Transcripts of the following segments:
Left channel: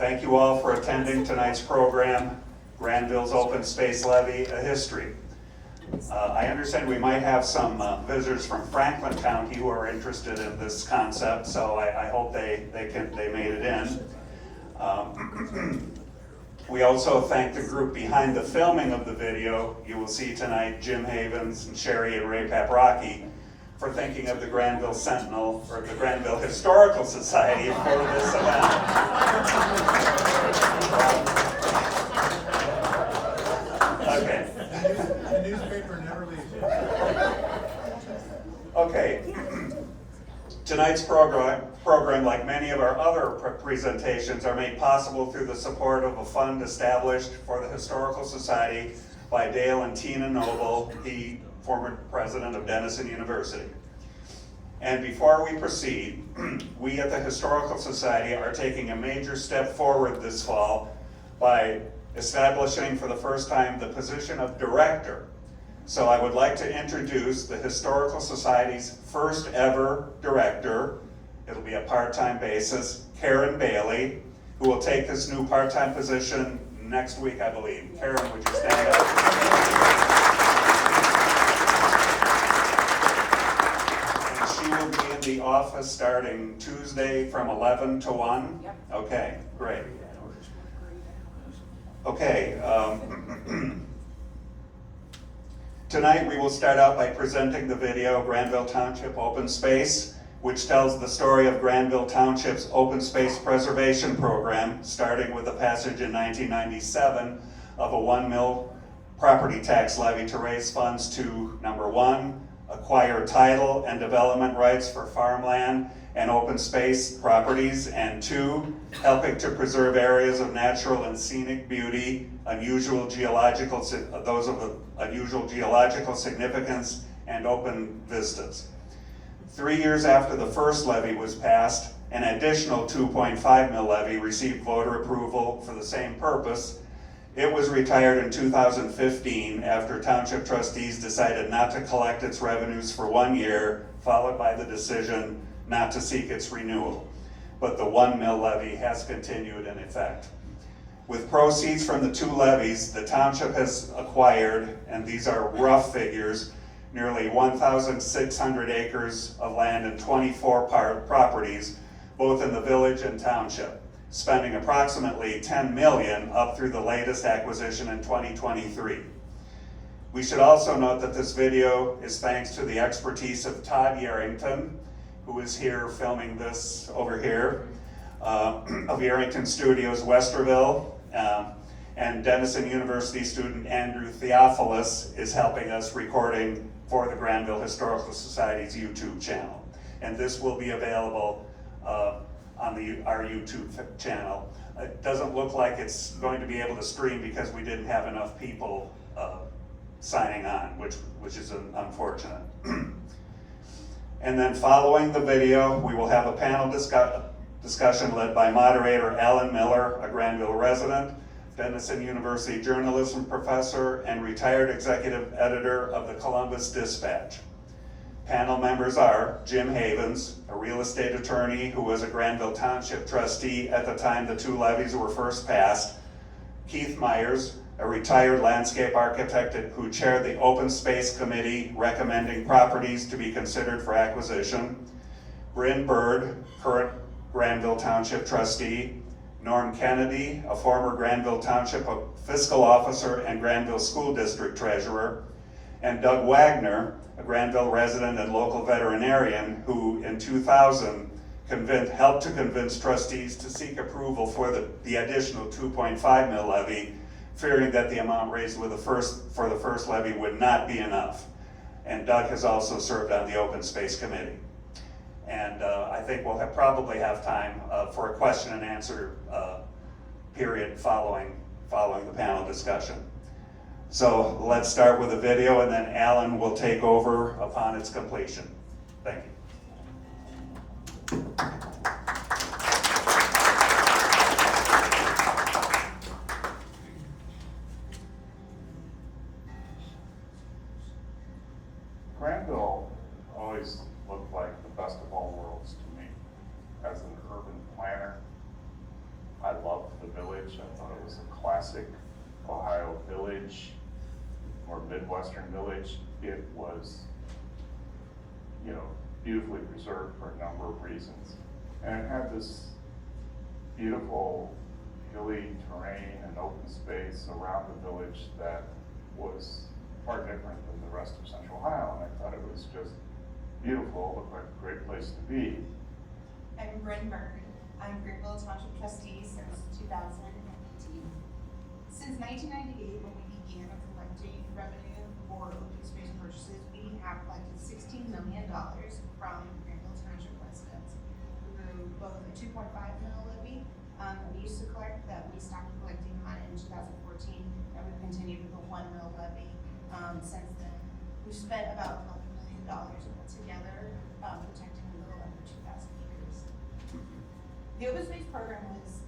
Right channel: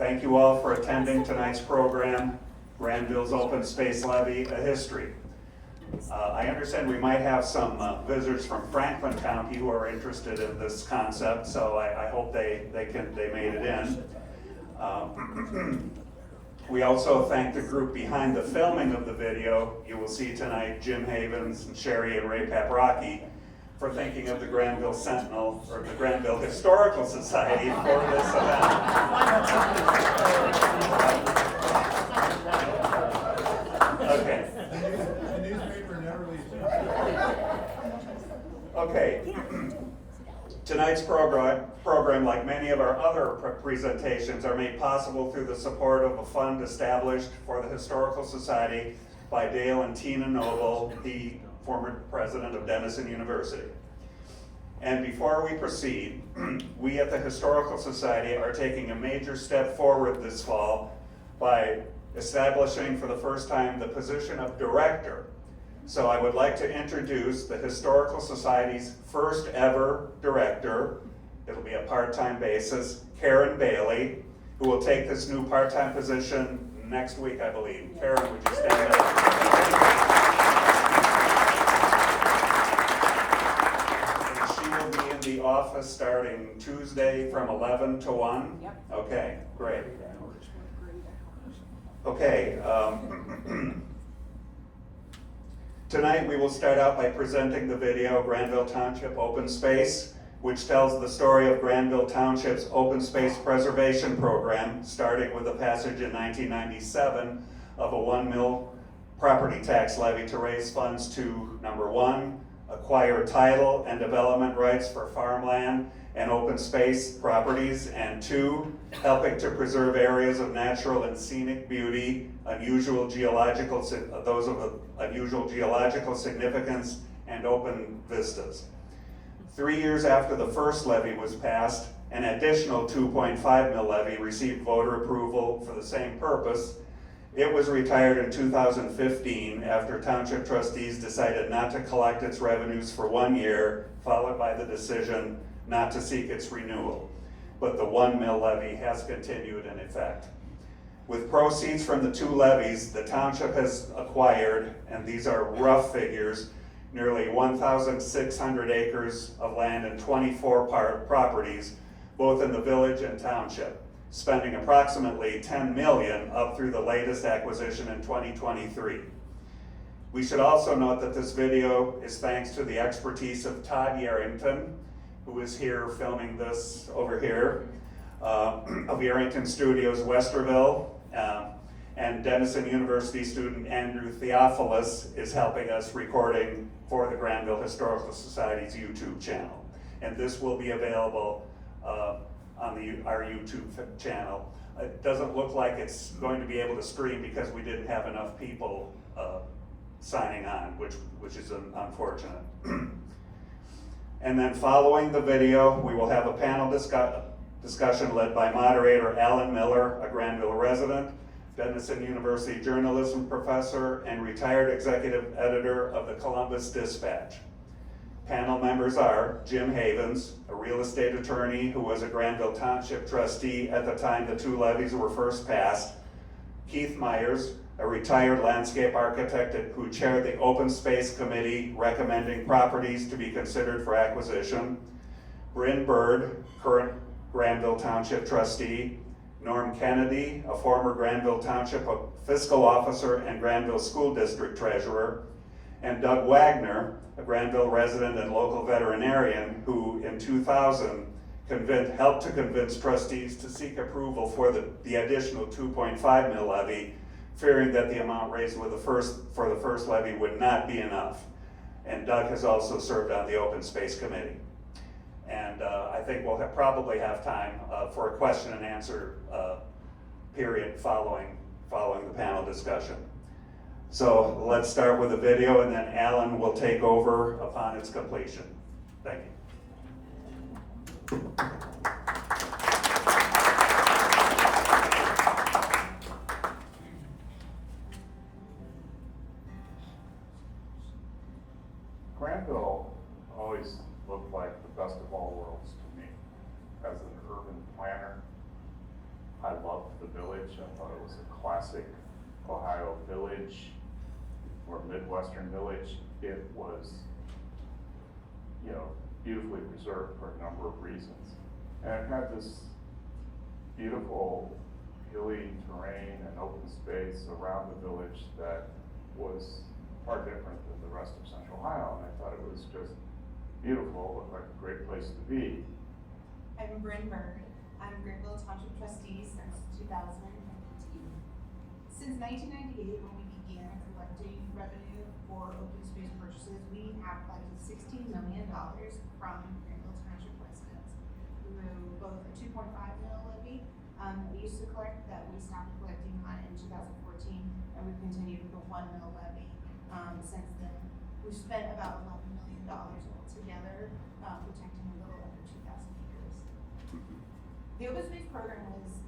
Thank you all for attending tonight's program, Granville's Open Space Levy, A History. I understand we might have some visitors from Franklin County who are interested in this concept, so I hope they made it in. We also thank the group behind the filming of the video. You will see tonight Jim Havens and Sherry and Ray Paprocki for thinking of the Granville Sentinel, or the Granville Historical Society for this event. Okay. The newspaper never leaves. Okay. Tonight's program, like many of our other presentations, are made possible through the support of a fund established for the Historical Society by Dale and Tina Noble, the former president of Denison University. And before we proceed, we at the Historical Society are taking a major step forward this fall by establishing for the first time the position of director. So I would like to introduce the Historical Society's first ever director. It'll be a part-time basis, Karen Bailey, who will take this new part-time position next week, I believe. Karen, would you stand up? She will be in the office starting Tuesday from 11 to 1? Yep. Okay, great. Okay. Tonight we will start out by presenting the video Granville Township Open Space, which tells the story of Granville Township's open space preservation program, starting with the passage in 1997 of a 1 mil property tax levy to raise funds to, number one, acquire title and development rights for farmland and open space properties, and two, helping to preserve areas of natural and scenic beauty, unusual geological significance, and open vistas. 3 years after the first levy was passed, an additional 2.5 mil levy received voter approval for the same purpose. It was retired in 2015 after township trustees decided not to collect its revenues for 1 year, followed by the decision not to seek its renewal. But the 1 mil levy has continued in effect. With proceeds from the two levies, the township has acquired, and these are rough figures, nearly 1,600 acres of land and 24 properties, both in the village and township, spending approximately $10 million up through the latest acquisition in 2023. We should also note that this video is thanks to the expertise of Todd Yarrington, who is here filming this over here, of Yarrington Studios, Westerville, and Denison University student Andrew Theophilus is helping us recording for the Granville Historical Society's YouTube channel. And this will be available on our YouTube channel. It doesn't look like it's going to be able to stream because we didn't have enough people signing on, which is unfortunate. And then following the video, we will have a panel discussion led by moderator Alan Miller, a Granville resident, Denison University journalism professor, and retired executive editor of the Columbus Dispatch. Panel members are Jim Havens, a real estate attorney who was a Granville Township trustee at the time the two levies were first passed, Keith Myers, a retired landscape architect who chaired the Open Space Committee recommending properties to be considered for acquisition, Bryn Bird, current Granville Township trustee, Norm Kennedy, a former Granville Township fiscal officer and Granville School District treasurer, and Doug Wagner, a Granville resident and local veterinarian who in 2000 helped to convince trustees to seek approval for the additional 2.5 mil levy, fearing that the amount raised for the first levy would not be enough. And Doug has also served on the Open Space Committee. And I think we'll probably have time for a question and answer period following the panel discussion. So let's start with the video, and then Alan will take over upon its completion. Thank you. Granville always looked like the best of all worlds to me. As an urban planner, I love village. I thought it was a classic Ohio village or Midwestern village. It was, you know, beautifully preserved for a number of reasons. And it had this beautiful hilly terrain and open space around the village that was far different than the rest of Central Ohio. And I thought it was just beautiful, looked like a great place to be. I'm Bryn Berg. I'm Granville Township trustee since 2018. Since 1998, when we began collecting revenue for open space purchases, we have collected $16 million from Granville Township residents through both a 2.5 mil levy that we used to collect that we stopped collecting on in 2014, and we've continued with the 1 mil levy since then. We've spent about $11 million altogether protecting a little under 2,000 acres. The open space program was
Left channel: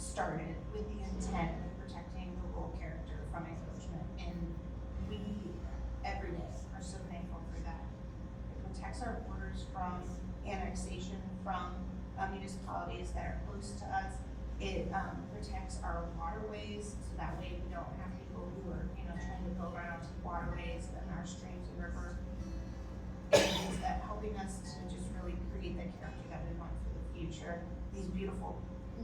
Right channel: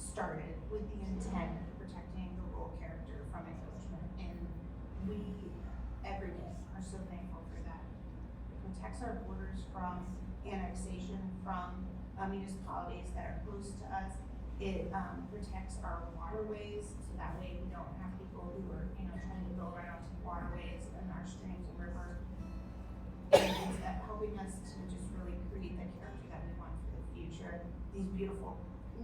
started with the intent of protecting the rural character from encroachment, and we, every day, are so thankful for that. It protects our borders from annexation from municipalities that are close to us. It protects our waterways, so that way we don't have people who are, trying to go right onto the waterways and our streams and rivers. And it's that helping us to just really create that character that we want for the future. These beautiful,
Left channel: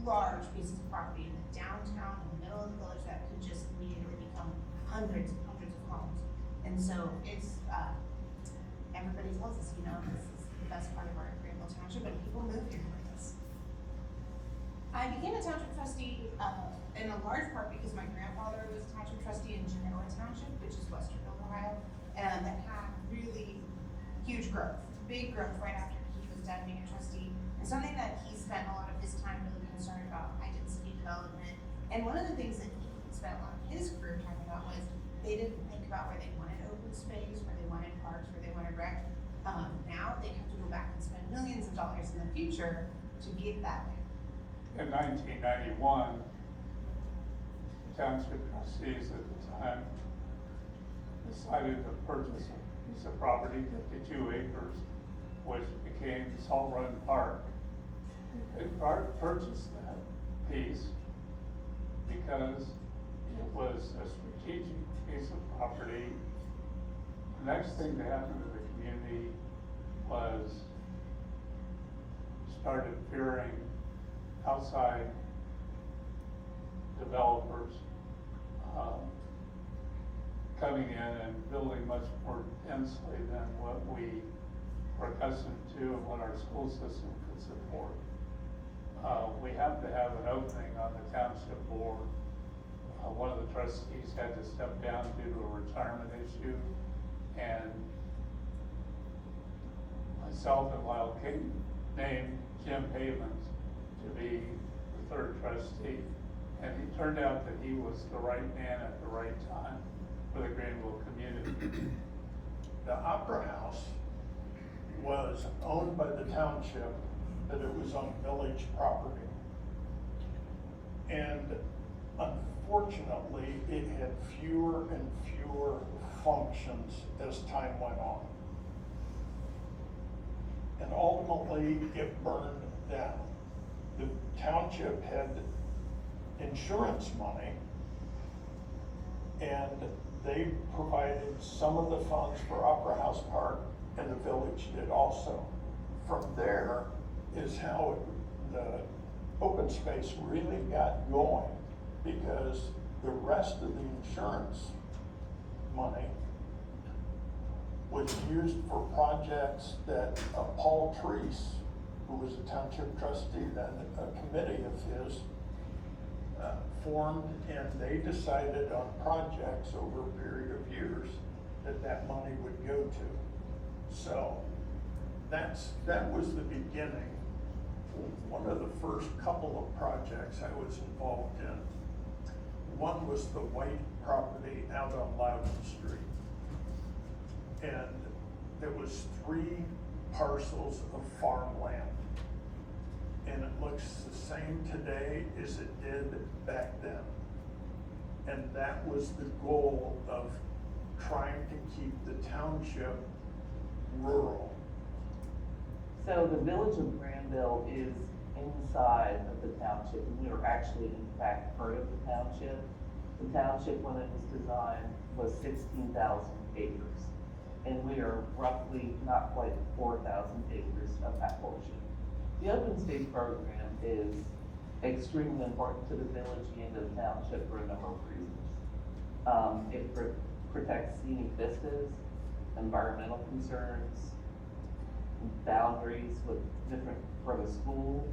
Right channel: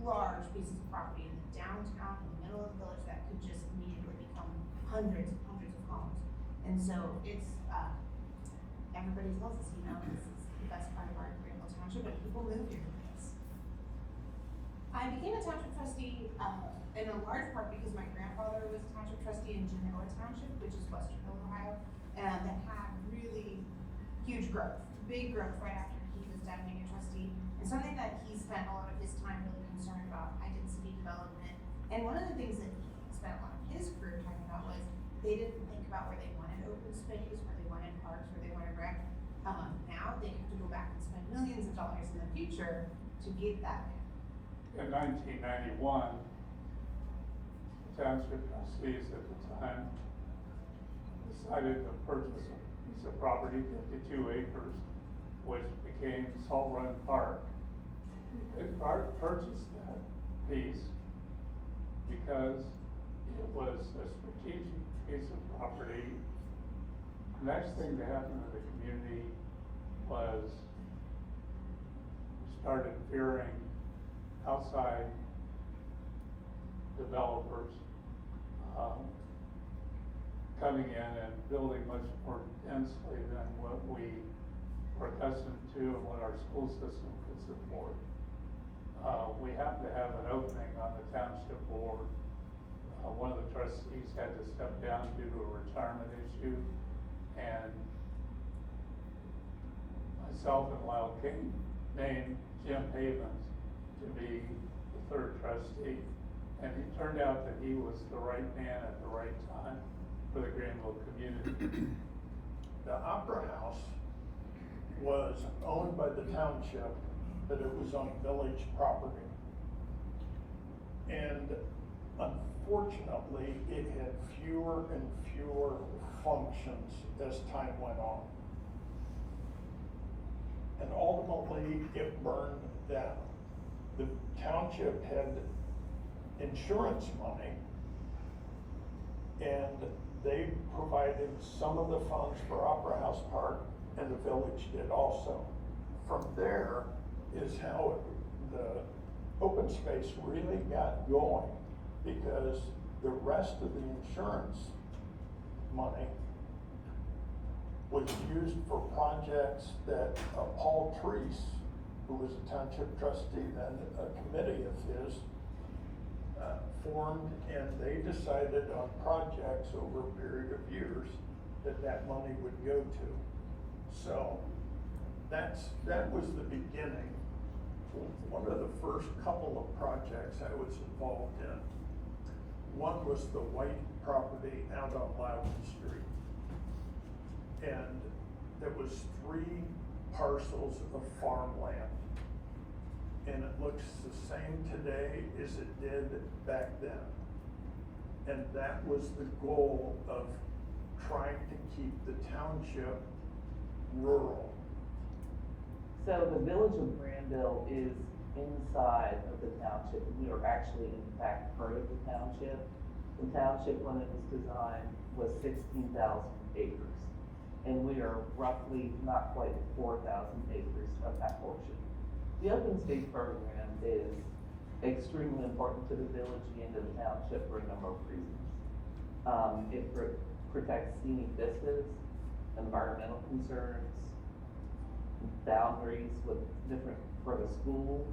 large pieces of property in the downtown, in the middle of the village, that could just immediately become hundreds and hundreds of homes. And so it's, everybody loves us, this is the best part of our Granville Township, and people move here for this. I became a township trustee, in a large part because my grandfather was a township trustee in Genoa Township, which is Westerville, Ohio, and that had really huge growth, big growth right after he was done being a trustee, and something that he spent a lot of his time really concerned about, identity development. And one of the things that he spent a lot of his career talking about was they didn't think about where they wanted open space, where they wanted parks, where they wanted rec. Now they have to go back and spend millions of dollars in the future to get that. In 1991, the township trustees at the time decided to purchase a piece of property, 52 acres, which became Salt Run Park. They purchased that piece because it was a strategic piece of property. The next thing that happened to the community was we started fearing outside developers coming in and building much more densely than what we are accustomed to and what our school system could support. We happened to have an opening on the township board. One of the trustees had to step down due to a retirement issue, and myself and Lyle King named Jim Havens to be the third trustee, and he turned out that he was the right man at the right time for the Granville community. The Opera House was owned by the township, but it was on village property. And unfortunately, it had fewer and fewer functions as time went on. And ultimately, it burned down. The township had insurance money, and they provided some of the funds for Opera House Park, and the village did also. From there is how the open space really got going, because the rest of the insurance money was used for projects that Paul Treese, who was a township trustee then, a committee of his, formed, and they decided on projects over a period of years that money would go to. So that was the beginning. One of the first couple of projects I was involved in, one was the White property out on Loudon Street. And there was 3 parcels of farmland. And it looks the same today as it did back then. And that was the goal of trying to keep the township rural. So the village of Granville is inside of the township, and we are actually in fact part of the township. The township, when it was designed, was 16,000 acres. And we are roughly not quite 4,000 acres of that portion. The open space program is extremely important to the village and to the township for a number of reasons. It protects scenic vistas, environmental concerns, boundaries with different, for the school,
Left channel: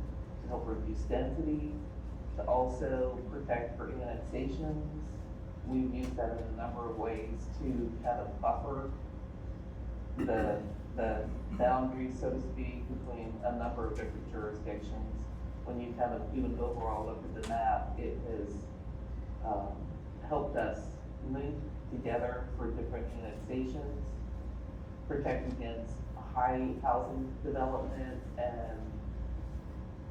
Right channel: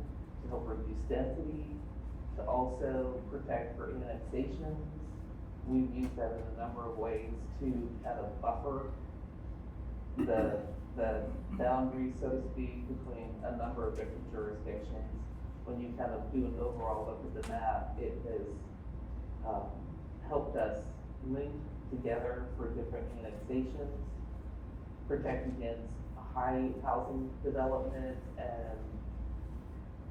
to help reduce density, to also protect for annexations. We've used that in a number of ways to kind of buffer the boundaries, so to speak, between a number of different jurisdictions. When you kind of do an overall look at the map, it has helped us link together for different annexations, protect against high housing development, and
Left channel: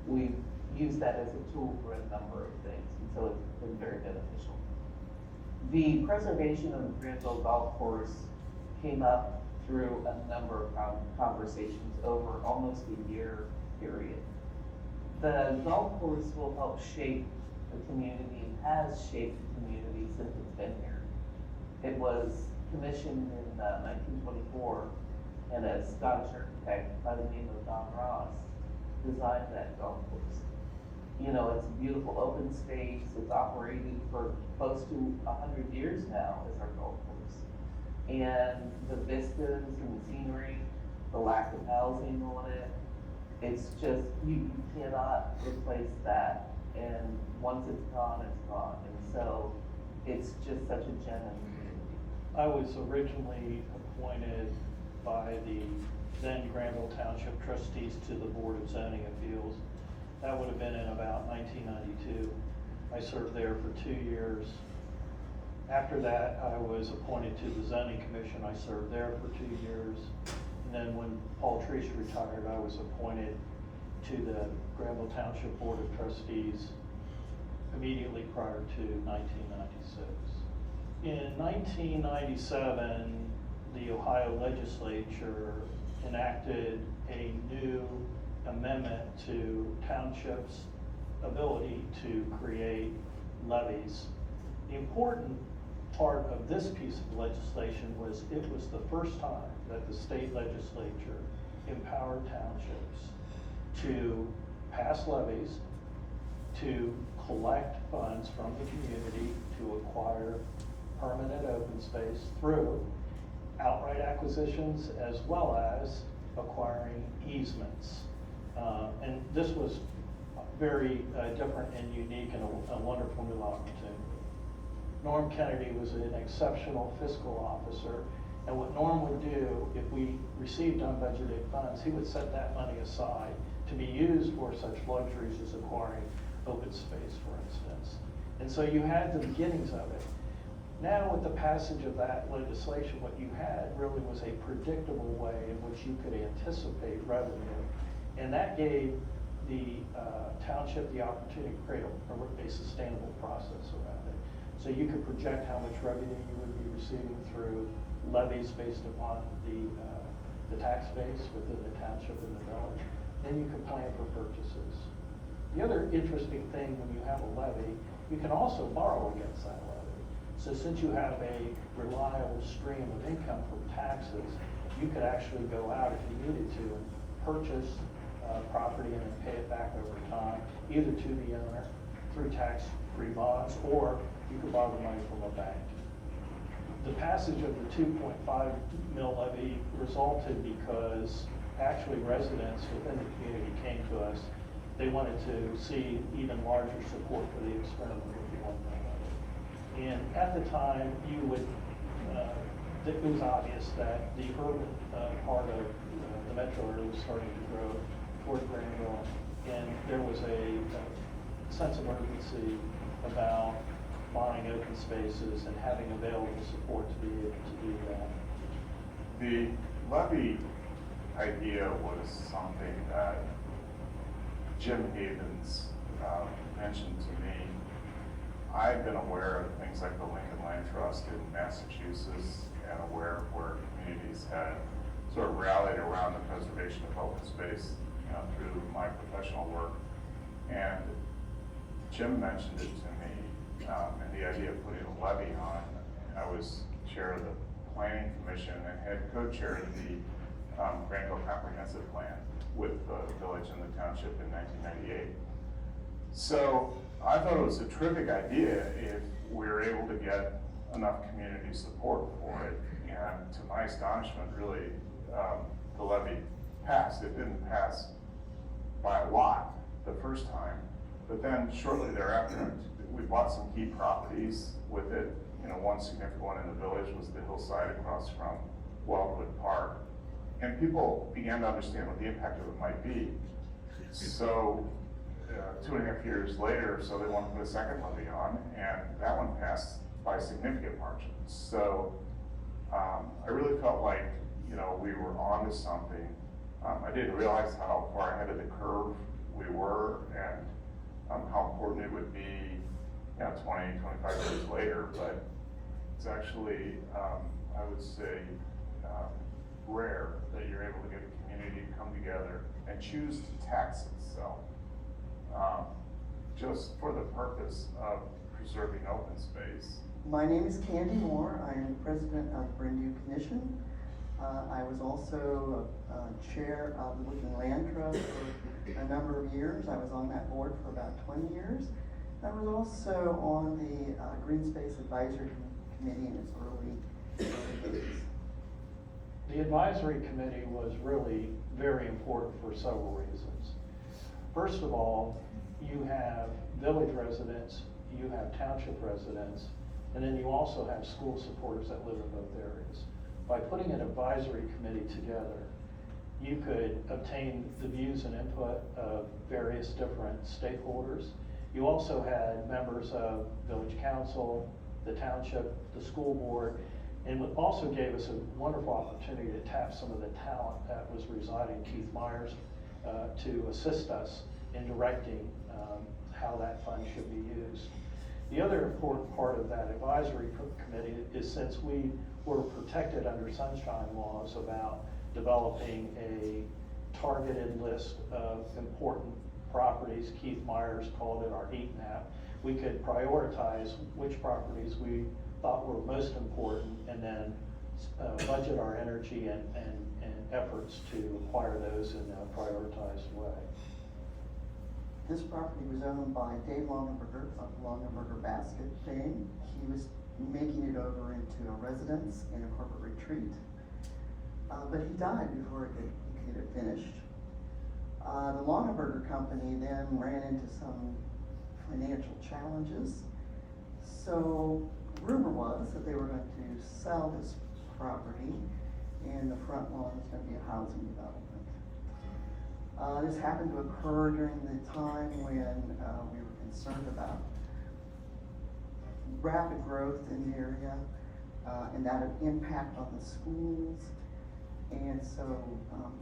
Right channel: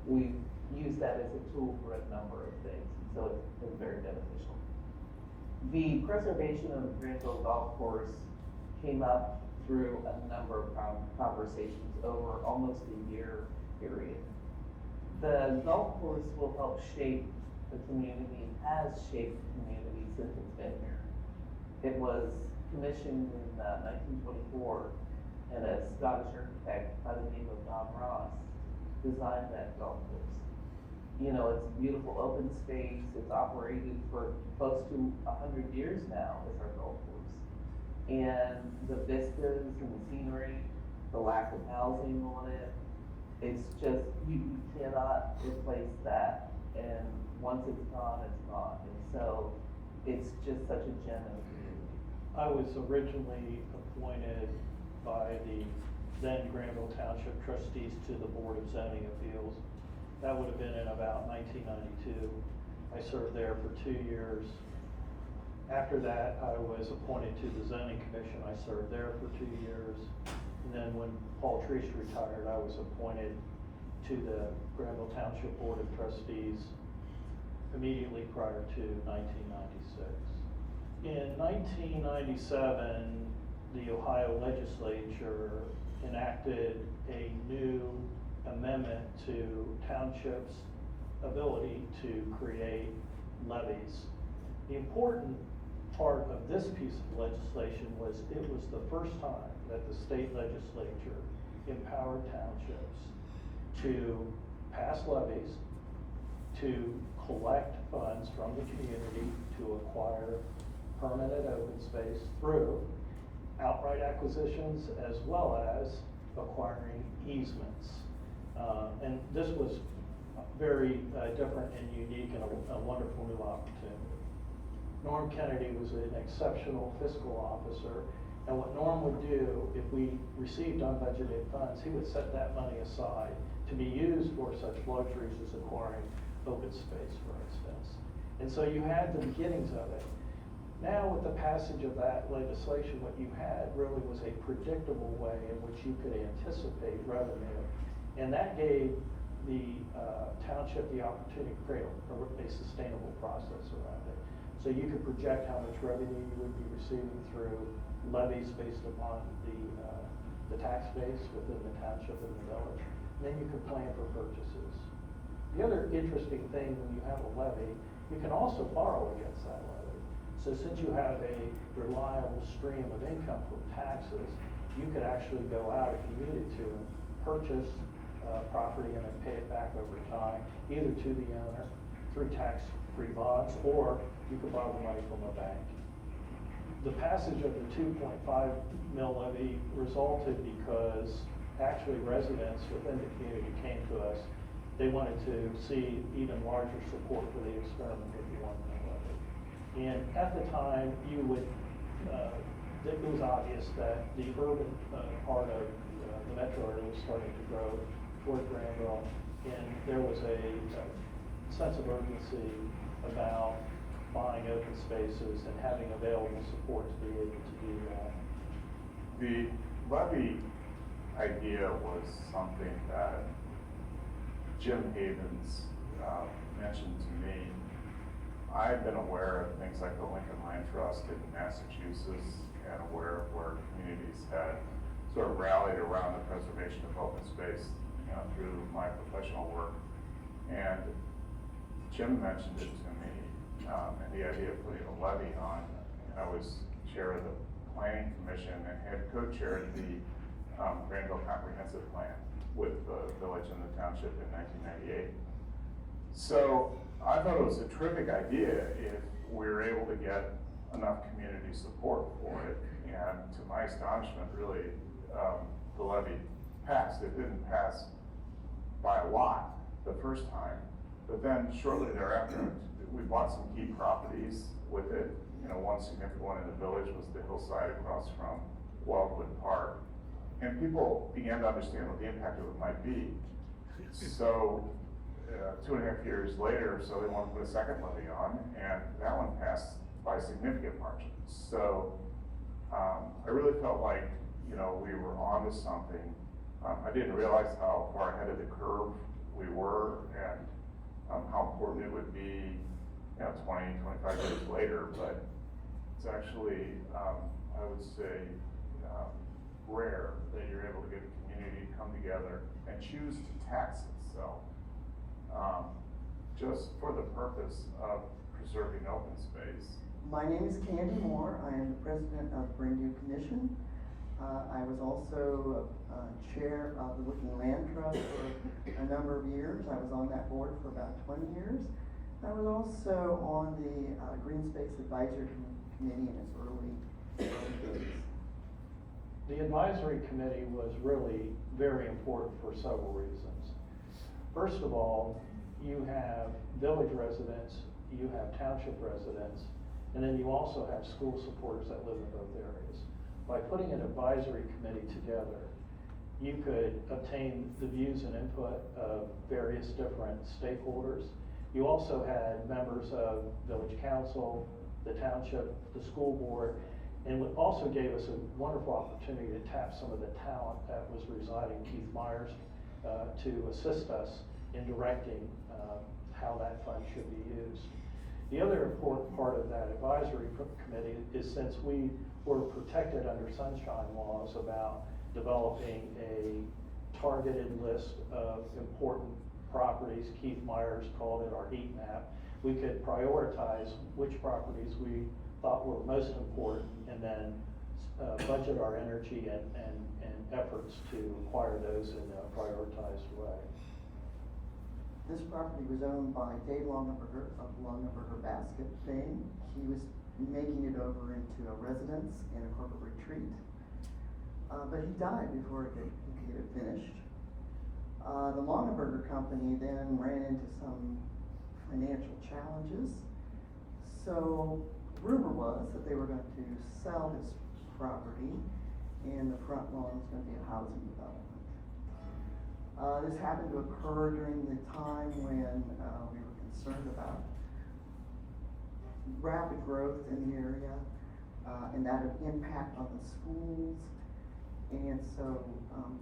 we've used that as a tool for a number of things, and so it's been very beneficial. The preservation of the Granville Golf Course came up through a number of conversations over almost a year period. The golf course will help shape the community and has shaped the community since it's been here. It was commissioned in 1924, and a Scottish architect by the name of Don Ross designed that golf course. You know, it's a beautiful open space. It's operated for close to 100 years now as our golf course. And the vistas and the scenery, the lack of housing on it, it's just, you cannot replace that. And once it's gone, it's gone. And so it's just such a gem in the community. I was originally appointed by the then Granville Township trustees to the Board of Zoning Appeals. That would have been in about 1992. I served there for 2 years. After that, I was appointed to the Zoning Commission. I served there for 2 years. And then when Paul Treese retired, I was appointed to the Granville Township Board of Trustees immediately prior to 1996. In 1997, the Ohio legislature enacted a new amendment to townships' ability to create levies. The important part of this piece of legislation was it was the first time that the state legislature empowered townships to pass levies, to collect funds from the community to acquire permanent open space through outright acquisitions as well as acquiring easements. And this was very different and unique and a wonderful new opportunity. Norm Kennedy was an exceptional fiscal officer, and what Norm would do if we received unbudgeted funds, he would set that money aside to be used for such luxuries as acquiring open space, for instance. And so you had the beginnings of it. Now with the passage of that legislation, what you had really was a predictable way in which you could anticipate revenue. And that gave the township the opportunity to create a sustainable process around it. So you could project how much revenue you would be receiving through levies based upon the tax base within the township and the village. And then you could plan for purchases. The other interesting thing when you have a levy, you can also borrow against that levy. So since you have a reliable stream of income from taxes, you could actually go out if you needed to and purchase property and then pay it back over time, either to the owner through tax-free bonds, or you could borrow the money from a bank. The passage of the 2.5 mil levy resulted because actually residents within the community came to us. They wanted to see even larger support for the experiment with the 1 mil levy. And at the time, you would, it was obvious that the urban part of the metro area was starting to grow toward Granville, and there was a sense of urgency about buying open spaces and having available support to be able to do that. The levy idea was something that Jim Havens mentioned to me. I've been aware of things like the Lincoln Land Trust in Massachusetts and aware of where communities had sort of rallied around the preservation of open space, through my professional work. And Jim mentioned it to me, and the idea of putting a levy on. I was chair of the planning commission and had co-chaired the Granville comprehensive plan with the village and the township in 1998. So I thought it was a terrific idea if we were able to get enough community support for it. And to my astonishment, really, the levy passed. It didn't pass by a lot the first time, but then shortly thereafter, we bought some key properties with it. You know, one significant one in the village was the hillside across from Wildwood Park. And people began to understand what the impact of it might be. So 2.5 years later, so they wanted to put a second levy on, and that one passed by a significant margin. So I really felt like, you know, we were onto something. I didn't realize how far ahead of the curve we were, and how important it would be, you know, 20, 25 years later. But it's actually, I would say, rare that you're able to get a community to come together and choose to tax itself, just for the purpose of preserving open space. My name is Candy Moore. I am the president of the Brindle Commission. I was also chair of the Looking Land Trust for a number of years. I was on that board for about 20 years. I was also on the Green Space Advisory Committee in its early days. The advisory committee was really very important for several reasons. First of all, you have village residents, you have township residents, and then you also have school supporters that live in both areas. By putting an advisory committee together, you could obtain the views and input of various different stakeholders. You also had members of village council, the township, the school board, and it also gave us a wonderful opportunity to tap some of the talent that was residing, Keith Myers, to assist us in directing how that fund should be used. The other important part of that advisory committee is, since we were protected under sunshine laws about developing a targeted list of important properties, Keith Myers called it our heat map, we could prioritize which properties we thought were most important, and then budget our energy and efforts to acquire those in a prioritized way. This property was owned by Dave Longaberger of Longaberger Basket fame. He was making it over into a residence and a corporate retreat, but he died before he could get it finished. The Longaberger company then ran into some financial challenges, so rumor was that they were going to sell this property, and the front lawn was going to be a housing development. This happened to occur during the time when we were concerned about rapid growth in the area, and that would impact on the schools. And so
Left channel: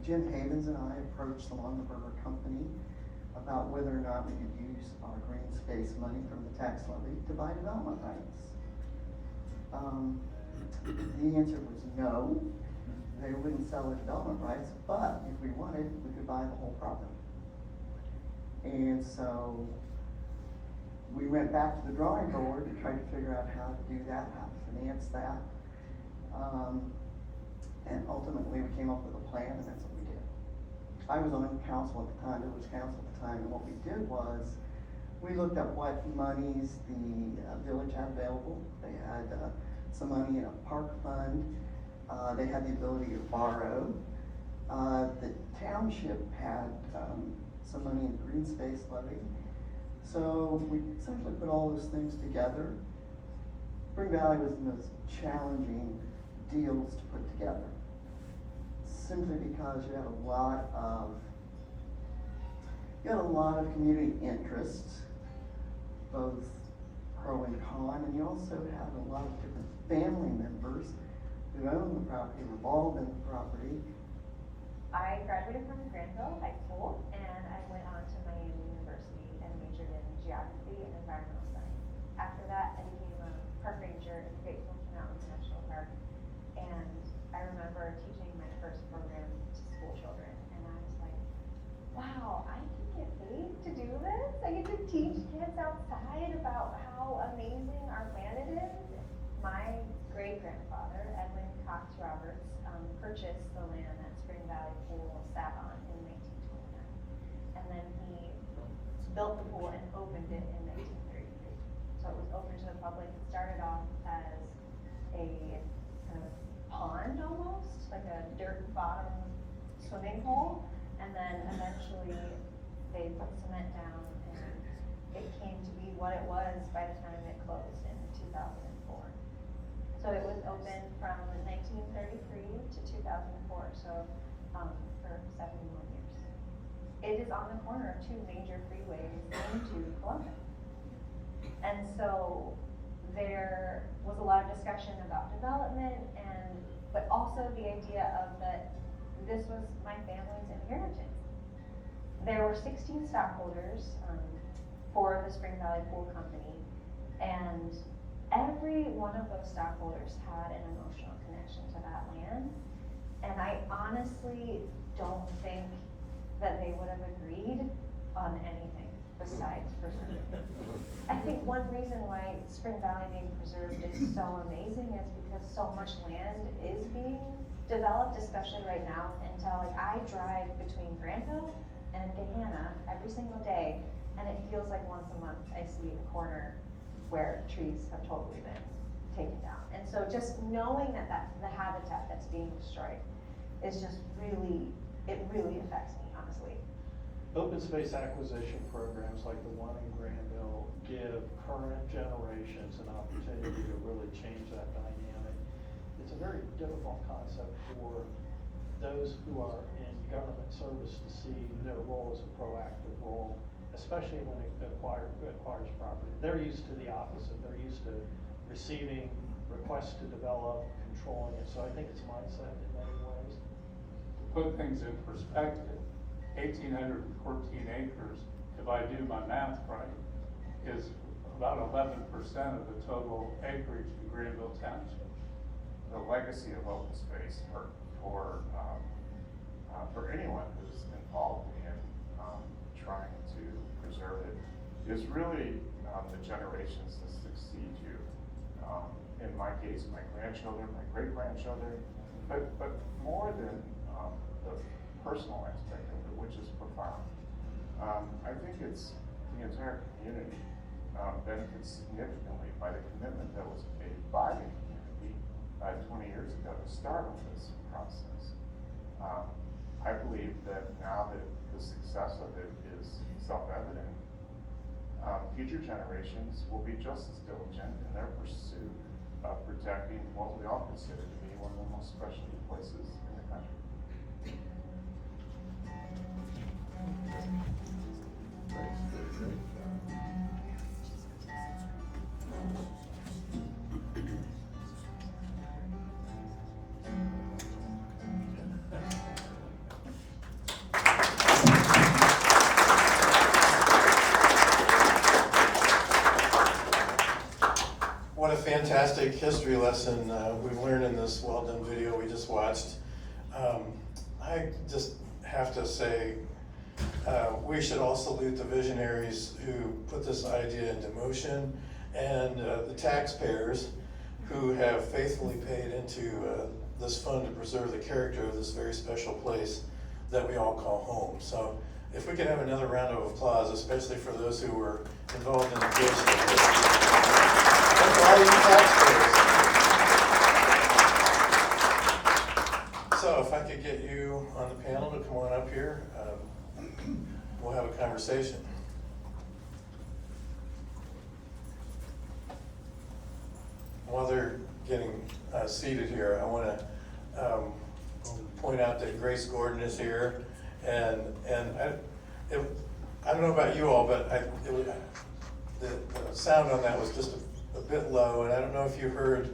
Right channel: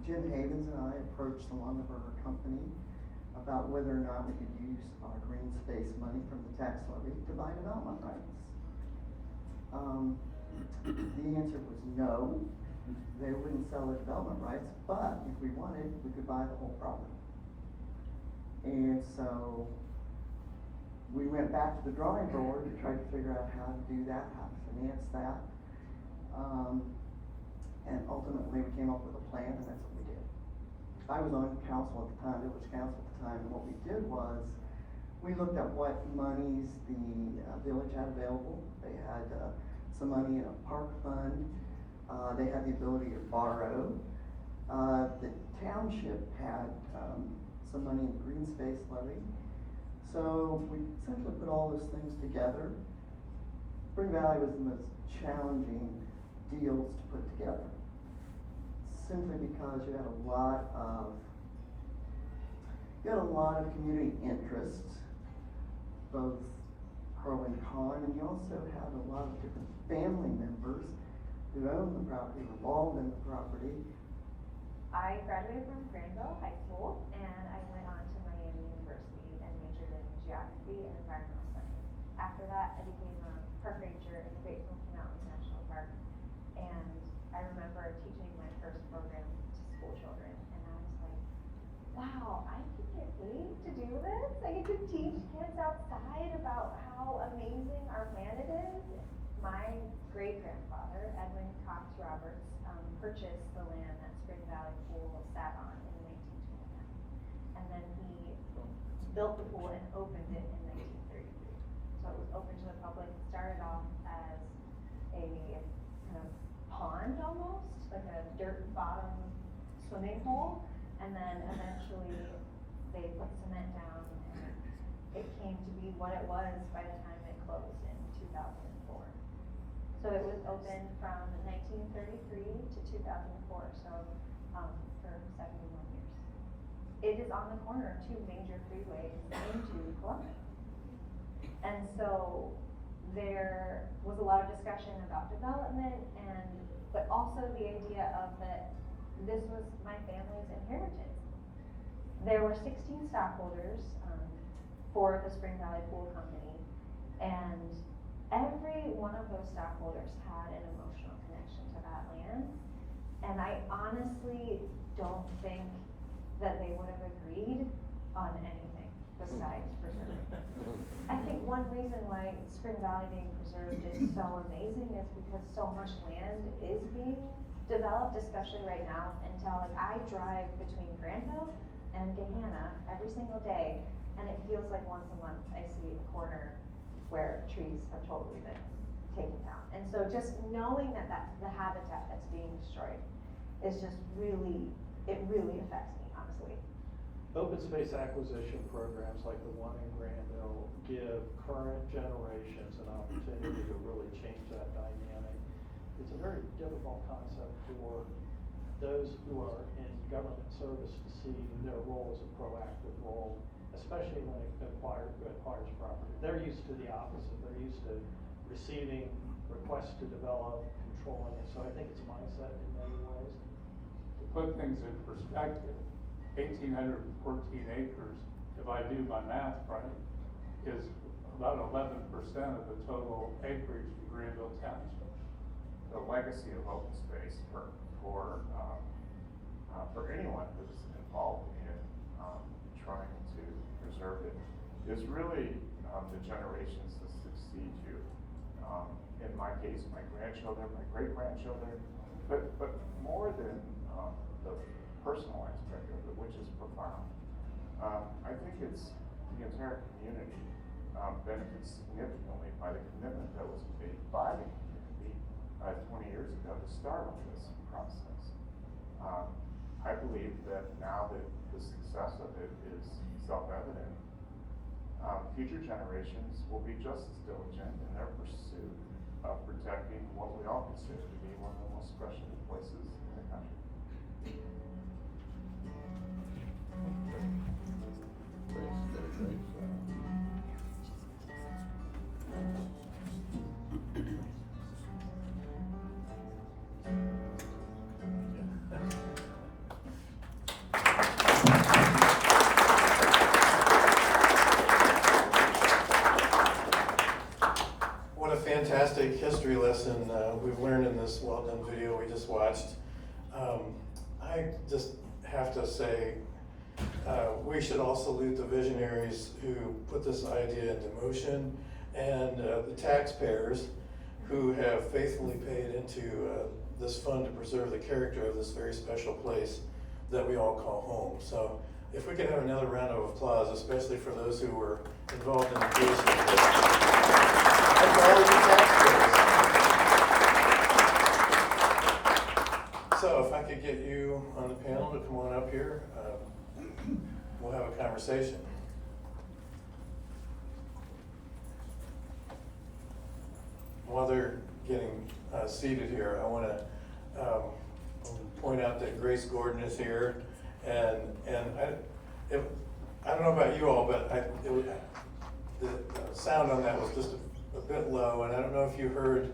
Jim Havens and I approached the Longaberger company about whether or not we could use our green space money from the tax levy to buy development rights. The answer was no. They wouldn't sell the development rights, but if we wanted, we could buy the whole property. And so we went back to the drawing board to try to figure out how to do that, how to finance that. And ultimately we came up with a plan, and that's what we did. I was on council at the time, village council at the time, and what we did was we looked at what monies the village had available. They had some money in a park fund. They had the ability to borrow. The township had some money in the green space levy. So we essentially put all those things together. Spring Valley was the most challenging deals to put together, simply because you had a lot of community interests, both pro and con, and you also had a lot of different family members who owned the property, were involved in the property. I graduated from Granville High School, and I went on to Miami University and majored in geography and environmental science. After that, I became a park ranger in the Great Smoky Mountains National Park, and I remember teaching my first program to school children, and I was like, wow, I can get paid to do this. I get to teach kids outside about how amazing our planet is. My great-grandfather, Edwin Cox Roberts, purchased the land that Spring Valley Pool sat on in 1929. And then he built the pool and opened it in 1933. So it was open to the public. It started off as a kind of pond almost, like a dirt bottom swimming hole. And then eventually they put cement down and it came to be what it was by the time it closed in 2004. So it was open from 1933 to 2004, so for 71 years. It is on the corner of two major freeways into Columbus. And so there was a lot of discussion about development but also the idea of that this was my family's inheritance. There were 16 stockholders for the Spring Valley Pool Company, and every one of those stockholders had an emotional connection to that land. And I honestly don't think that they would have agreed on anything besides preserving it. I think one reason why Spring Valley being preserved is so amazing is because so much land is being developed, especially right now. Like I drive between Granville and Gahanna every single day, and it feels like once a month I see a corner where trees have totally been taken down. And so just knowing that the habitat that's being destroyed is just really, it really affects me, honestly. Open space acquisition programs like the one in Granville give current generations an opportunity to really change that dynamic. It's a very difficult concept for those who are in government service to see their role as a proactive role, especially when it acquires property. They're used to the opposite. They're used to receiving requests to develop, controlling it. So I think it's a mindset in many ways. To put things in perspective, 1,814 acres, if I do my math right, is about 11% of the total acreage in Granville Township. The legacy of open space for anyone who's involved in trying to preserve it is really the generations that succeed you. In my case, my grandchildren, my great-grandchildren, but more than the personal aspect of it, which is profound. I think it's the entire community benefits significantly by the commitment that was made by the community 20 years ago to start on this process. I believe that now that the success of it is self-evident, future generations will be just as diligent in their pursuit of protecting what we all consider to be one of the most special places in the country. What a fantastic history lesson we've learned in this well-done video we just watched. I just have to say, we should all salute the visionaries who put this idea into motion, and the taxpayers who have faithfully paid into this fund to preserve the character of this very special place that we all call home. So if we could have another round of applause, especially for those who were involved in the vision. And for all you taxpayers. So if I could get you on the panel to come on up here, we'll have a conversation. While they're getting seated here, I want to point out that Grace Gordon is here, and I don't know about you all, but the sound on that was just a bit low, and I don't know if you heard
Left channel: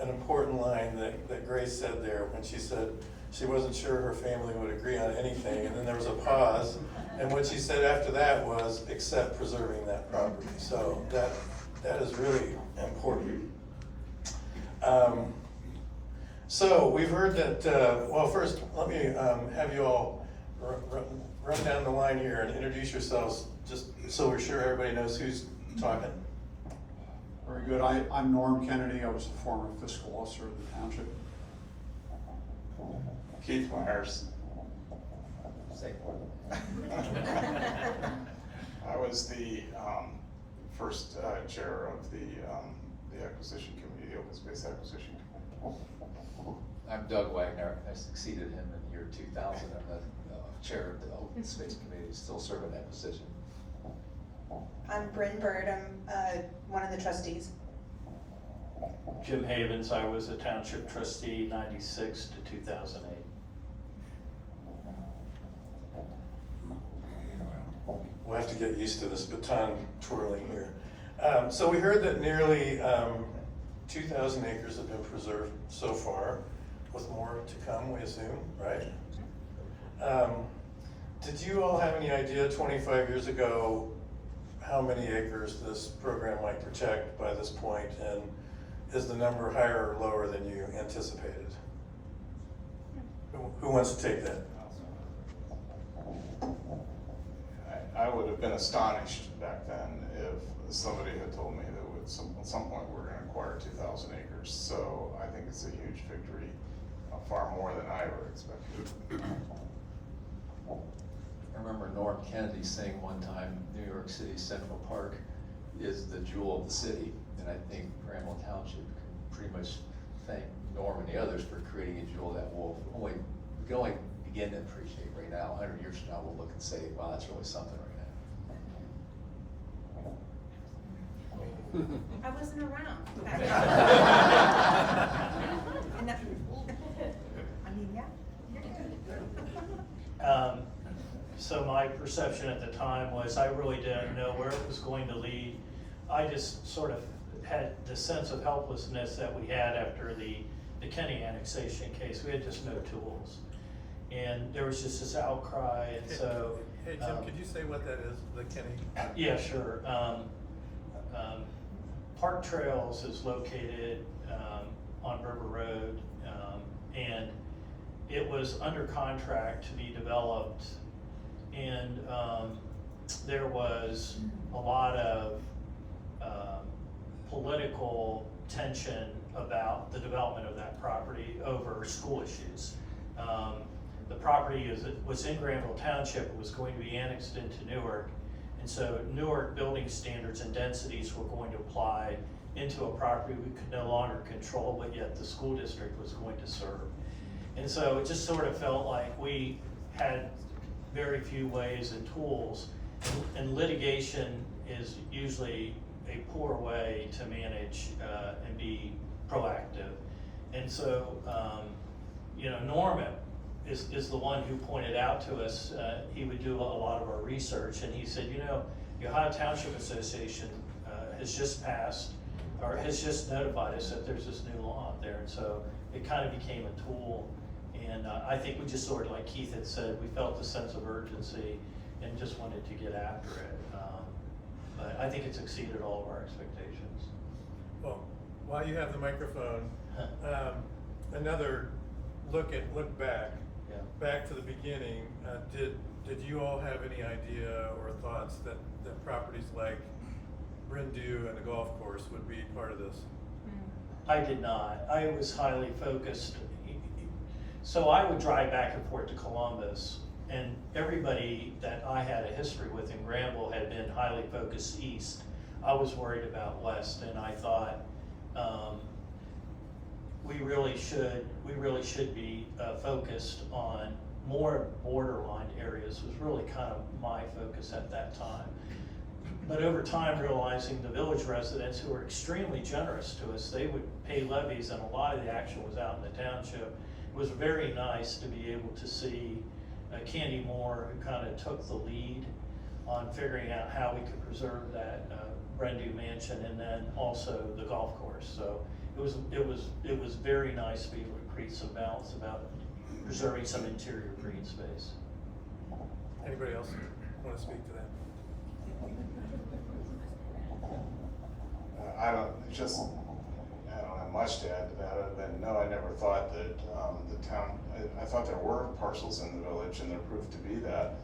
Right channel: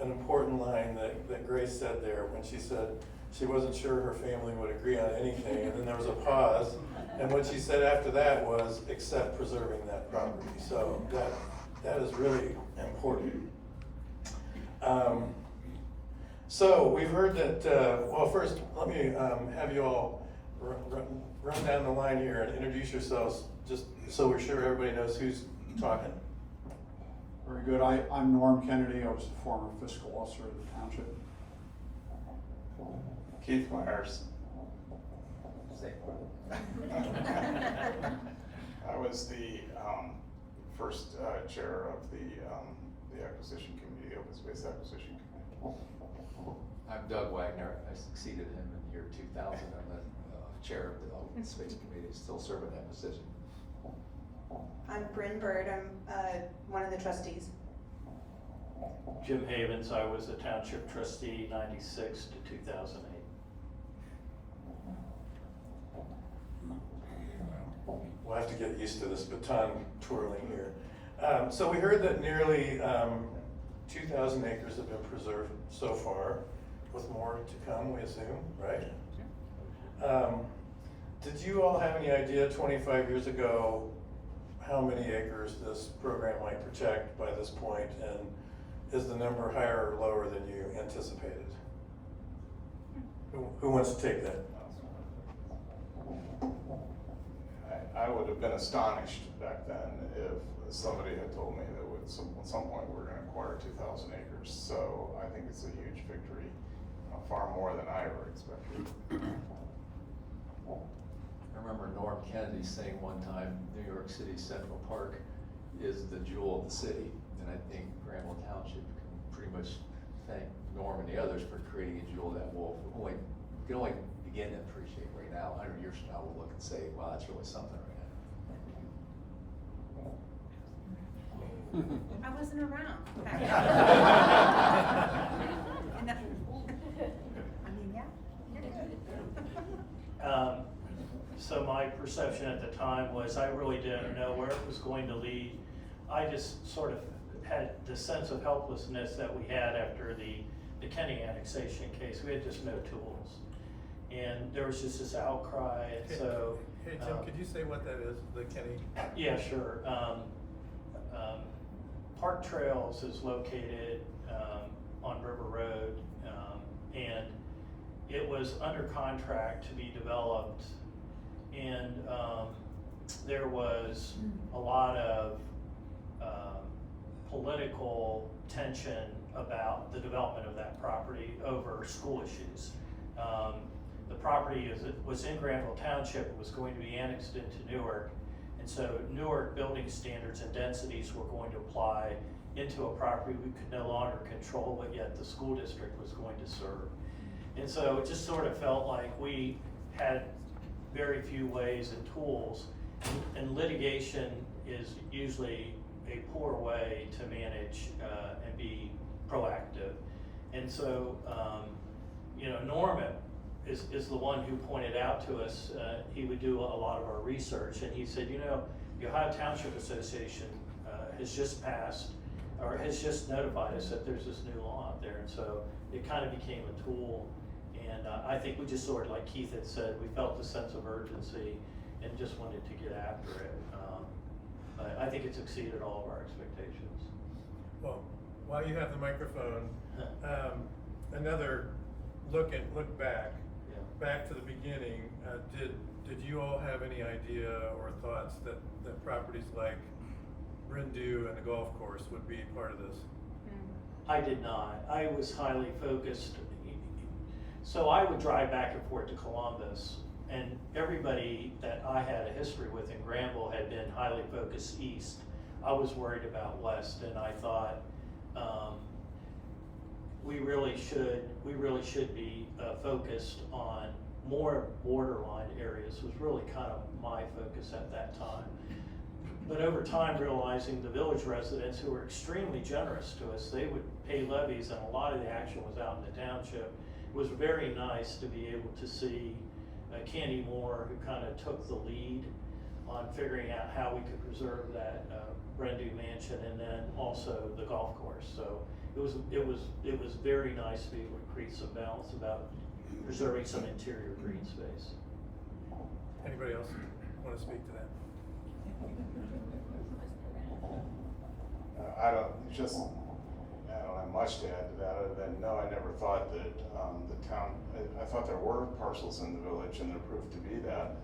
an important line that Grace said there when she said she wasn't sure her family would agree on anything, and then there was a pause, and what she said after that was, except preserving that property. So that is really important. So we've heard that, well, first let me have you all run down the line here and introduce yourselves, just so we're sure everybody knows who's talking. Very good. I'm Norm Kennedy. I was a former fiscal officer of the township. Keith Myers. I was the first chair of the acquisition committee, the open space acquisition committee. I'm Doug Wagner. I succeeded him in the year 2000. I'm the chair of the open space committee, still serving that position. I'm Bryn Bird, I'm, one of the trustees. Jim Havens, I was a township trustee 96 to 2008. We'll have to get used to this baton twirling here. So we heard that nearly 2,000 acres have been preserved so far, with more to come, we assume, right? Did you all have any idea 25 years ago how many acres this program might protect by this point, and is the number higher or lower than you anticipated? Who wants to take that? I would have been astonished back then if somebody had told me that at some point we're gonna acquire 2,000 acres. So I think it's a huge victory, far more than I ever expected. I remember Norm Kennedy saying one time, New York City Central Park is the jewel of the city. And I think Granville Township can pretty much thank Norm and the others for creating a jewel that we can only begin to appreciate right now. 100 years from now, we'll look and say, wow, that's really something right I wasn't around. And that, I mean, yeah, you're good. So my perception at the time was I really didn't know where it was going to lead. I just sort of had the sense of helplessness that we had after the Kenny annexation case. We had just no tools. And there was just this outcry, and so. Hey, Jim, could you say what that is, the Kenny? Yeah, sure. Park Trails is located on River Road, and it was under contract to be developed, and there was a lot of political tension about the development of that property over school issues. The property was in Granville Township, it was going to be annexed into Newark, and so Newark building standards and densities were going to apply into a property we could no longer control, but yet the school district was going to serve. And so it just sort of felt like we had very few ways and tools, and litigation is usually a poor way to manage and be proactive. And so, Norman is the one who pointed out to us, he would do a lot of our research, and he said, the Ohio Township Association has just passed, or has just notified us that there's this new law out there, and so it kind of became a tool. And I think we just sort of, like Keith had said, we felt a sense of urgency and just wanted to get after it. But I think it's exceeded all of our expectations. Well, while you have the microphone, another look back. Yeah. Back to the beginning, did you all have any idea or thoughts that properties like Brindue and the golf course would be part of this? I did not. I was highly focused. So I would drive back and forth to Columbus, and everybody that I had a history with in Granville had been highly focused east. I was worried about west, and I thought we really should be focused on more borderline areas. Was really kind of my focus at that time. But over time, realizing the village residents, who were extremely generous to us, they would pay levies, and a lot of the action was out in the township. It was very nice to be able to see Candy Moore, who kind of took the lead on figuring out how we could preserve that Brindue mansion, and then also the golf course. So it was very nice to be able to create some balance about preserving some interior green space. Anybody else want to speak to that? I don't have much to add to that, other than, no, I never thought that, the town, I thought there were parcels in the village, and there proved to be that.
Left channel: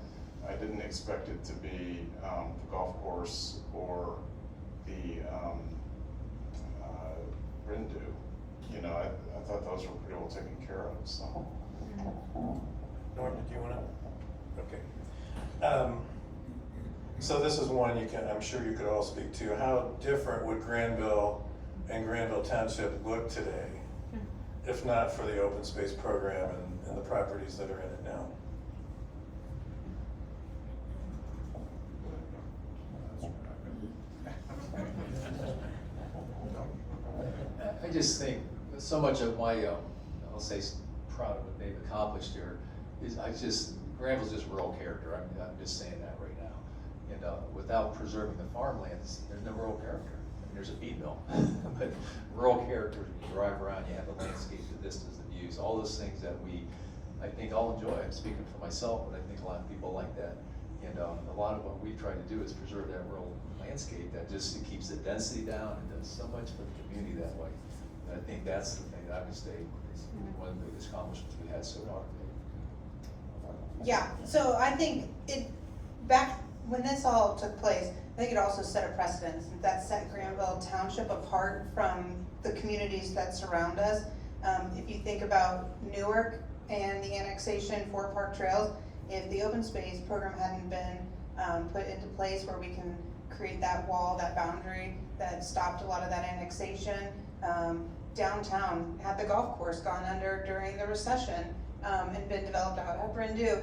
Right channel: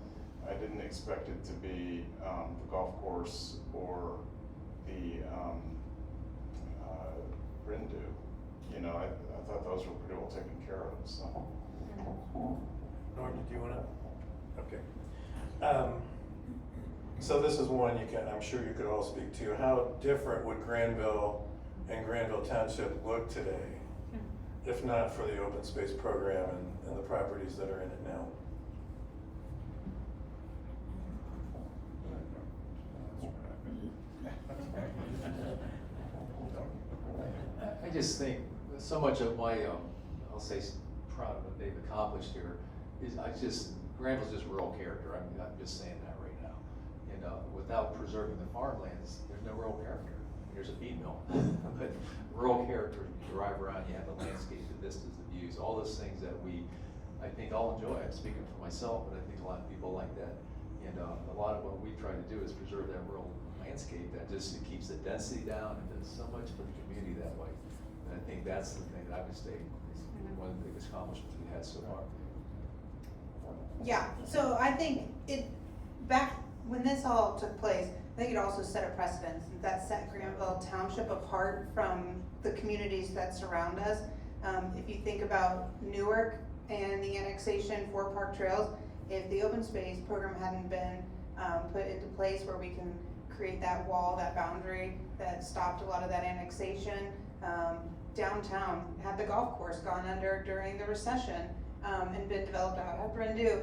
I didn't expect it to be, the golf course or the, Rindu. You know, I thought those were pretty well taken care of, so. Norm, did you wanna? Okay. So this is one I'm sure you could all speak to. How different would Granville and Granville Township look today if not for the open space program and the properties that are in it now? I just think so much of my, I'll say proud of what they've accomplished here is Granville's just rural character. I'm just saying that right now. And without preserving the farmlands, there's no rural character. I mean, there's a feed mill, but rural character, you drive around, you have the landscape, the vistas, the views, all those things that I think all enjoy. I'm speaking for myself, but I think a lot of people like that. And a lot of what we try to do is preserve that rural landscape that just it keeps the density down and does so much for the community that way. And I think that's the thing that I would say is one of the biggest accomplishments we had so far. Yeah, so I think back when this all took place, I think it also set a precedence that set Granville Township apart from the communities that surround us. If you think about Newark and the annexation for Park Trails, if the open space program hadn't been put into place where we can create that wall, that boundary that stopped a lot of that annexation, downtown had the golf course gone under during the recession and been developed out at Rindu,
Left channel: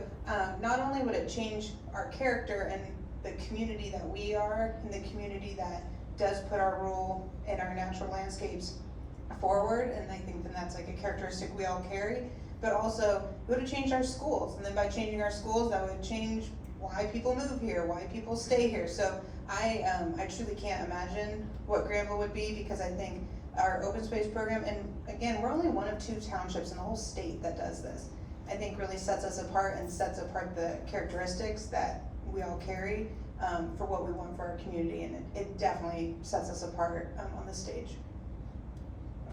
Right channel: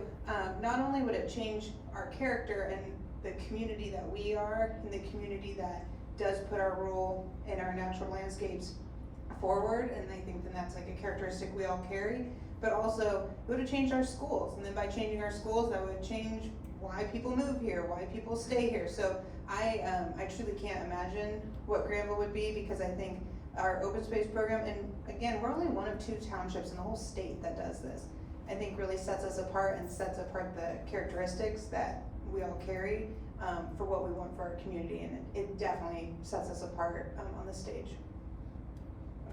not only would it change our character and the community that we are and the community that does put our role in our natural landscapes forward, and I think that's like a characteristic we all carry, but also it would have changed our schools, and then by changing our schools that would change why people move here, why people stay here. So I truly can't imagine what Granville would be, because I think our open space program, and again, we're only one of 2 townships in the whole state that does this, I think really sets us apart and sets apart the characteristics that we all carry for what we want for our community, and it definitely sets us apart on the stage.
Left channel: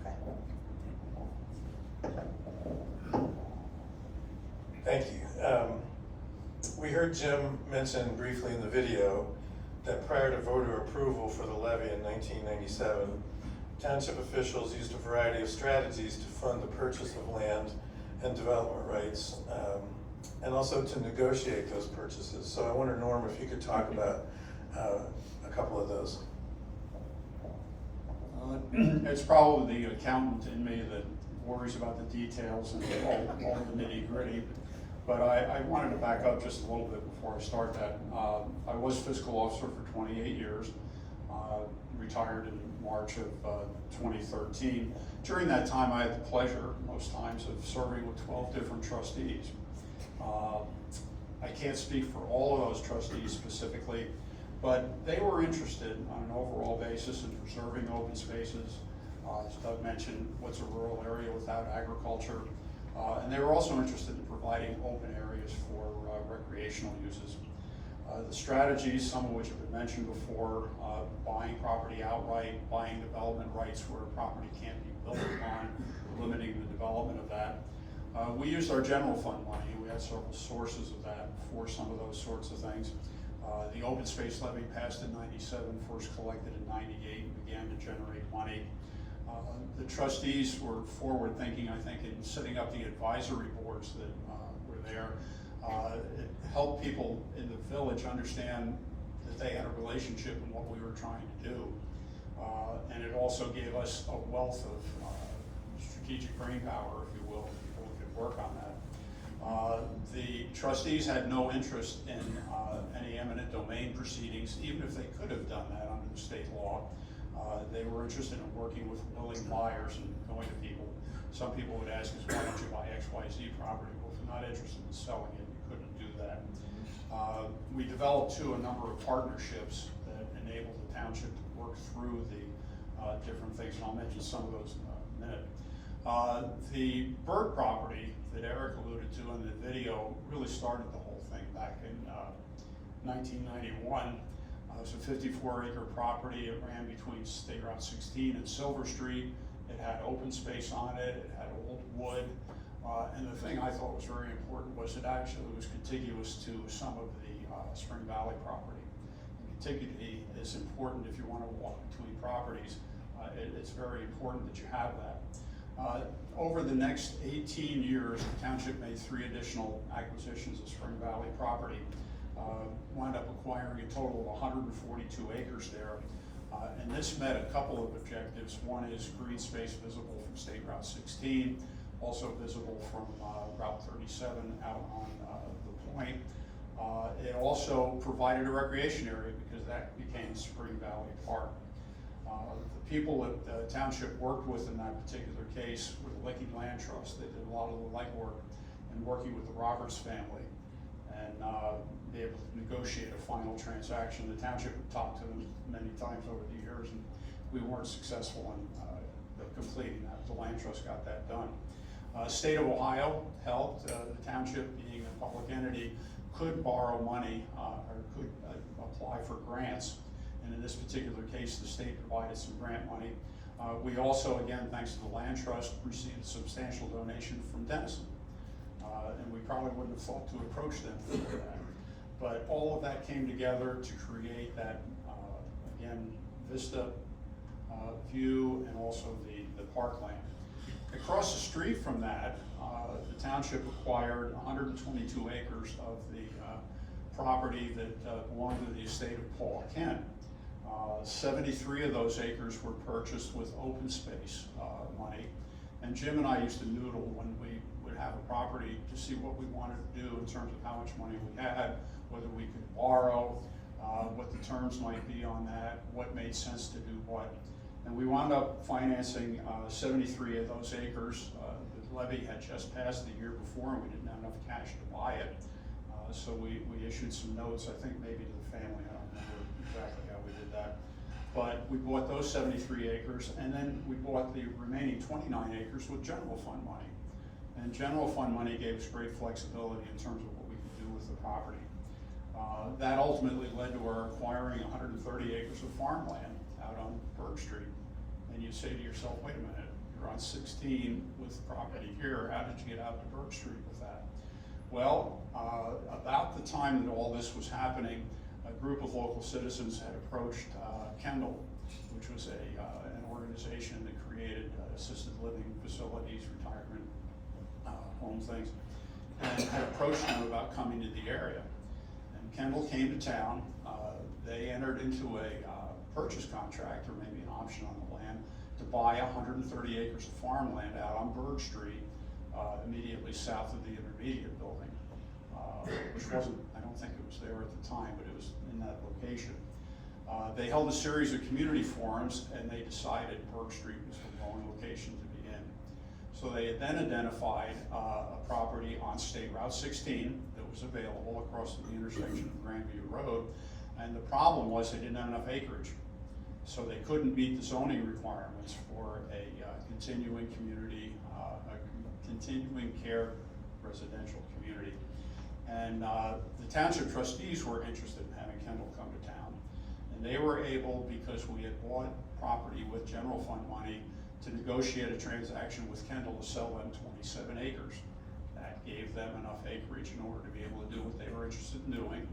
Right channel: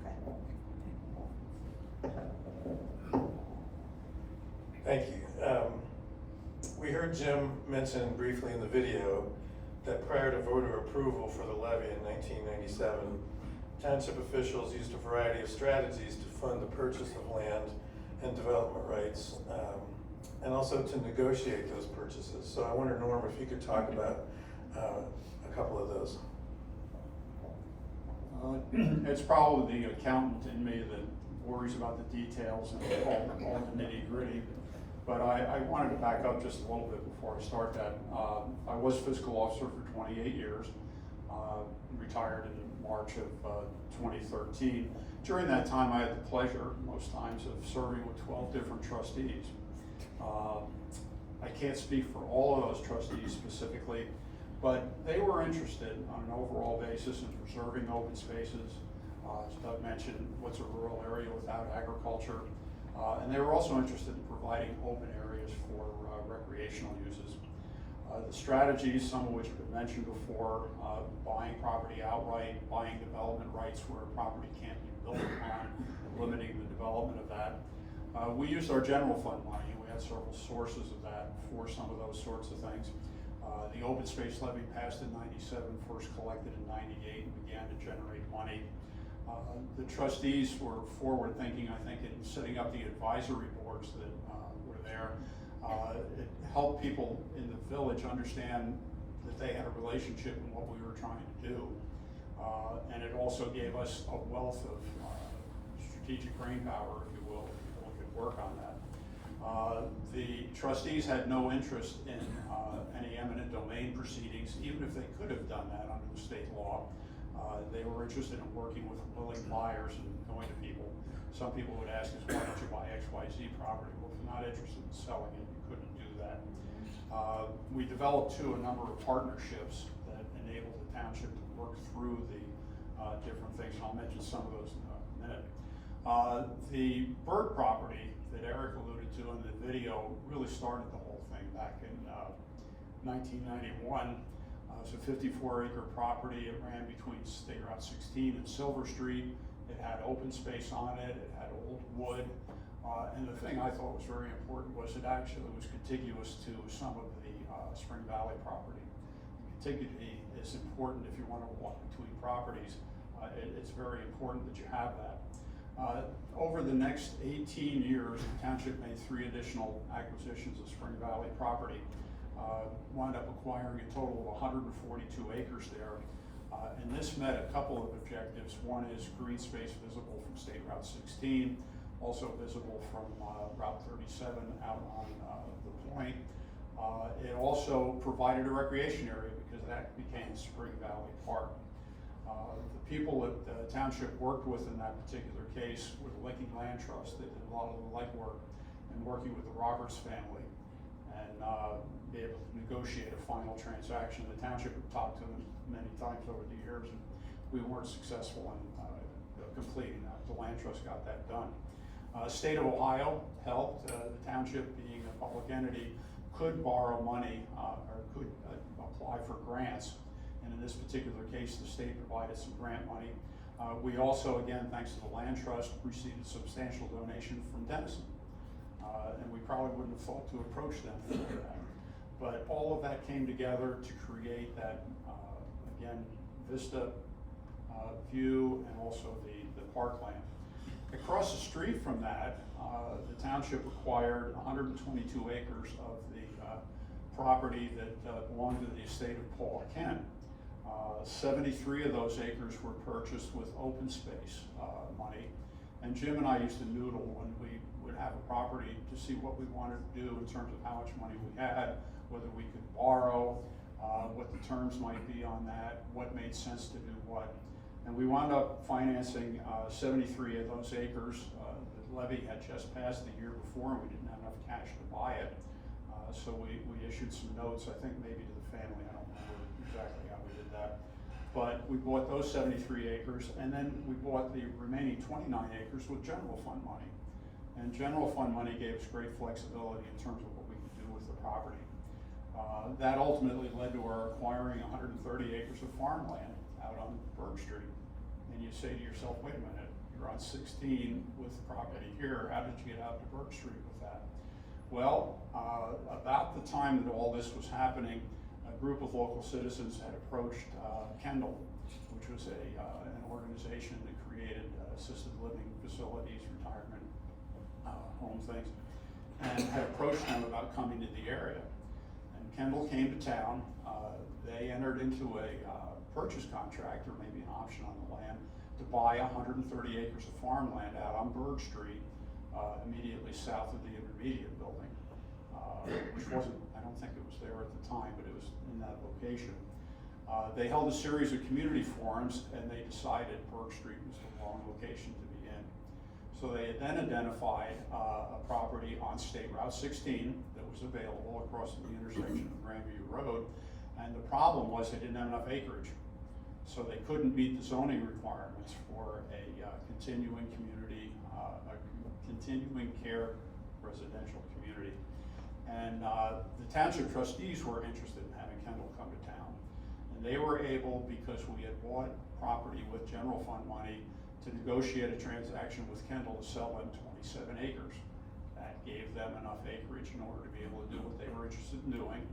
Okay. Thank you. We heard Jim mention briefly in the video that prior to voter approval for the levy in 1997, township officials used a variety of strategies to fund the purchase of land and development rights, and also to negotiate those purchases. So I wonder, Norm, if you could talk about a couple of those. It's probably the accountant in me that worries about the details and all the nitty gritty. But I wanted to back up just a little bit before I start that. I was fiscal officer for 28 years, retired in March of 2013. During that time, I had the pleasure, most times, of serving with 12 different trustees. I can't speak for all of those trustees specifically, but they were interested on an overall basis in preserving open spaces. As Doug mentioned, what's a rural area without agriculture? And they were also interested in providing open areas for recreational uses. The strategies, some of which have been mentioned before, buying property outright, buying development rights where property can't be built upon, limiting the development of that. We used our general fund money. We had several sources of that for some of those sorts of things. The open space levy passed in '97, first collected in '98, and began to generate money. The trustees were forward thinking, I think, in setting up the advisory boards that were there. It helped people in the village understand that they had a relationship in what we were trying to do. And it also gave us a wealth of strategic brain power, if you will, people who could work on that. The trustees had no interest in any eminent domain proceedings, even if they could have done that under the state law. They were interested in working with willing buyers and going to people. Some people would ask us, why don't you buy XYZ property? Well, if you're not interested in selling it, you couldn't do that. We developed, too, a number of partnerships that enabled the township to work through the different things, and I'll mention some of those in a minute. The Bird property that Eric alluded to in the video really started the whole thing back in 1991. It was a 54-acre property. It ran between State Route 16 and Silver Street. It had open space on it, it had old wood, and the thing I thought was very important was it actually was contiguous to some of the Spring Valley property. Contiguity is important if you want to walk between properties. It's very important that you have that. Over the next 18 years, the township made 3 additional acquisitions of Spring Valley property. Wound up acquiring a total of 142 acres there. And this met a couple of objectives. One is green space visible from State Route 16, also visible from Route 37 out on the point. It also provided a recreation area because that became Spring Valley Park. The people that the township worked with in that particular case were the Levy Land Trust. They did a lot of the legwork in working with the Roberts family and be able to negotiate a final transaction. The township had talked to them many times over the years, and we weren't successful in completing that. The Land Trust got that done. State of Ohio helped. The township, being a public entity, could borrow money or could apply for grants. And in this particular case, the state provided some grant money. We also, again, thanks to the Land Trust, received a substantial donation from Denison. And we probably wouldn't have thought to approach them for that. But all of that came together to create that, again, vista view and also the parkland. Across the street from that, the township acquired 122 acres of the property that belonged to the estate of Paul Kent. 73 of those acres were purchased with open space money. And Jim and I used to noodle when we would have a property to see what we wanted to do in terms of how much money we had, whether we could borrow, what the terms might be on that, what made sense to do what. And we wound up financing 73 of those acres. The levy had just passed the year before and we didn't have enough cash to buy it. So we issued some notes, I think maybe to the family, I don't remember exactly how we did that. But we bought those 73 acres and then we bought the remaining 29 acres with general fund money. And general fund money gave us great flexibility in terms of what we could do with the property. That ultimately led to our acquiring 130 acres of farmland out on Berg Street. And you say to yourself, wait a minute, you're on 16 with property here, how did you get out to Berg Street with that? Well, about the time that all this was happening, a group of local citizens had approached Kendall, which was an organization that created assisted living facilities, retirement home things, and had approached them about coming to the area. And Kendall came to town. They entered into a purchase contract, or maybe an option on the land, to buy 130 acres of farmland out on Berg Street, immediately south of the intermediate building, which wasn't, I don't think it was there at the time, but it was in that location. They held a series of community forums and they decided Berg Street was the wrong location to be in. So they had then identified a property on State Route 16 that was available across the intersection of Granville Road. And the problem was they didn't have enough acreage. So they couldn't meet the zoning requirements for a continuing community, a continuing care residential community. And the township trustees were interested in having Kendall come to town. And they were able, because we had bought property with general fund money, to negotiate a transaction with Kendall to sell them 27 acres. That gave them enough acreage in order to be able to do what they were interested in doing.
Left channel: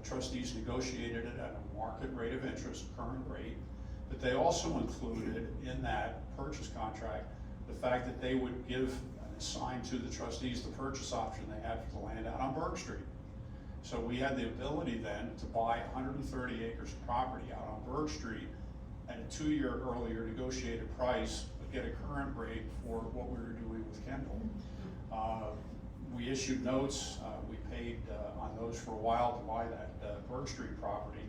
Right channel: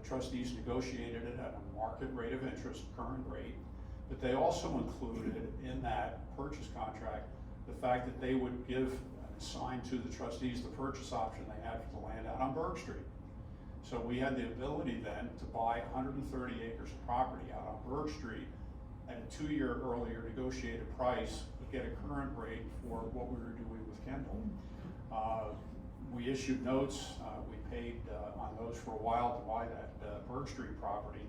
The trustees negotiated it at a market rate of interest, current rate, but they also included in that purchase contract the fact that they would give and assign to the trustees the purchase option they had for the land out on Berg Street. So we had the ability then to buy 130 acres of property out on Berg Street at a 2-year earlier negotiated price, but get a current rate for what we were doing with Kendall. We issued notes, we paid on those for a while to buy that Berg Street property,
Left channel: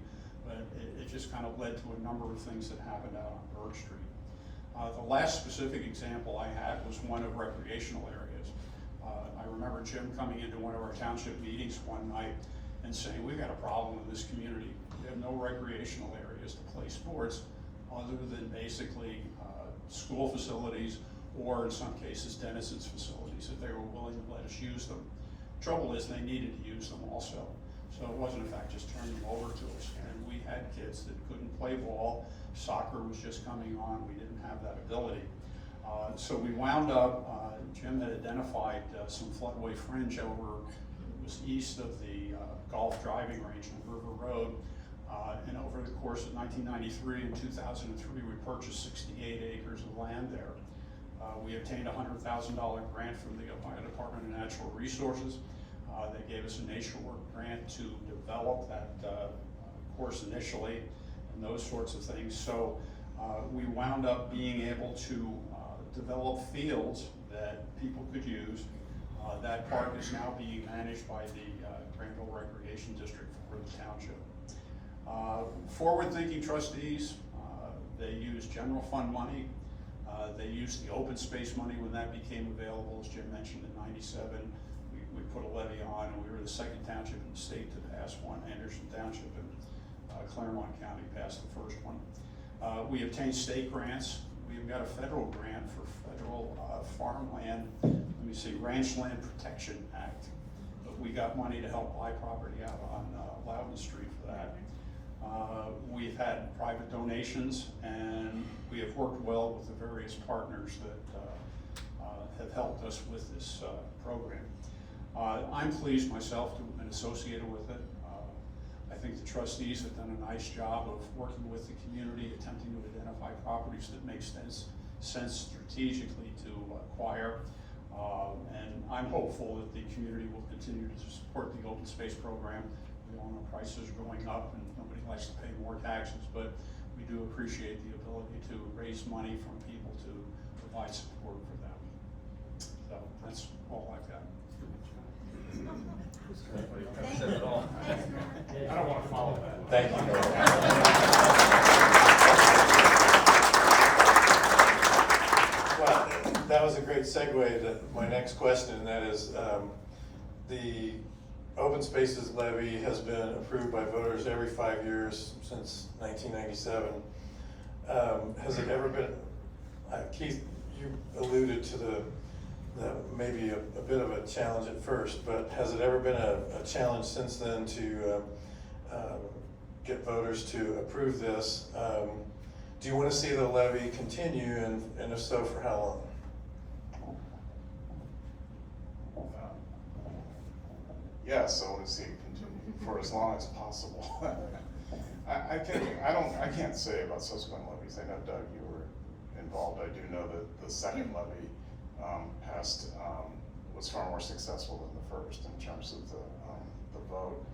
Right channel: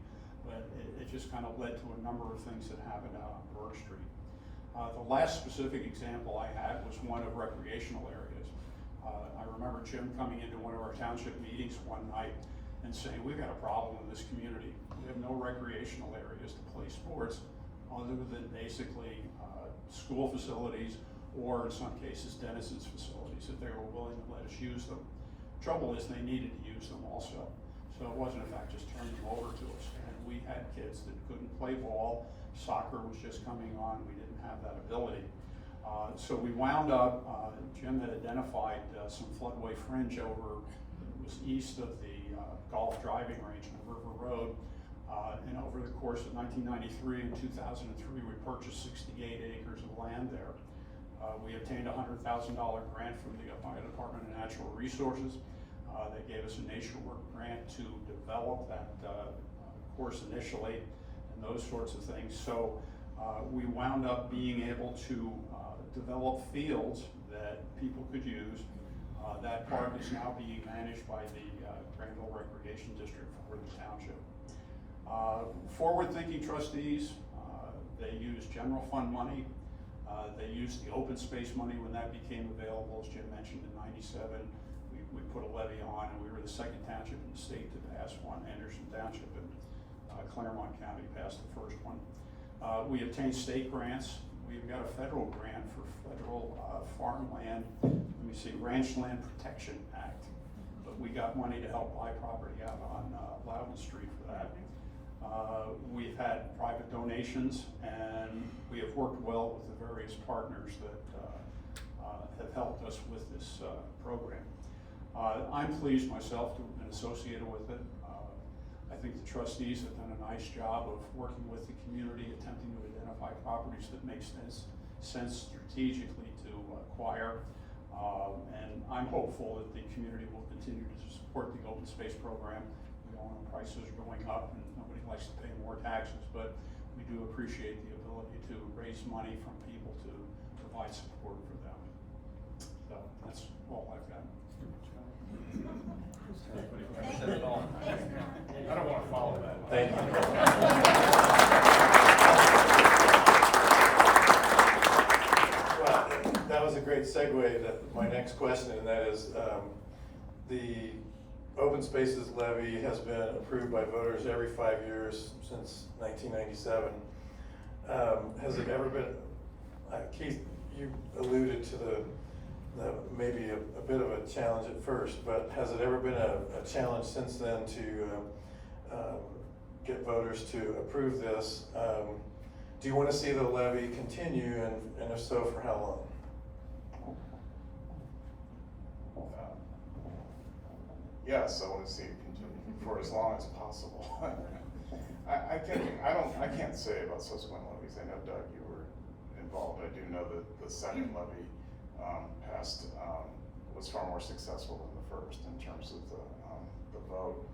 but it just kind of led to a number of things that happened out on Berg Street. The last specific example I had was one of recreational areas. I remember Jim coming into one of our township meetings one night and saying, we've got a problem in this community. We have no recreational areas to play sports other than basically school facilities, or in some cases Denison's facilities, if they were willing to let us use them. Trouble is they needed to use them also. So it wasn't in fact just turning them over to us. And we had kids that couldn't play ball soccer was just coming on, we didn't have that ability. So we wound up, Jim had identified some floodway fringe over, it was east of the golf driving range on River Road. And over the course of 1993 and 2003, we purchased 68 acres of land there. We obtained a $100,000 grant from the Ohio Department of Natural Resources. They gave us a nature work grant to develop that course initially and those sorts of things. So we wound up being able to develop fields that people could use. That park is now being managed by the Granville Recreation District for the township. Forward-thinking trustees, they use general fund money. They used the open space money when that became available, as Jim mentioned, in '97. We put a levy on, and we were the second township in the state to pass one. Anderson Township in Claremont County passed the first one. We obtained state grants. We've got a federal grant for federal farmland, let me see, Ranch Land Protection Act. But we got money to help buy property out on Loudon Street for that. We've had private donations, and we have worked well with the various partners that have helped us with this program. I'm pleased myself to have been associated with it. I think the trustees have done a nice job of working with the community, attempting to identify properties that make sense strategically to acquire. And I'm hopeful that the community will continue to support the open space program. We all know prices are going up and nobody likes to pay more taxes, but we do appreciate the ability to raise money from people to provide support for them. So that's all I've got. Said it all. I don't wanna follow that. Thank you, Norm. Well, that was a great segue to my next question, and that is, the open spaces levy has been approved by voters every 5 years since 1997. Has it ever been, Keith, you alluded to the maybe a bit of a challenge at first, but has it ever been a challenge since then to get voters to approve this? Do you want to see the levy continue, and if so, for how long? Yes, I want to see it continue for as long as possible. I can't say about subsequent levies. I know, Doug, you were involved. I do know that the second levy was far more successful than the first in terms of the vote.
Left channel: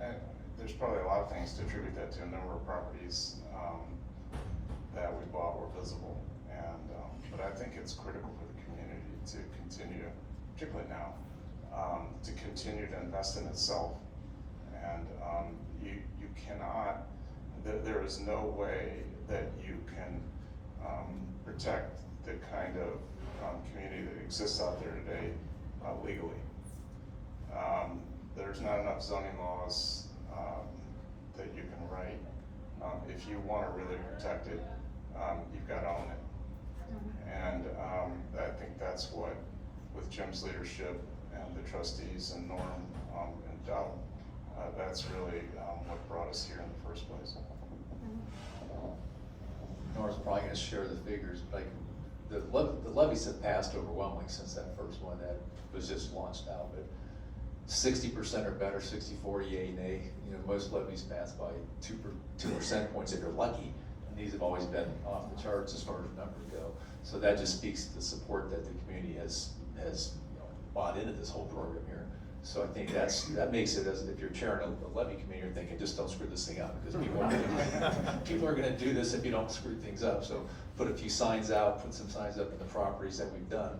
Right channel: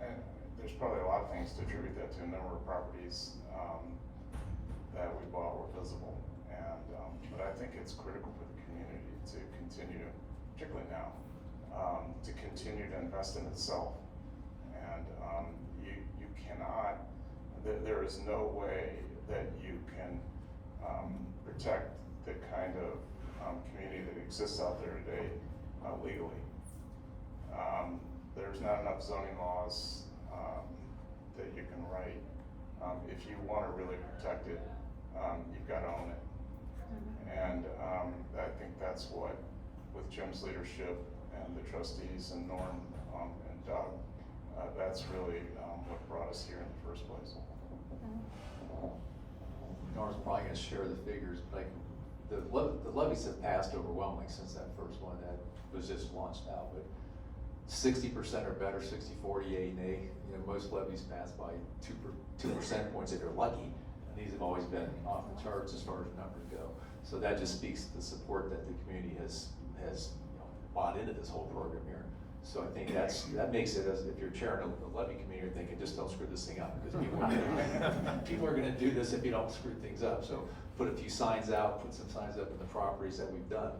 And there's probably a lot of things to attribute that to. A number of properties that we bought were visible, and but I think it's critical for the community to continue, particularly now, to continue to invest in itself. And you cannot, there is no way that you can protect the kind of community that exists out there today legally. There's not enough zoning laws that you can write. If you want to really protect it, you've got to own it. And I think that's what, with Jim's leadership and the trustees and Norm and Doug, that's really what brought us here in the first place. Norm's probably gonna share the figures, but the levies have passed overwhelmingly since that first one that was just launched out, but 60% or better, 60, 40, 8, and 8. You know, most levies pass by 2 percent points if you're lucky, and these have always been off the charts as far as numbers go. So that just speaks to the support that the community has bought into this whole program here. So I think that makes it, as if you're chairing a levy committee, you're thinking, just don't screw this thing up, because people are gonna do this if you don't screw things up. So put a few signs out, put some signs up in the properties that we've done.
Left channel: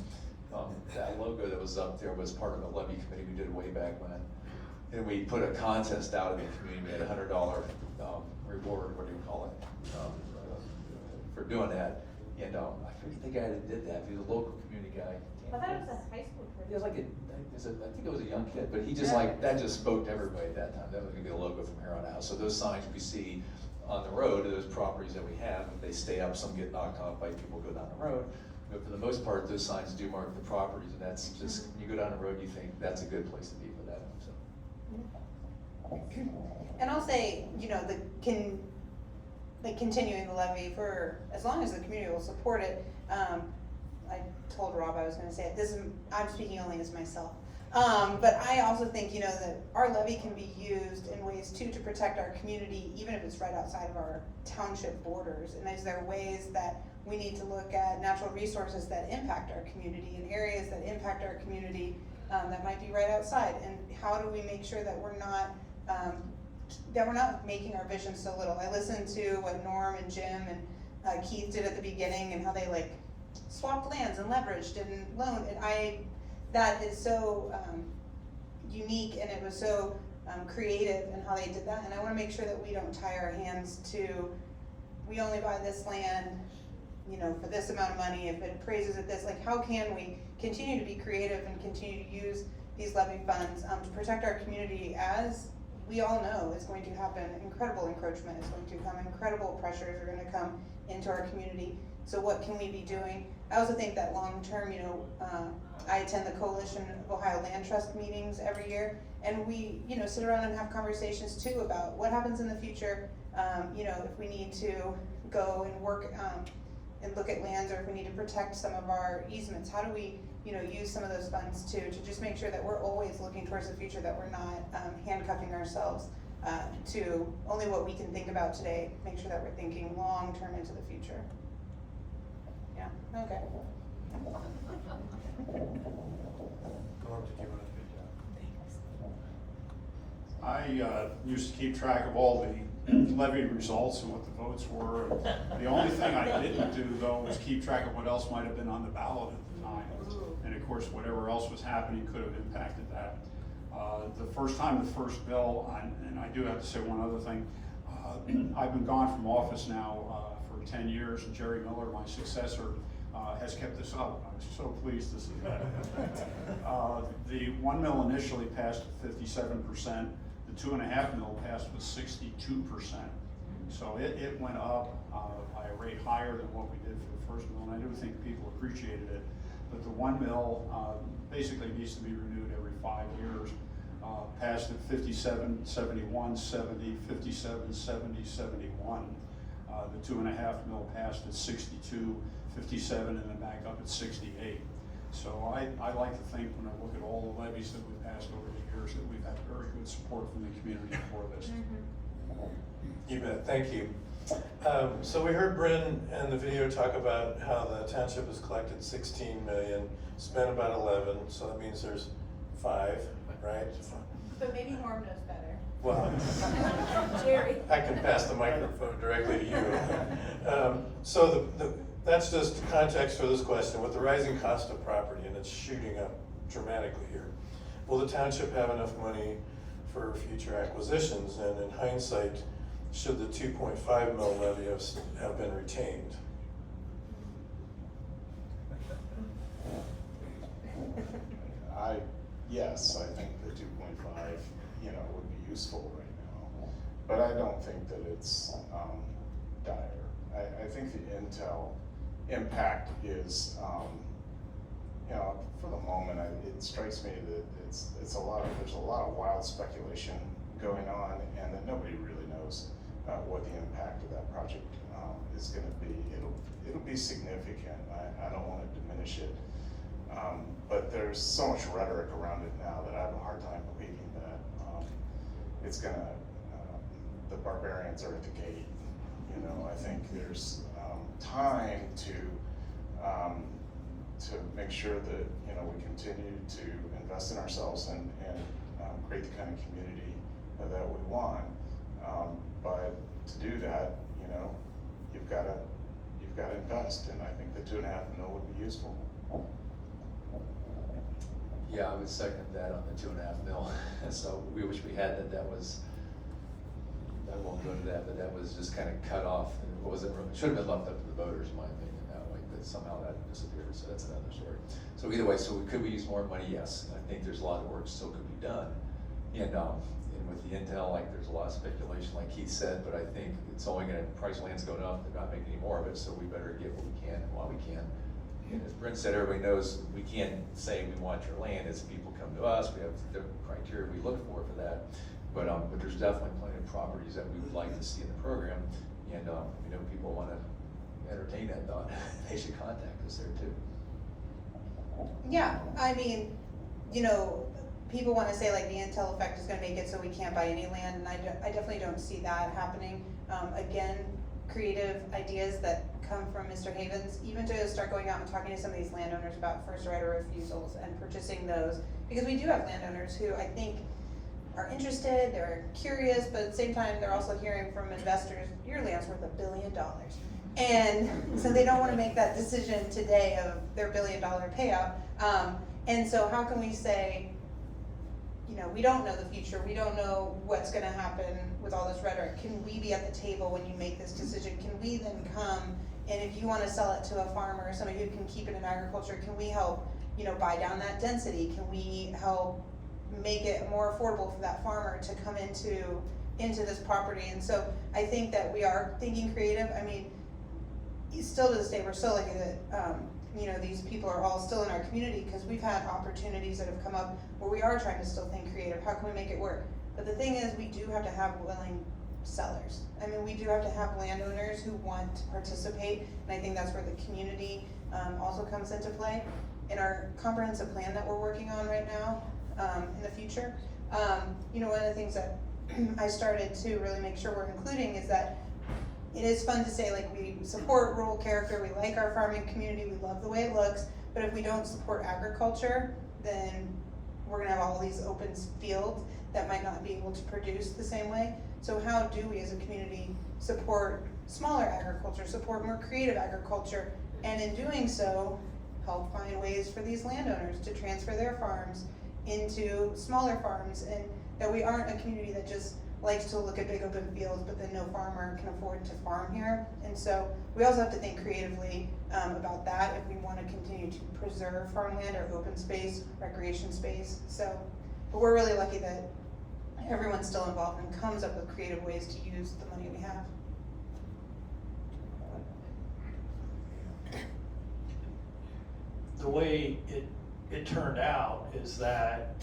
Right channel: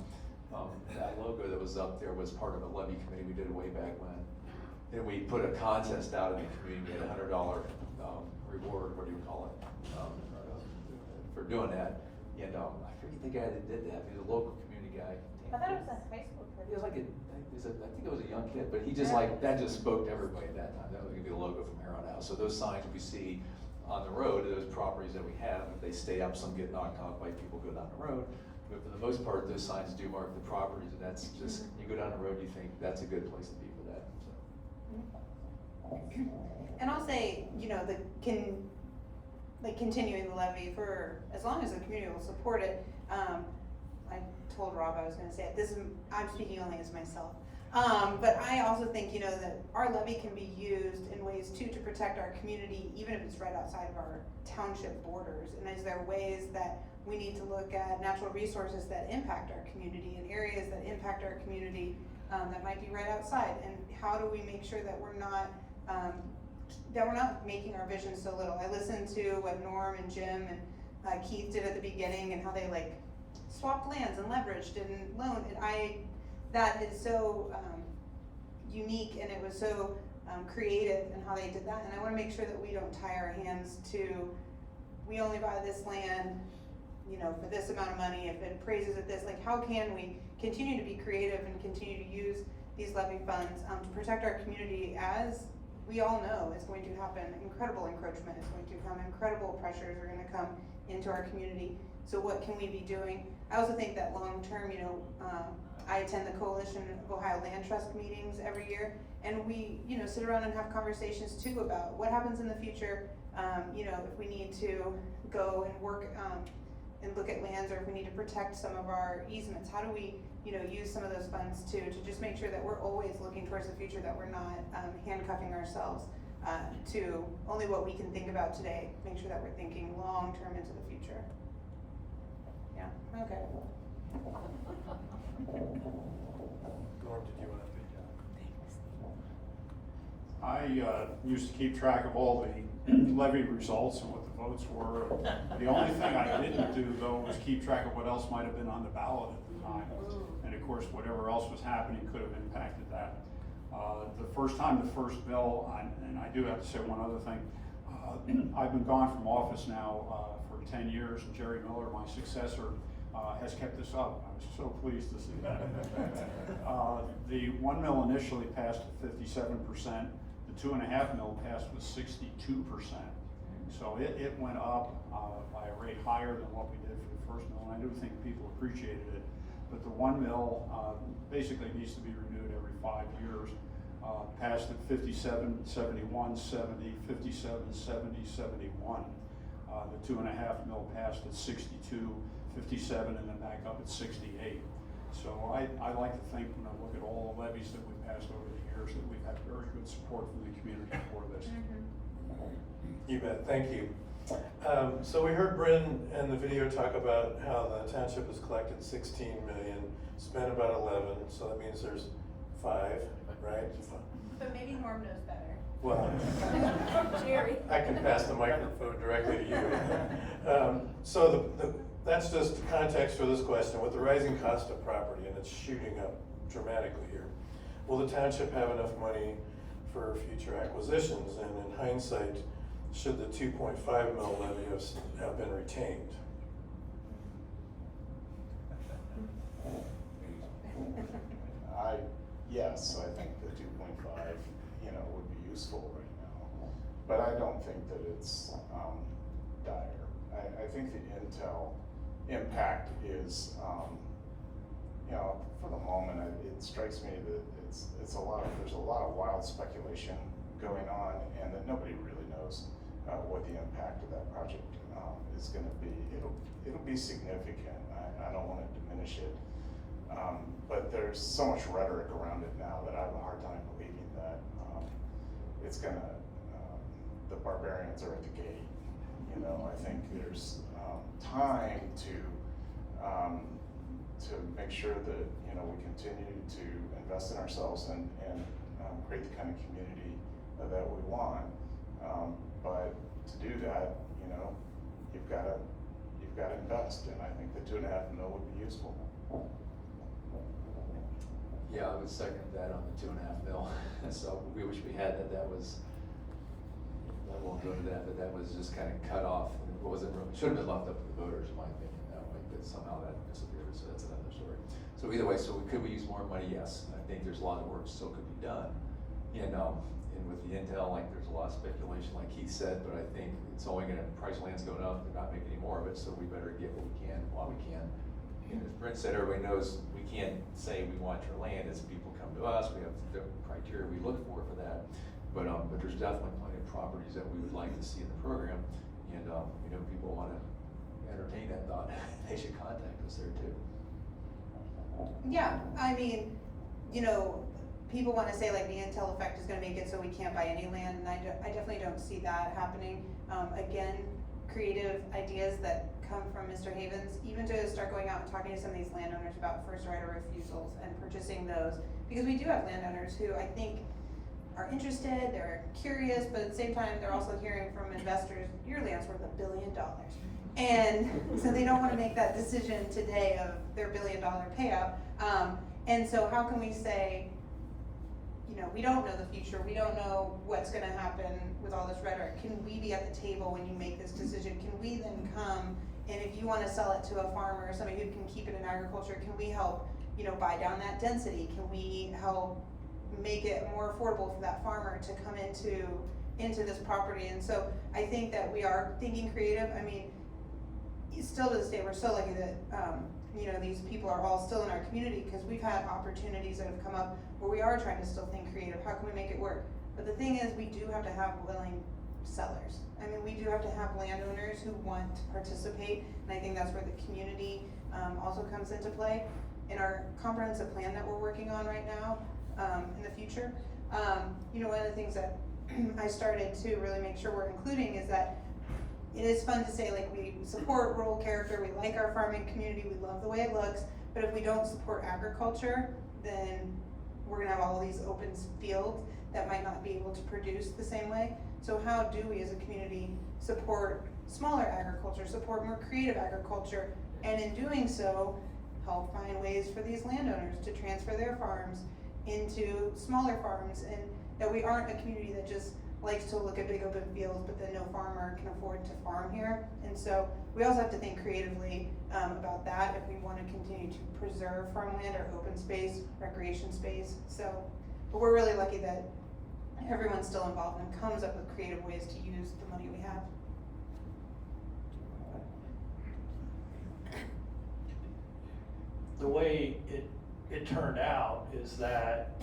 That logo that was up there was part of a levy committee we did way back when. And we put a contest out in the community, we had a $100 reward, what do you call it, for doing that. And I forget the guy that did that, he was a local community guy. I thought it was a high school person. He was like I think it was a young kid, but he just that just spoke to everybody at that time. That was gonna be a logo from here on out. So those signs we see on the road, those properties that we have, if they stay up, some get knocked off by people go down the road. But for the most part, those signs do mark the properties, and that's just, you go down the road, you think that's a good place to be for that, so. And I'll say, like continuing the levy for as long as the community will support it. I told Rob I was gonna say it, I'm speaking only as myself. But I also think, you know, that our levy can be used in ways too to protect our community, even if it's right outside of our township borders. And is there ways that we need to look at natural resources that impact our community and areas that impact our community, that might be right outside? And how do we make sure that we're not making our vision so little? I listened to what Norm and Jim and Keith did at the beginning, and how they like swapped lands and leveraged and loaned, and that is so unique, and it was so creative in how they did that. And I wanna make sure that we don't tie our hands to, we only buy this land, you know, for this amount of money, if it appraises at this. Like, how can we continue to be creative and continue to use these levy funds to protect our community? As we all know is going to happen, incredible encroachment is going to come, incredible pressures are gonna come into our community. So what can we be doing? I also think that long term, you know, I attend the Coalition of Ohio Land Trust meetings every year, and we, you know, sit around and have conversations too about what happens in the future. You know, if we need to go and work and look at lands, or if we need to protect some of our easements, how do we, you know, use some of those funds to just make sure that we're always looking towards the future, that we're not handcuffing ourselves to only what we can think about today. Make sure that we're thinking long term into the future. Yeah, okay. Norm, did you want to? I used to keep track of all the levy results and what the votes were. The only thing I didn't do, though, was keep track of what else might have been on the ballot at the time. And of course, whatever else was happening could have impacted that. The first first bill, and I do have to say one other thing, I've been gone from office now for 10 years, and Jerry Miller, my successor, has kept this up. I was so pleased to see that. The 1 mil initially passed at 57%. The 2.5 mil passed with 62%. So it went up by a rate higher than what we did for the first mill, and I do think people appreciated it. But the 1 mil basically needs to be renewed every 5 years. Passed at 57, 71, 70, 57, 70, 71. The 2.5 mil passed at 62, 57, and then back up at 68. So I like to think, when I look at all the levies that we've passed over the years, that we've had very good support from the community for this. You bet, thank you. So we heard Bryn in the video talk about how the township has collected 16 million, spent about 11, so that means there's 5, right? But maybe Norm knows better. Well, Jerry. I can pass the microphone directly to you. So that's just context for this question. With the rising cost of property, and it's shooting up dramatically here, will the township have enough money for future acquisitions? And in hindsight, should the 2.5 mil levy have been retained? Yes, I think the 2.5, you know, would be useful right now, but I don't think that it's dire. I think the Intel impact is, you know, for the moment, it strikes me that there's a lot of wild speculation going on, and that nobody really knows what the impact of that project is going to be. It'll be significant. I don't want to diminish it. But there's so much rhetoric around it now that I have a hard time believing that it's gonna, the barbarians are at the gate. You know, I think there's time to make sure that, you know, we continue to invest in ourselves and create the kind of community that we want. But to do that, you know, you've got to invest, and I think the 2.5 mil would be useful. Yeah, I would second that on the 2.5 mil. So we wish we had that. I won't go to that, but that was just kind of cut off. And it wasn't really, should have been left up to the voters, in my opinion, that way, but somehow that disappeared, so that's another story. So either way, could we use more money? Yes. And I think there's a lot of work still could be done. And with the Intel, like, there's a lot of speculation, like Keith said, but I think it's only gonna, price of land's going up, they're not making any more of it, so we better get what we can while we can. And as Brent said, everybody knows we can't say we want your land. As people come to us, we have the criteria we look for that. But there's definitely plenty of properties that we would like to see in the program. And, we know people wanna entertain that thought, they should contact us there too. Yeah, I mean, you know, people wanna say like the Intel effect is gonna make it so we can't buy any land, and I definitely don't see that happening. Again, creative ideas that come from Mr. Havens, even to start going out and talking to some of these landowners about first right of refusals and purchasing those. Because we do have landowners who I think are interested, they're curious, but at the same time, they're also hearing from investors, your land's worth $1 billion. And so they don't wanna make that decision today of their $1 billion payout. And so how can we say, you know, we don't know the future, we don't know what's gonna happen with all this rhetoric. Can we be at the table when you make this decision? Can we then come, and if you wanna sell it to a farmer or somebody who can keep it in agriculture, can we help, you know, buy down that density? Can we help make it more affordable for that farmer to come into this property? And so I think that we are thinking creative. I mean, still to this day, we're so lucky that, you know, these people are all still in our community, because we've had opportunities that have come up where we are trying to still think creative. How can we make it work? But the thing is, we do have to have willing sellers. I mean, we do have to have landowners who want to participate, and I think that's where the community also comes into play. In our comprehensive plan that we're working on right now, in the future, you know, one of the things that I started to really make sure we're including is that it is fun to say, like, we support rural character, we like our farming community, we love the way it looks, but if we don't support agriculture, then we're gonna have all these open fields that might not be able to produce the same way. So how do we as a community support smaller agriculture, support more creative agriculture, and in doing so, help find ways for these landowners to transfer their farms into smaller farms, and that we aren't a community that just likes to look at big open fields, but then no farmer can afford to farm here. And so we also have to think creatively about that if we want to continue to preserve farmland or open space, recreation space. So, but we're really lucky that everyone's still involved and comes up with creative ways to use the money we have. The way it turned out is that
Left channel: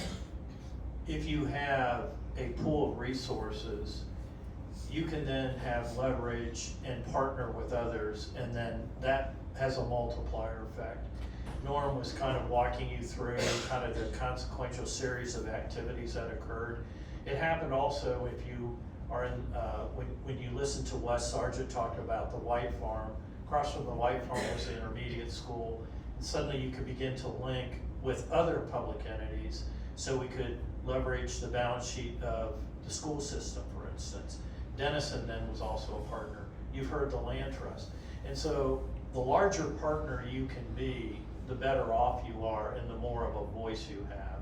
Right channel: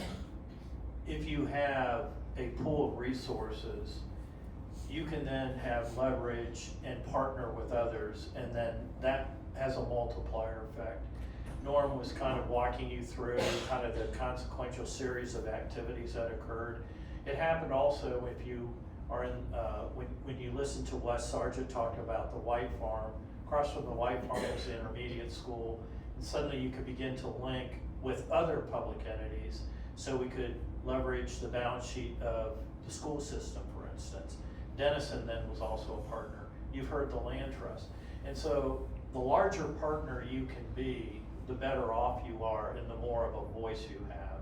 if you have a pool of resources, you can then have leverage and partner with others, and then that has a multiplier effect. Norm was kind of walking you through kind of the consequential series of activities that occurred. It happened also if you are in, when you listen to Wes Sargent talking about the White Farm, across from the White Farm was the intermediate school, and suddenly you could begin to link with other public entities, so we could leverage the balance sheet of the school system, for instance. Denison then was also a partner. You've heard the land trust. And so the larger partner you can be, the better off you are and the more of a voice you have.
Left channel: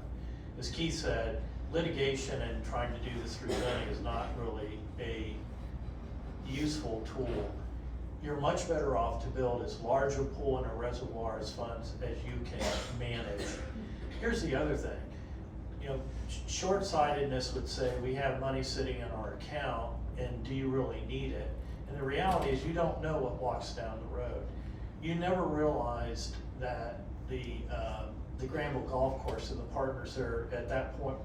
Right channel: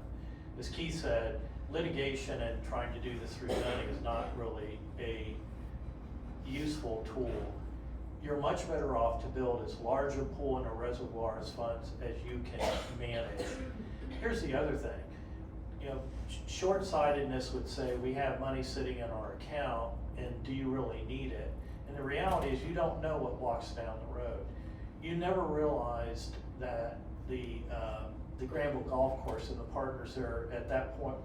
As Keith said, litigation and trying to do this through zoning is not really a useful tool. You're much better off to build as large a pool in a reservoir as funds as you can manage. Here's the other thing. You know, short-sightedness would say we have money sitting in our account, and do you really need it? And the reality is you don't know what walks down the road. You never realized that the Granville Golf Course and the partners there at that point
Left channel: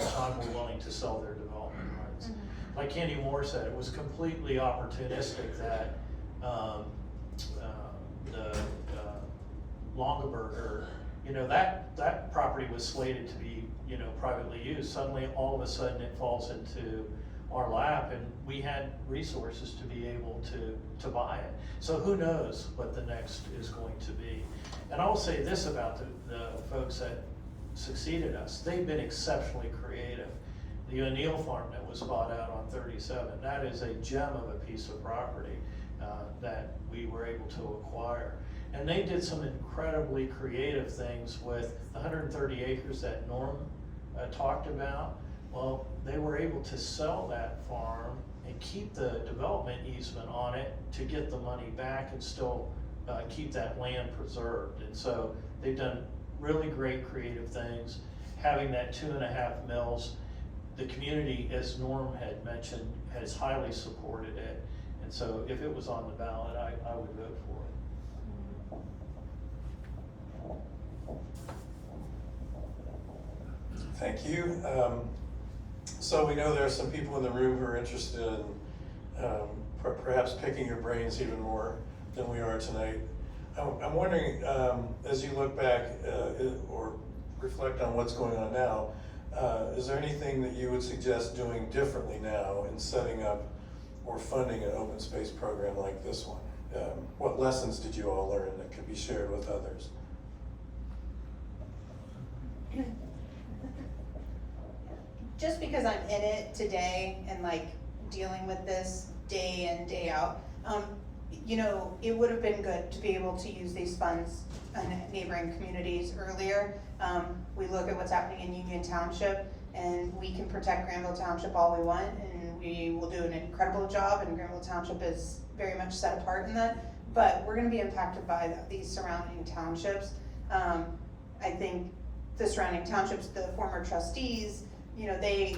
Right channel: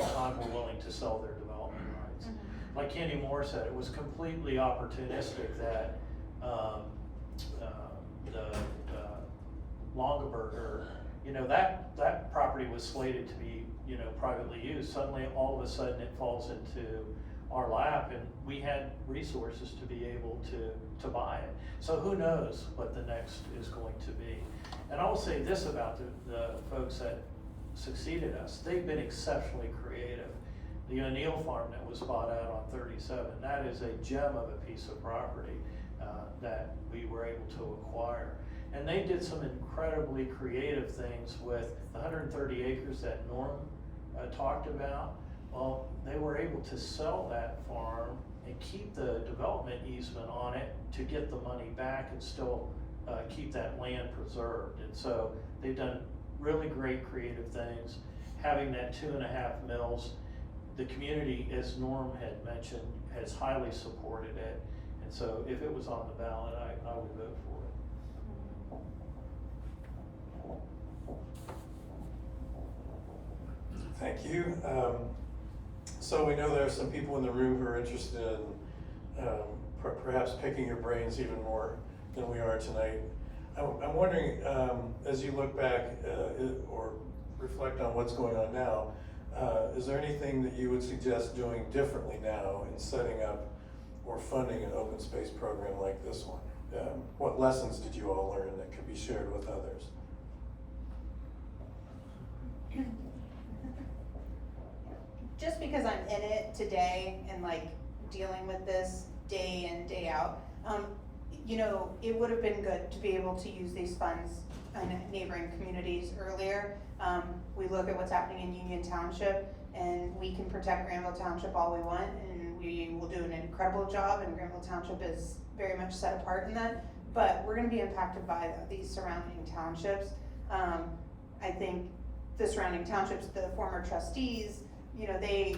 in time were willing to sell their development rights. Mm-hmm. Like Kenny Moore said, it was completely opportunistic that the Longaberger, you know, that property was slated to be, you know, privately used. Suddenly, all of a sudden, it falls into our lap, and we had resources to be able to buy it. So who knows what the next is going to be. And I will say this about the folks that succeeded us. They've been exceptionally creative. The O'Neill farm that was bought out on 37, that is a gem of a piece of property that we were able to acquire. And they did some incredibly creative things with the 130 acres that Norm talked about. Well, they were able to sell that farm and keep the development easement on it to get the money back and still keep that land preserved. And so they've done really great creative things. Having that 2.5 mills, the community, as Norm had mentioned, has highly supported it. And so if it was on the ballot, I would vote for it. Thank you. So we know there are some people in the room who are interested in perhaps picking your brains even more than we are tonight. I'm wondering, as you look back or reflect on what's going on now, is there anything that you would suggest doing differently now in setting up or funding an open space program like this one? What lessons did you all learn that could be shared with others? Just because I'm in it today and like dealing with this day in, day out, you know, it would have been good to be able to use these funds in neighboring communities earlier. We look at what's happening in Union Township, and we can protect Granville Township all we want, and we will do an incredible job, and Granville Township is very much set apart in that, but we're gonna be impacted by these surrounding townships. I think the surrounding townships, the former trustees, you know, they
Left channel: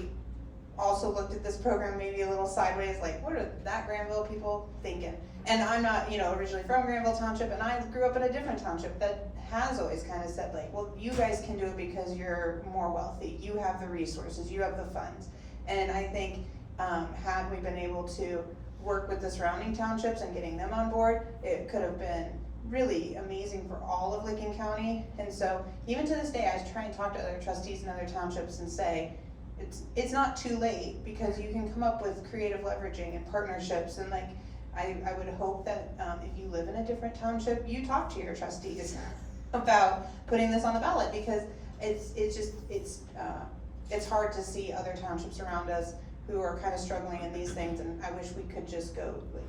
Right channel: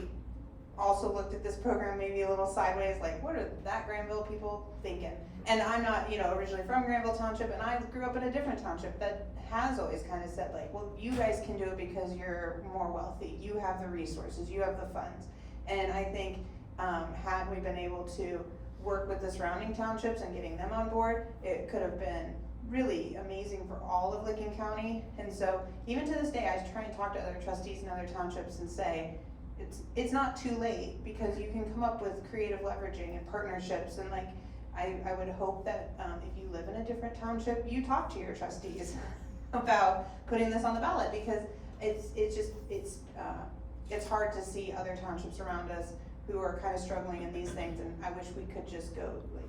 also looked at this program maybe a little sideways, like, what are that Granville people thinking? And I'm not, you know, originally from Granville Township, and I grew up in a different township that has always kind of said like, well, you guys can do it because you're more wealthy, you have the resources, you have the funds. And I think, had we been able to work with the surrounding townships and getting them on board, it could have been really amazing for all of Licking County. And so even to this day, I try and talk to other trustees in other townships and say, it's not too late, because you can come up with creative leveraging and partnerships. And like, I would hope that if you live in a different township, you talk to your trustees about putting this on the ballot, because it's hard to see other townships around us who are kind of struggling in these things, and I wish we could just go like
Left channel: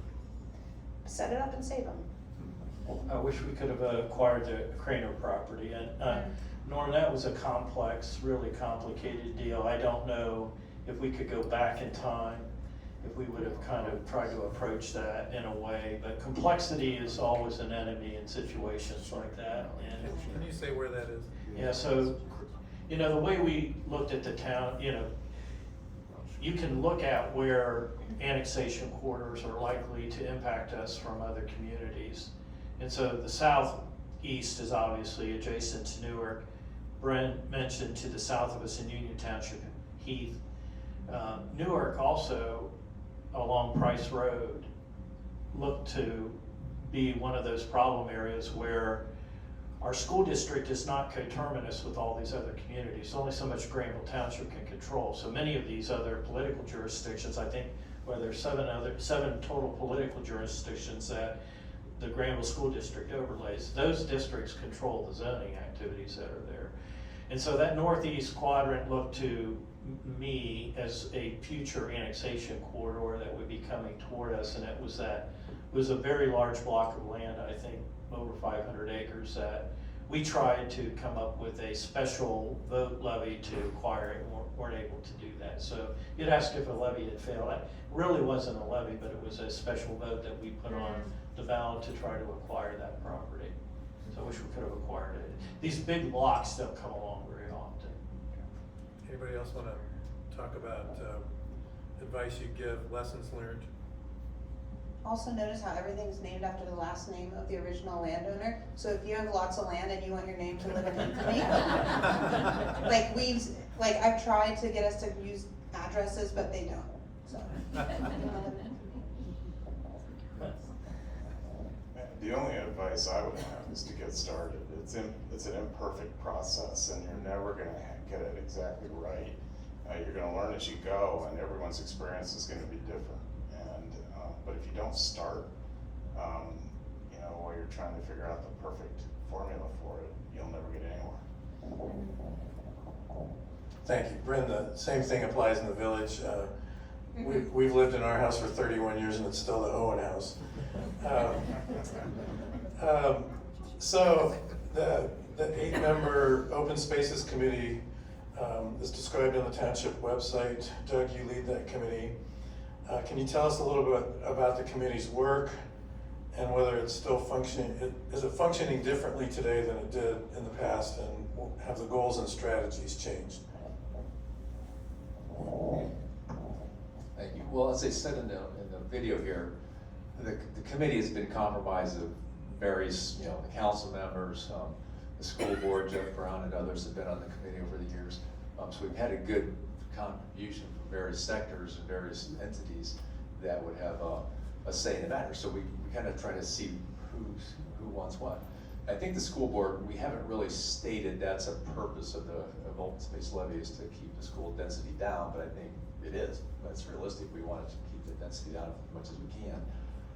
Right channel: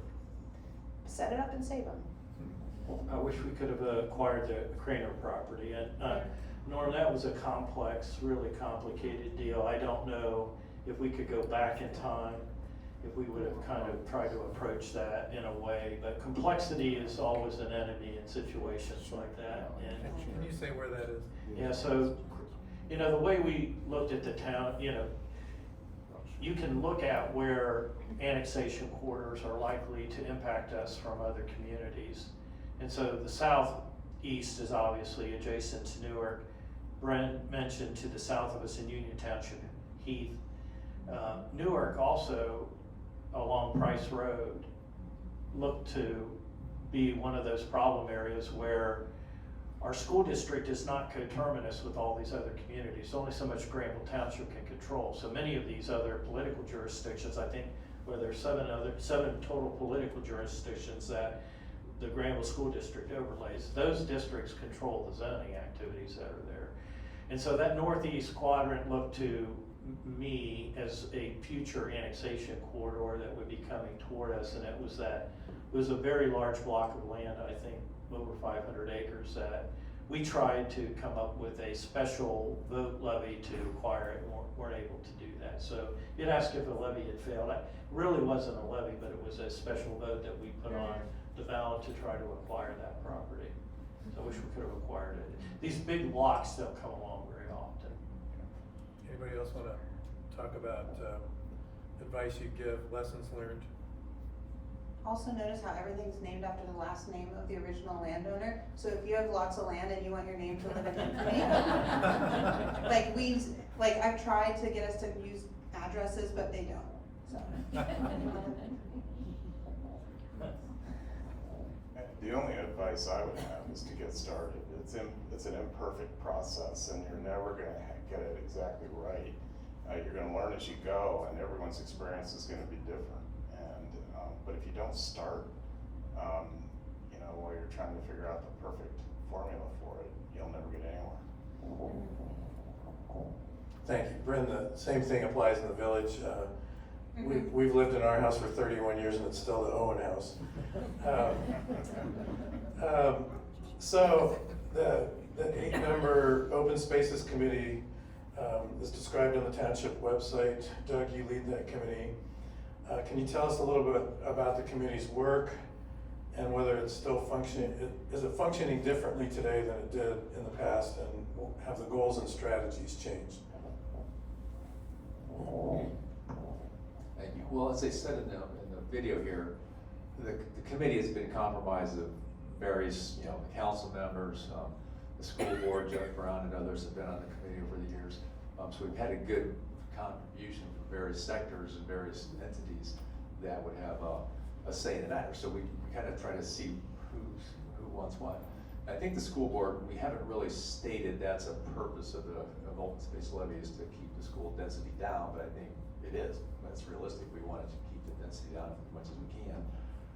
set it up and save them. I wish we could have acquired the Craner property, and Norm, that was a complex, really complicated deal. I don't know if we could go back in time, if we would have kind of tried to approach that in a way, but complexity is always an enemy in situations like that. And Can you say where that is? yeah, so, you know, the way we looked at the town, you know, you can look at where annexation corridors are likely to impact us from other communities. And so the southeast is obviously adjacent to Newark. Brent mentioned to the south of us in Union Township, Heath. Newark also, along Price Road, looked to be one of those problem areas where our school district is not coterminous with all these other communities. Only so much Granville Township can control. So many of these other political jurisdictions, I think, where there's seven total political jurisdictions that the Granville School District overlays, those districts control the zoning activities that are there. And so that northeast quadrant looked to me as a future annexation corridor that would be coming toward us, and it was a very large block of land, I think over 500 acres, that we tried to come up with a special vote levy to acquire it, and weren't able to do that. So you'd ask if a levy had failed. It really wasn't a levy, but it was a special vote that we put on the ballot to try to acquire that property. So I wish we could have acquired it. These big blocks don't come along very often. Anybody else wanna talk about, advice you give, lessons learned? Also notice how everything's named after the last name of the original landowner. So if you have lots of land and you want your name to live in infamy, I've tried to get us to use addresses, but they don't, so. The only advice I would have is to get started. It's an imperfect process, and you're never gonna get it exactly right. You're gonna learn as you go, and everyone's experience is gonna be different. But if you don't start, you know, while you're trying to figure out the perfect formula for it, you'll never get anywhere. Thank you. Brenda, same thing applies in the village. We've lived in our house for 31 years and it's still the Owen house. So the 8-member Open Spaces Committee is described on the township website. Doug, you lead that committee. Can you tell us a little bit about the committee's work and whether it's still functioning? Is it functioning differently today than it did in the past, and have the goals and strategies changed? Thank you. Well, as I said in the video here, the committee has been comprised of various, the council members, the school board, Jeff Brown and others have been on the committee over the years. So we've had a good contribution from various sectors and various entities that would have a say in the matter. So we kind of try to see who wants what. I think the school board, we haven't really stated that's a purpose of open space levy is to keep the school density down, but I think it is. That's realistic. We want to keep the density down as much as we can.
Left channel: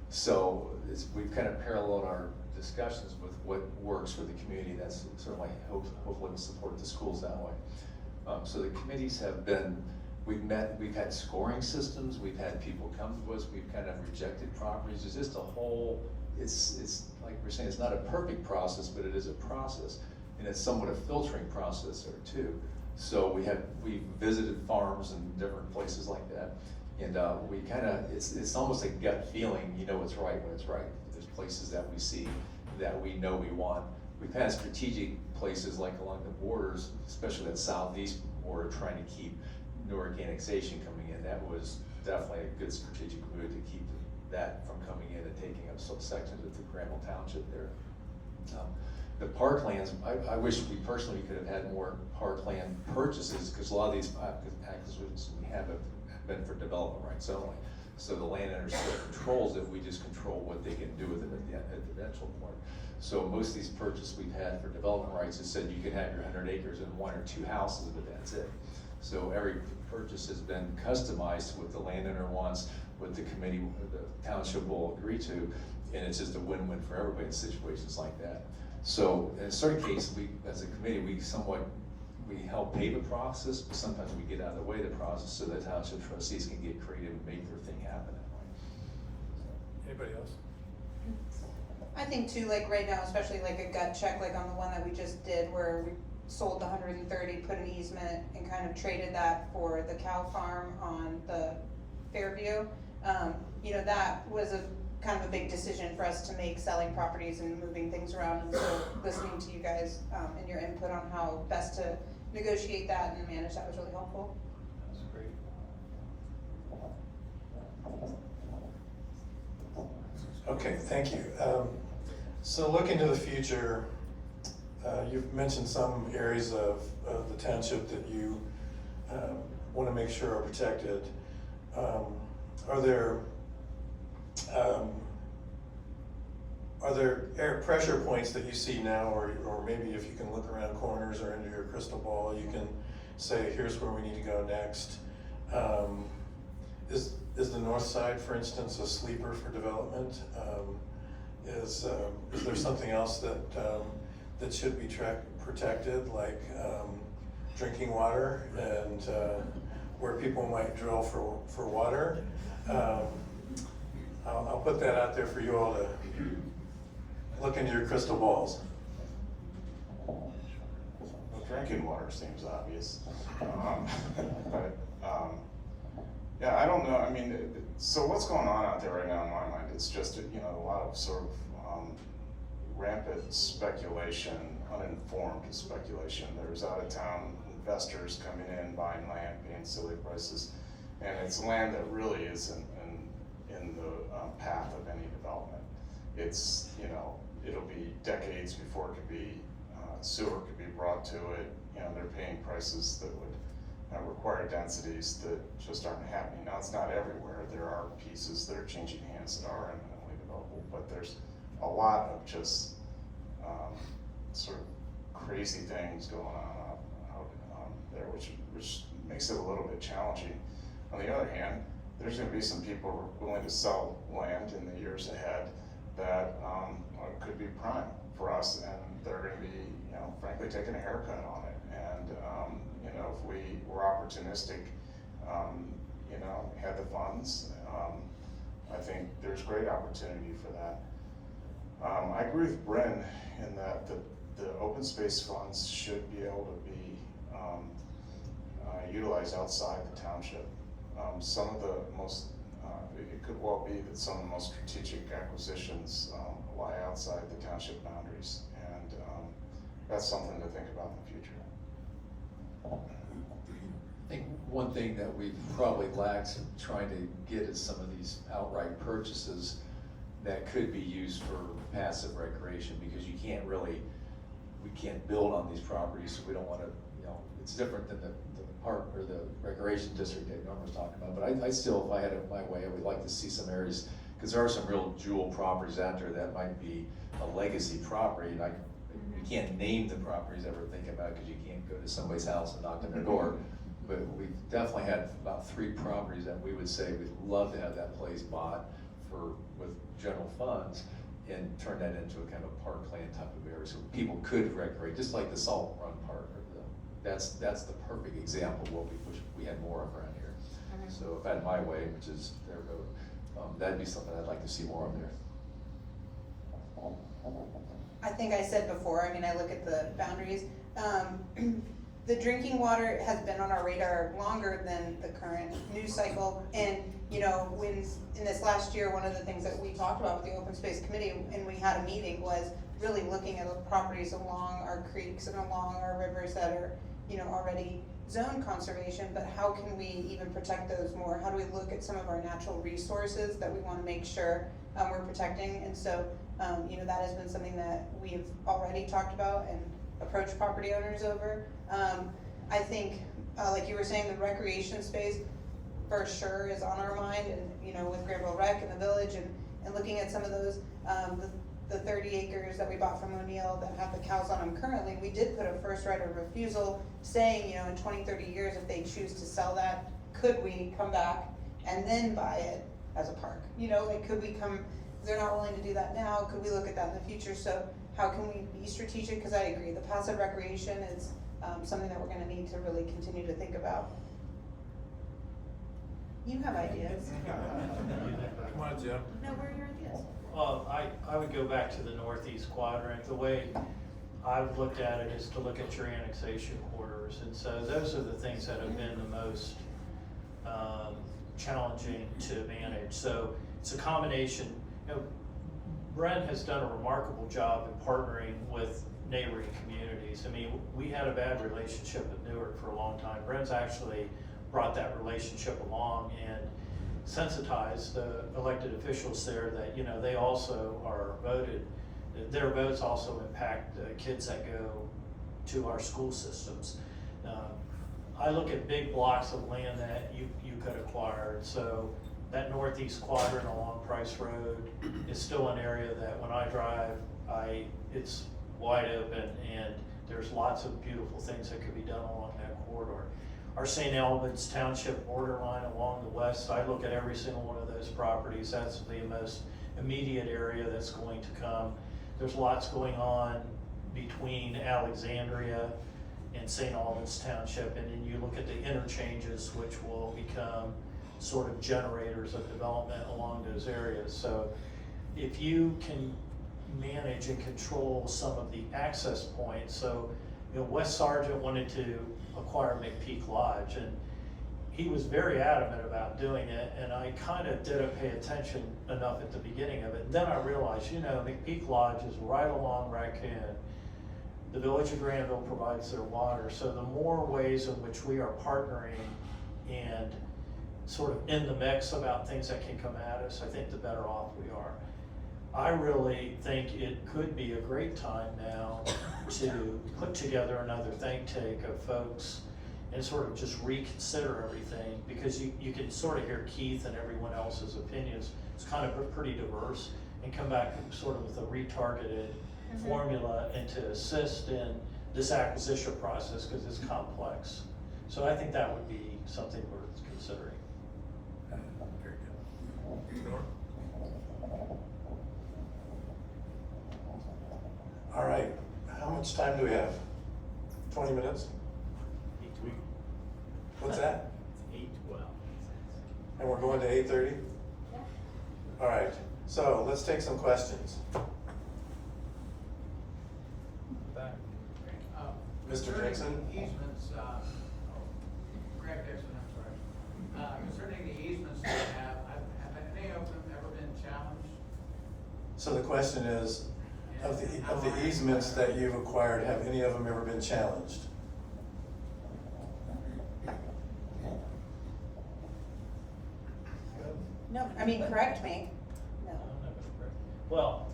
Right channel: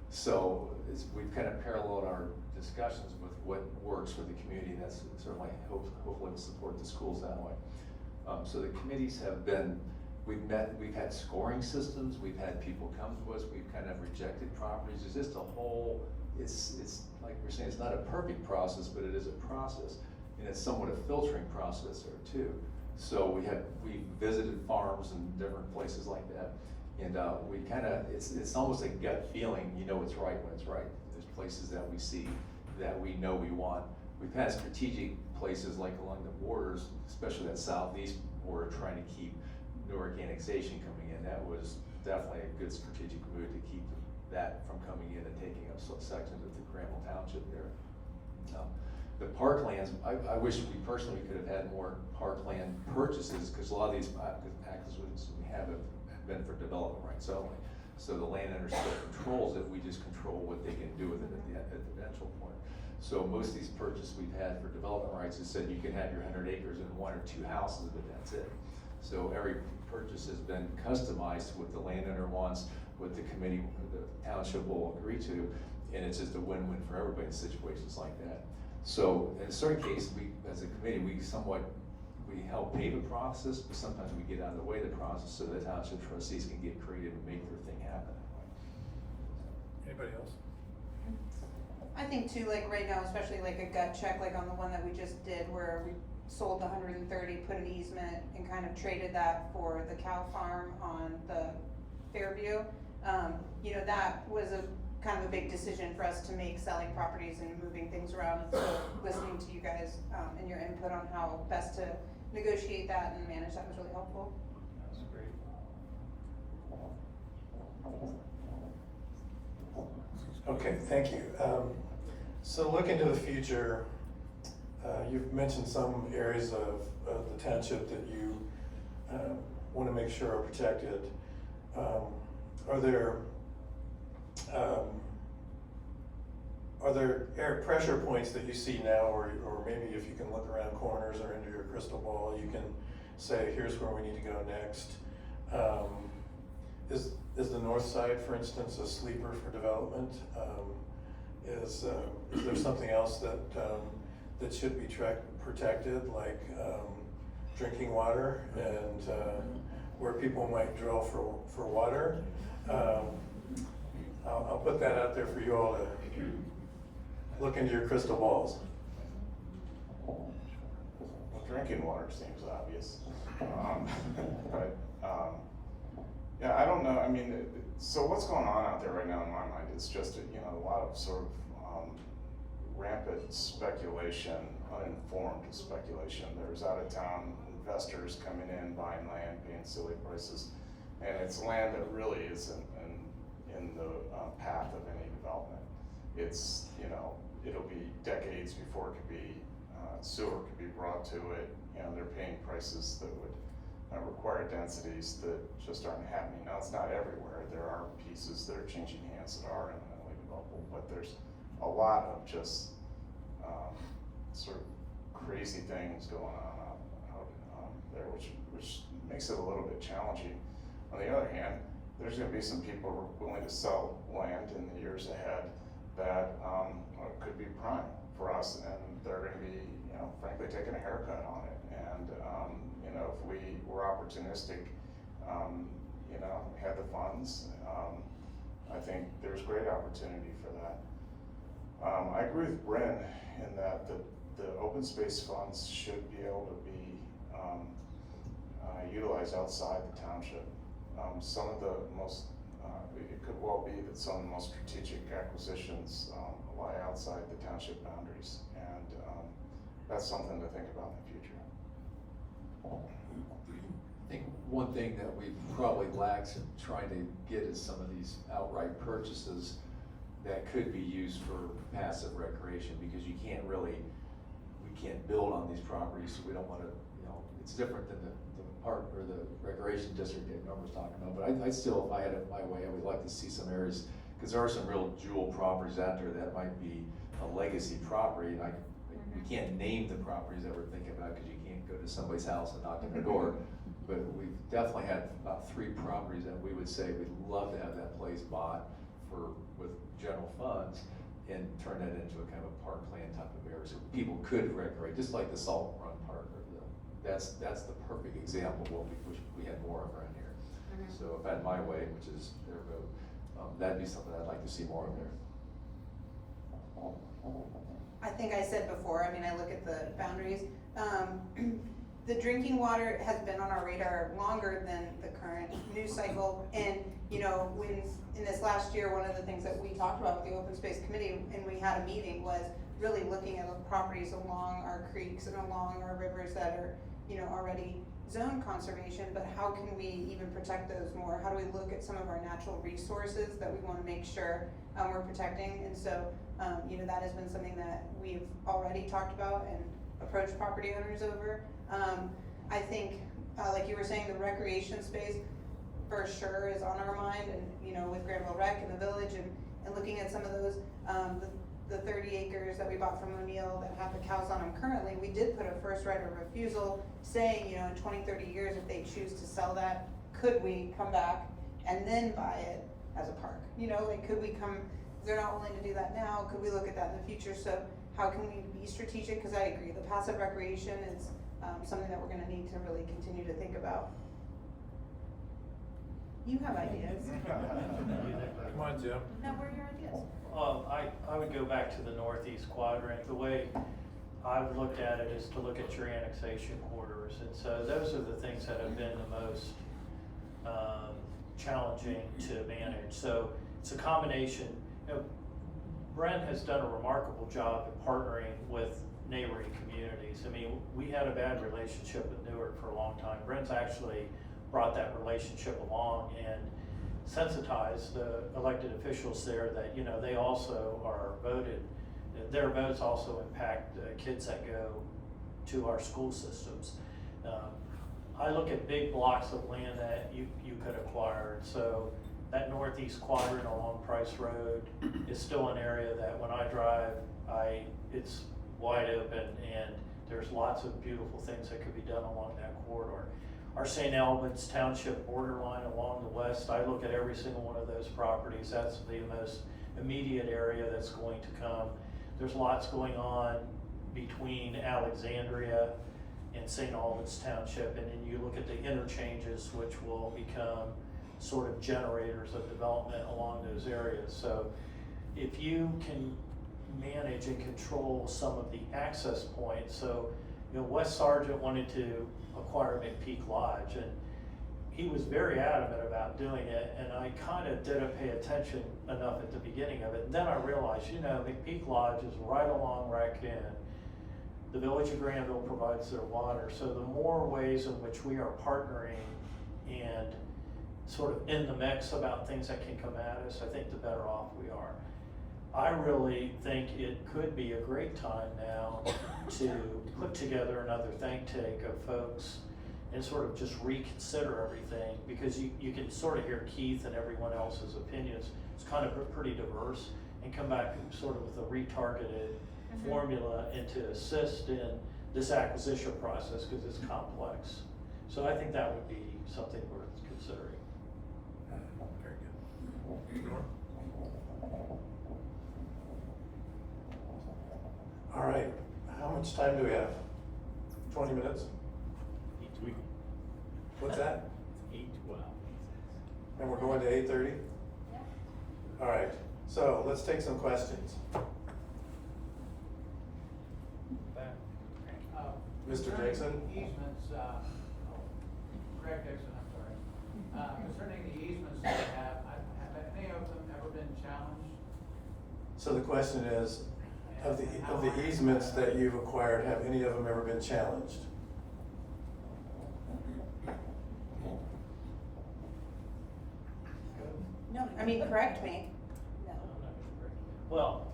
So we've kind of paralleled our discussions with what works for the community. That's certainly hopefully will support the schools that way. So the committees have been, we've had scoring systems, we've had people come to us, we've kind of rejected properties. It's just a whole, it's like we're saying, it's not a perfect process, but it is a process. And it's somewhat a filtering process there too. So we visited farms and different places like that. And we kind of, it's almost a gut feeling, you know it's right when it's right. There's places that we see that we know we want. We've had strategic places like along the borders, especially that southeast border, trying to keep Newark annexation coming in. That was definitely a good strategic move to keep that from coming in and taking up some sections of the Granville Township there. The parklands, I wish we personally could have had more parkland purchases, because a lot of these acquisitions we have been for development rights only. So the landowner still controls it, we just control what they can do with it at the eventual point. So most of these purchases we've had for development rights has said you can have your 100 acres and 1 or 2 houses, but that's it. So every purchase has been customized to what the landowner wants, what the committee, the township will agree to, and it's just a win-win for everybody in situations like that. So in a certain case, we, as a committee, we help pave a process, but sometimes we get out of the way of the process so the township trustees can get creative and make their thing happen that way. Anybody else? I think too, like right now, especially like a gut check, like on the one that we just did where we sold the 130, put an easement and kind of traded that for the cow farm on the Fairview. You know, that was a kind of a big decision for us to make, selling properties and moving things around. And so listening to you guys and your input on how best to negotiate that and manage that was really helpful. That's great. Okay, thank you. So looking to the future, you've mentioned some areas of the township that you want to make sure are protected. Are there pressure points that you see now, or maybe if you can look around corners or into your crystal ball, you can say, here's where we need to go next? Is the north side, for instance, a sleeper for development? Is there something else that should be protected, like drinking water and where people might drill for water? I'll put that out there for you all to look into your crystal balls. Well, drinking water seems obvious, but yeah, I don't know. I mean, so what's going on out there right now in my mind is just a lot of sort of rampant speculation, uninformed speculation. There's out of town investors coming in, buying land, paying silly prices, and it's land that really isn't in the path of any development. It's, it'll be decades before it could be, sewer could be brought to it. They're paying prices that would require densities that just aren't happening. Now, it's not everywhere. There are pieces that are changing hands that are eminently developable, but there's a lot of just sort of crazy things going on out there, which makes it a little bit challenging. On the other hand, there's going to be some people willing to sell land in the years ahead that could be prime for us, and they're going to be, frankly, taking a haircut on it. And if we were opportunistic, had the funds, I think there's great opportunity for that. I agree with Bryn in that the open space funds should be able to be utilized outside the township. Some of the most, it could well be that some of the most strategic acquisitions lie outside the township boundaries, and that's something to think about in the future. I think one thing that we probably lacked in trying to get is some of these outright purchases that could be used for passive recreation, because we can't build on these properties, so we don't want to, it's different than the park or the recreation district that Norm was talking about. But I still, if I had it my way, I would like to see some areas because there are some real jewel properties out there that might be a legacy property, and we can't name the properties that we're thinking about, because you can't go to somebody's house and knock on their door. But we've definitely had about 3 properties that we would say we'd love to have that place bought with general funds, and turn that into a kind of a parkland type of area, so people could recreate, just like the Salt Run Park, or that's the perfect example of what we wish we had more of around here. So if I had my way, which is their vote, that'd be something I'd like to see more of there. I think I said before, I mean, I look at the boundaries, the drinking water has been on our radar longer than the current news cycle. And, you know, when, in this last year, one of the things that we talked about with the open space committee, and we had a meeting, was really looking at the properties along our creeks and along our rivers that are, you know, already zone conservation, but how can we even protect those more? How do we look at some of our natural resources that we wanna make sure we're protecting? And so, you know, that has been something that we've already talked about and approached property owners over. I think, like you were saying, the recreation space for sure is on our mind, and, you know, with Granville Rec and the village, and looking at some of those, the 30 acres that we bought from O'Neill that have the cows on them currently, we did put a first right of refusal saying, you know, in 20, 30 years, if they choose to sell that, could we come back and then buy it as a park? You know, like, could we come, if they're not willing to do that now, could we look at that in the future? So how can we be strategic? Because I agree, the passive recreation is something that we're gonna need to really continue to think about. You have ideas. Come on, Jim. No, what are your ideas? I would go back to the northeast quadrant. The way I've looked at it is to look at your annexation corridors. And so those are the things that have been the most challenging to manage. So it's a combination. You know, Brent has done a remarkable job in partnering with neighboring communities. I mean, we had a bad relationship with Newark for a long time. Brent's actually brought that relationship along and sensitized the elected officials there that, you know, they also are voted, their votes also impact kids that go to our school systems. I look at big blocks of land that you could acquire. So that northeast quadrant along Price Road is still an area that when I drive, it's wide open, and there's lots of beautiful things that could be done along that corridor. Our St. Albans Township borderline along the west, I look at every single one of those properties. That's the most immediate area that's going to come. There's lots going on between Alexandria and St. Albans Township, and then you look at the interchanges, which will become sort of generators of development along those areas. So if you can manage and control some of the access points, so, you know, Wes Sargent wanted to acquire McPeak Lodge, and he was very adamant about doing it, and I kind of didn't pay attention enough at the beginning of it. And then I realized, you know, McPeak Lodge is right along Raccoon. The village of Granville provides their water, so the more ways in which we are partnering and sort of in the mix about things that can come at us, I think the better off we are. I really think it could be a great time now to put together another think tank of folks and sort of just reconsider everything, because you can sort of hear Keith and everyone else's opinions. It's kind of pretty diverse, and come back sort of with a retargeted formula and to assist in this acquisition process, because it's complex. So I think that would be something worth considering. Very good. Norm? All right, how much time do we have? 20 minutes? What's that? 8:12. And we're going to 8:30? Yeah. All right, so let's take some questions. Back. Mr. Jackson? Easements, Craig Dixon, I'm sorry. Concerning the easements that I have any of them ever been challenged? So the question is, of the easements that you've acquired, have any of them ever been challenged? No, I mean, correct me. No. Well,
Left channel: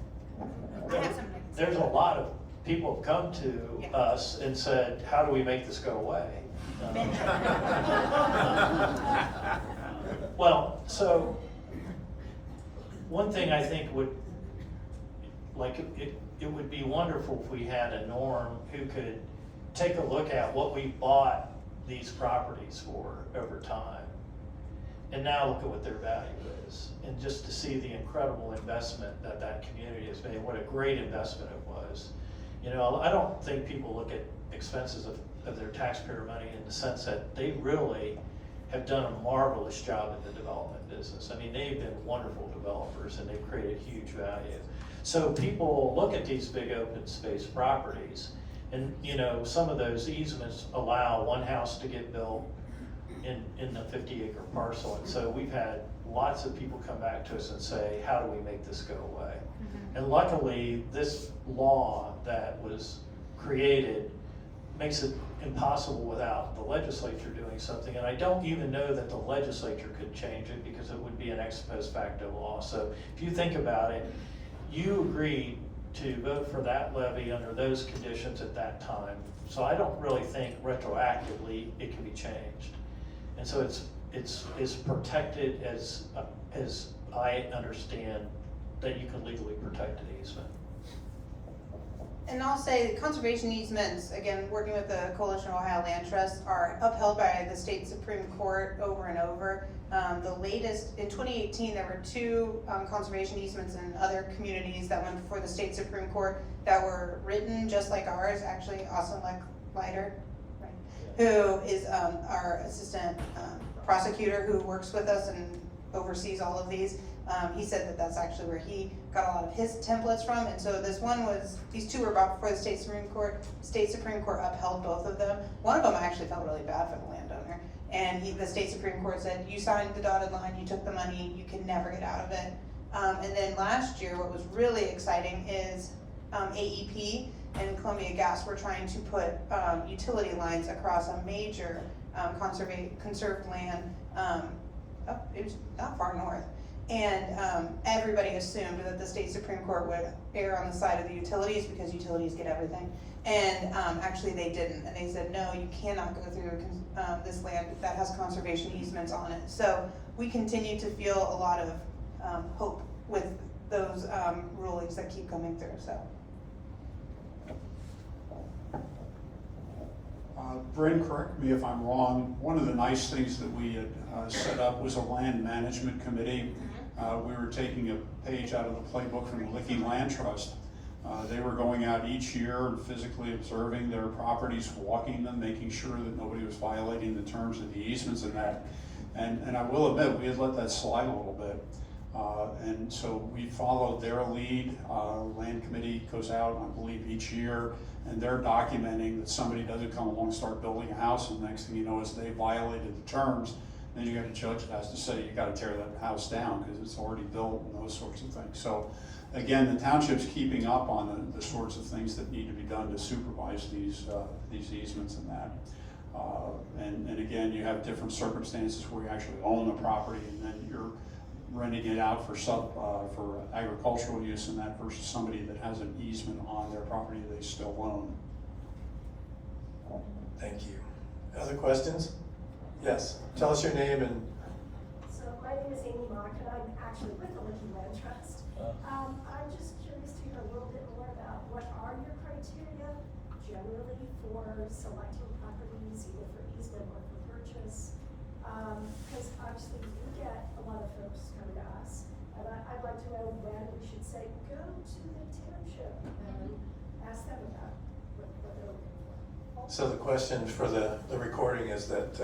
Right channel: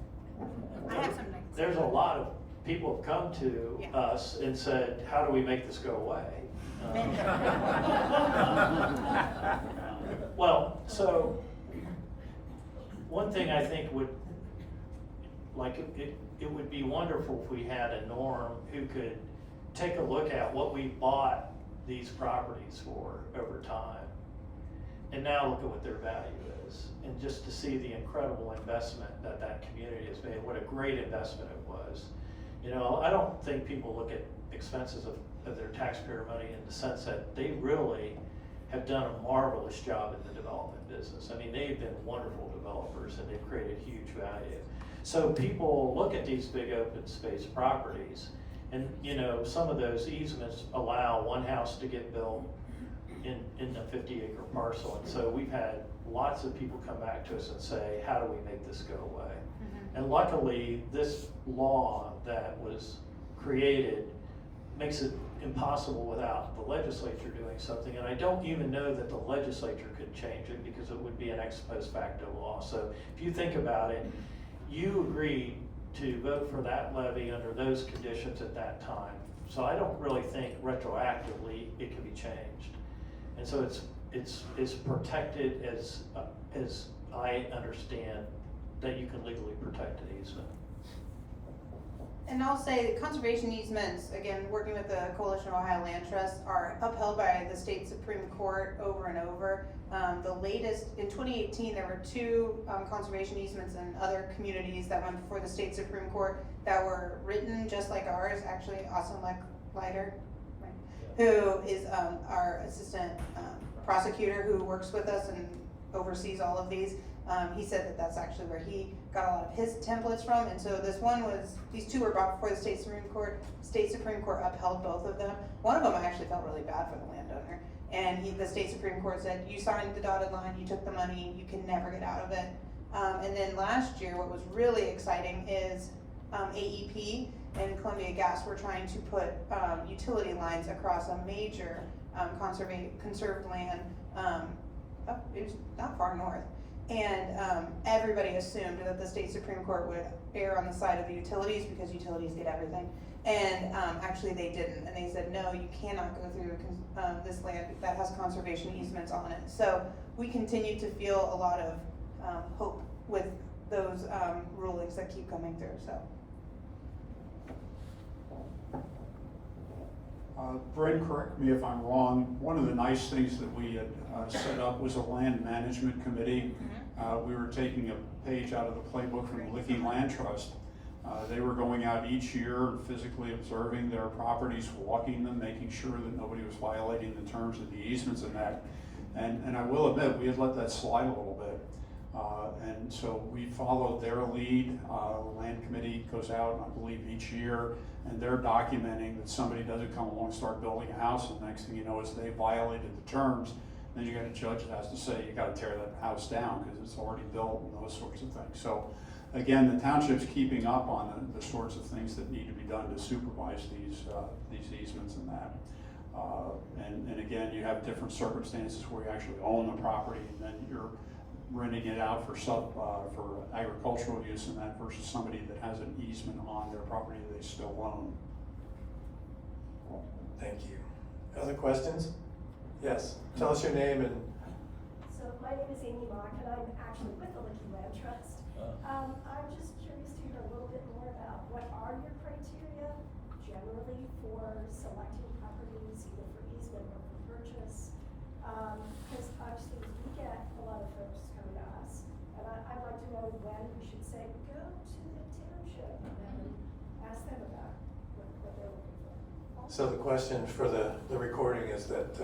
I have something. there's a lot of people have come to Yeah. us and said, how do we make this go away? Well, so one thing I think would, it would be wonderful if we had a Norm who could take a look at what we bought these properties for over time. And now look at what their value is, and just to see the incredible investment that that community has made, what a great investment it was. You know, I don't think people look at expenses of their taxpayer money in the sense that they really have done a marvelous job in the development business. I mean, they've been wonderful developers and they've created huge value. So people look at these big open space properties, and you know, some of those easements allow one house to get built in the 50-acre parcel. And so we've had lots of people come back to us and say, how do we make this go away? And luckily, this law that was created makes it impossible without the legislature doing something. And I don't even know that the legislature could change it, because it would be an ex post facto law. So if you think about it, you agreed to vote for that levy under those conditions at that time. So I don't really think retroactively it can be changed. And so it's protected as I understand that you can legally protect an easement. And I'll say that conservation easements, again, working with the Coalition of Ohio Land Trusts, are upheld by the state Supreme Court over and over. The latest, in 2018, there were two conservation easements in other communities that went before the state Supreme Court that were written just like ours. Actually, Austin Leiter, right, who is our assistant prosecutor who works with us and oversees all of these. He said that that's actually where he got a lot of his templates from. And so these two were brought before the state Supreme Court. State Supreme Court upheld both of them. One of them I actually felt really bad for the landowner. And the state Supreme Court said, you signed the dotted line, you took the money, you can never get out of it. And then last year, what was really exciting is AEP and Columbia Gas were trying to put utility lines across a major conserved land. It was not far north. And everybody assumed that the state Supreme Court would err on the side of the utilities because utilities get everything. And actually they didn't. And they said, no, you cannot go through this land that has conservation easements on it. So we continue to feel a lot of hope with those rulings that keep coming through, so. Bryn, correct me if I'm wrong, one of the nice things that we had set up was a land management committee. We were taking a page out of the playbook from the Levy Land Trust. They were going out each year and physically observing their properties, walking them, making sure that nobody was violating the terms of the easements and that. And I will admit, we had let that slide a little bit. And so we followed their lead. Land committee goes out, I believe, each year, and they're documenting that somebody doesn't come along and start building a house, and the next thing you know is they violated the terms. Then you got a judge that has to say, you gotta tear that house down because it's already built and those sorts of things. So again, the township's keeping up on the sorts of things that need to be done to supervise these easements and that. And again, you have different circumstances where you actually own the property and then you're renting it out for agricultural use and that versus somebody that has an easement on their property they still own. Thank you. Other questions? Yes, tell us your name and. So my name is Amy Mock and I'm actually with the Levy Land Trust. I'm just curious to hear a little bit more about what are your criteria generally for selecting properties, either for easement or for purchase? Because obviously we get a lot of folks come to us, and I'd like to know when we should say, go to the township and ask them about what they're looking for. So the question for the recording is that,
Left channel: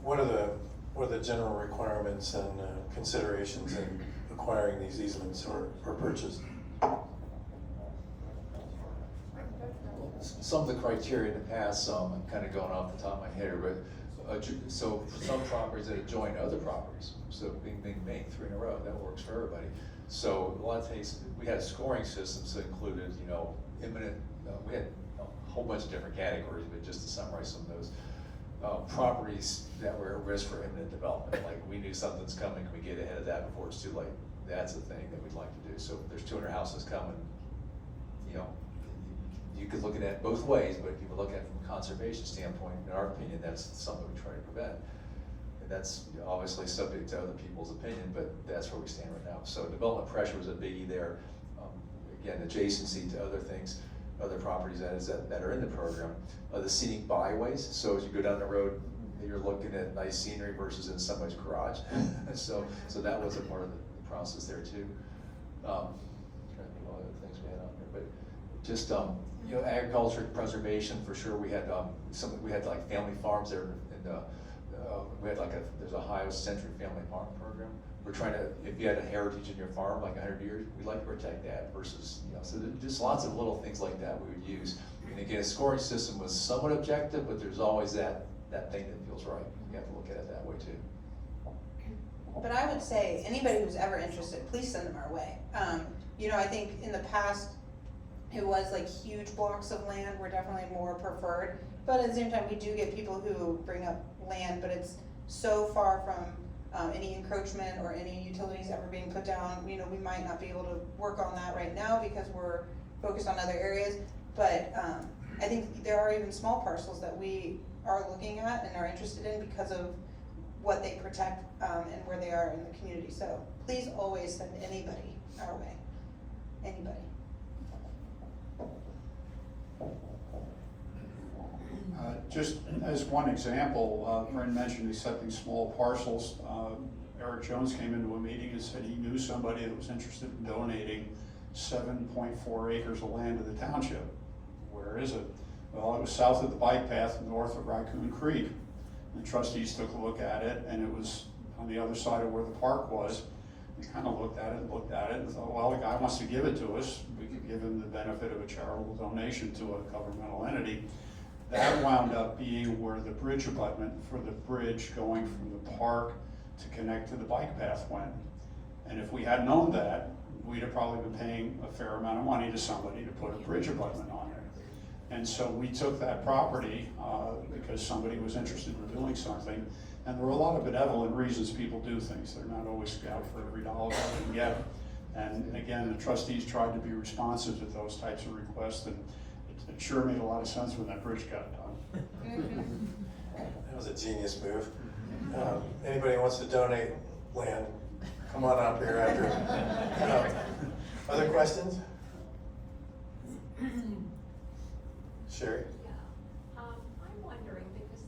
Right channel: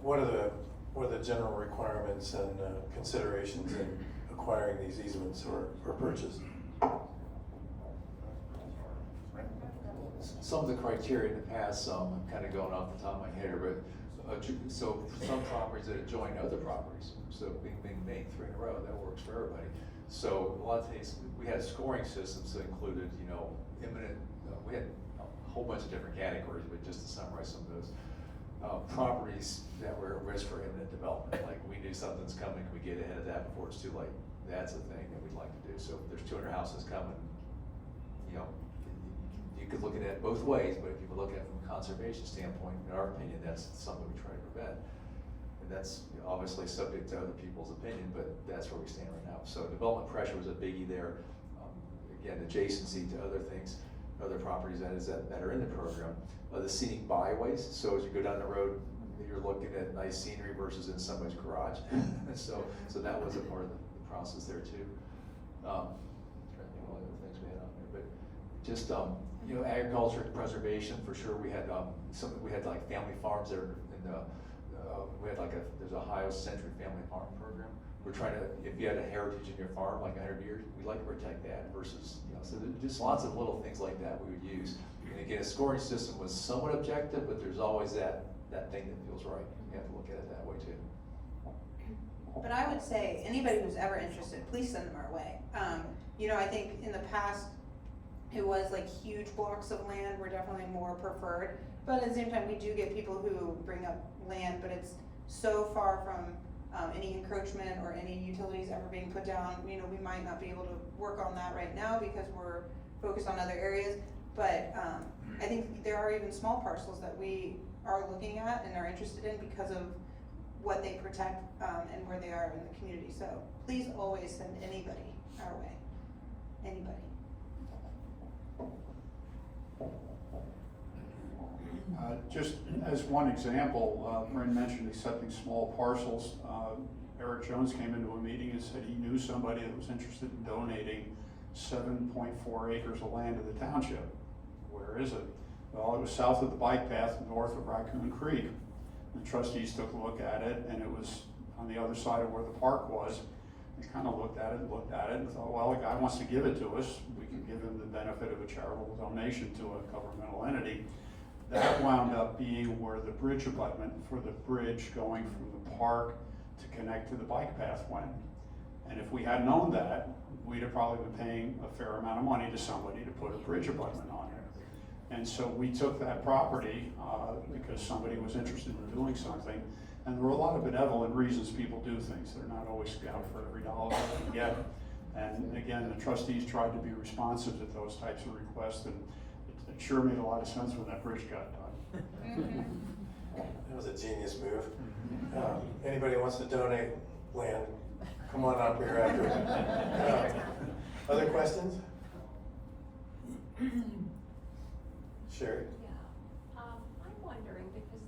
what are the general requirements and considerations in acquiring these easements or purchase? Some of the criteria in the past, I'm kind of going off the top of my head here, but so for some properties that adjoin other properties, so bing, bing, bing, 3 in a row, that works for everybody. So a lot of times we had scoring systems that included, imminent, we had a whole bunch of different categories, but just to summarize some of those. Properties that were at risk for imminent development, like we knew something's coming, can we get ahead of that before it's too late? That's the thing that we'd like to do. So if there's 200 houses coming, you could look at it both ways, but if you look at it from a conservation standpoint, in our opinion, that's something we try to prevent. And that's obviously subject to other people's opinion, but that's where we stand right now. So development pressure was a biggie there. Again, adjacency to other things, other properties that are in the program. The scenic byways, so as you go down the road, you're looking at nice scenery versus in somebody's garage. So that was a part of the process there too. Trying to think what other things we had on there, but just, you know, agriculture preservation for sure. We had we had like family farms there, and we had like there's a Ohio-centric family farm program. We're trying to, if you had a heritage in your farm, like 100 years, we'd like to protect that versus, you know, so there's just lots of little things like that we would use. And again, a scoring system was somewhat objective, but there's always that thing that feels right. You have to look at it that way too. But I would say, anybody who's ever interested, please send them our way. You know, I think in the past, it was like huge blocks of land were definitely more preferred. But at the same time, we do get people who bring up land, but it's so far from any encroachment or any utilities ever being put down. You know, we might not be able to work on that right now because we're focused on other areas. But I think there are even small parcels that we are looking at and are interested in because of what they protect and where they are in the community. So please always send anybody our way, anybody. Just as one example, Bryn mentioned accepting small parcels. Eric Jones came into a meeting and said he knew somebody that was interested in donating 7.4 acres of land to the township. Where is it? Well, it was south of the bike path, north of Raccoon Creek. The trustees took a look at it, and it was on the other side of where the park was. They kind of looked at it, and thought, well, the guy wants to give it to us. We could give him the benefit of a charitable donation to a governmental entity. That wound up being where the bridge abutment for the bridge going from the park to connect to the bike path went. And if we had known that, we'd have probably been paying a fair amount of money to somebody to put a bridge abutment on it. And so we took that property because somebody was interested in doing something. And there were a lot of benevolent reasons people do things. They're not always out for every dollar they can get. And again, the trustees tried to be responsive to those types of requests, and it sure made a lot of sense when that bridge got done. That was a genius move. Anybody wants to donate land, come on up here after. Other questions? Sherry? Yeah, I'm wondering, because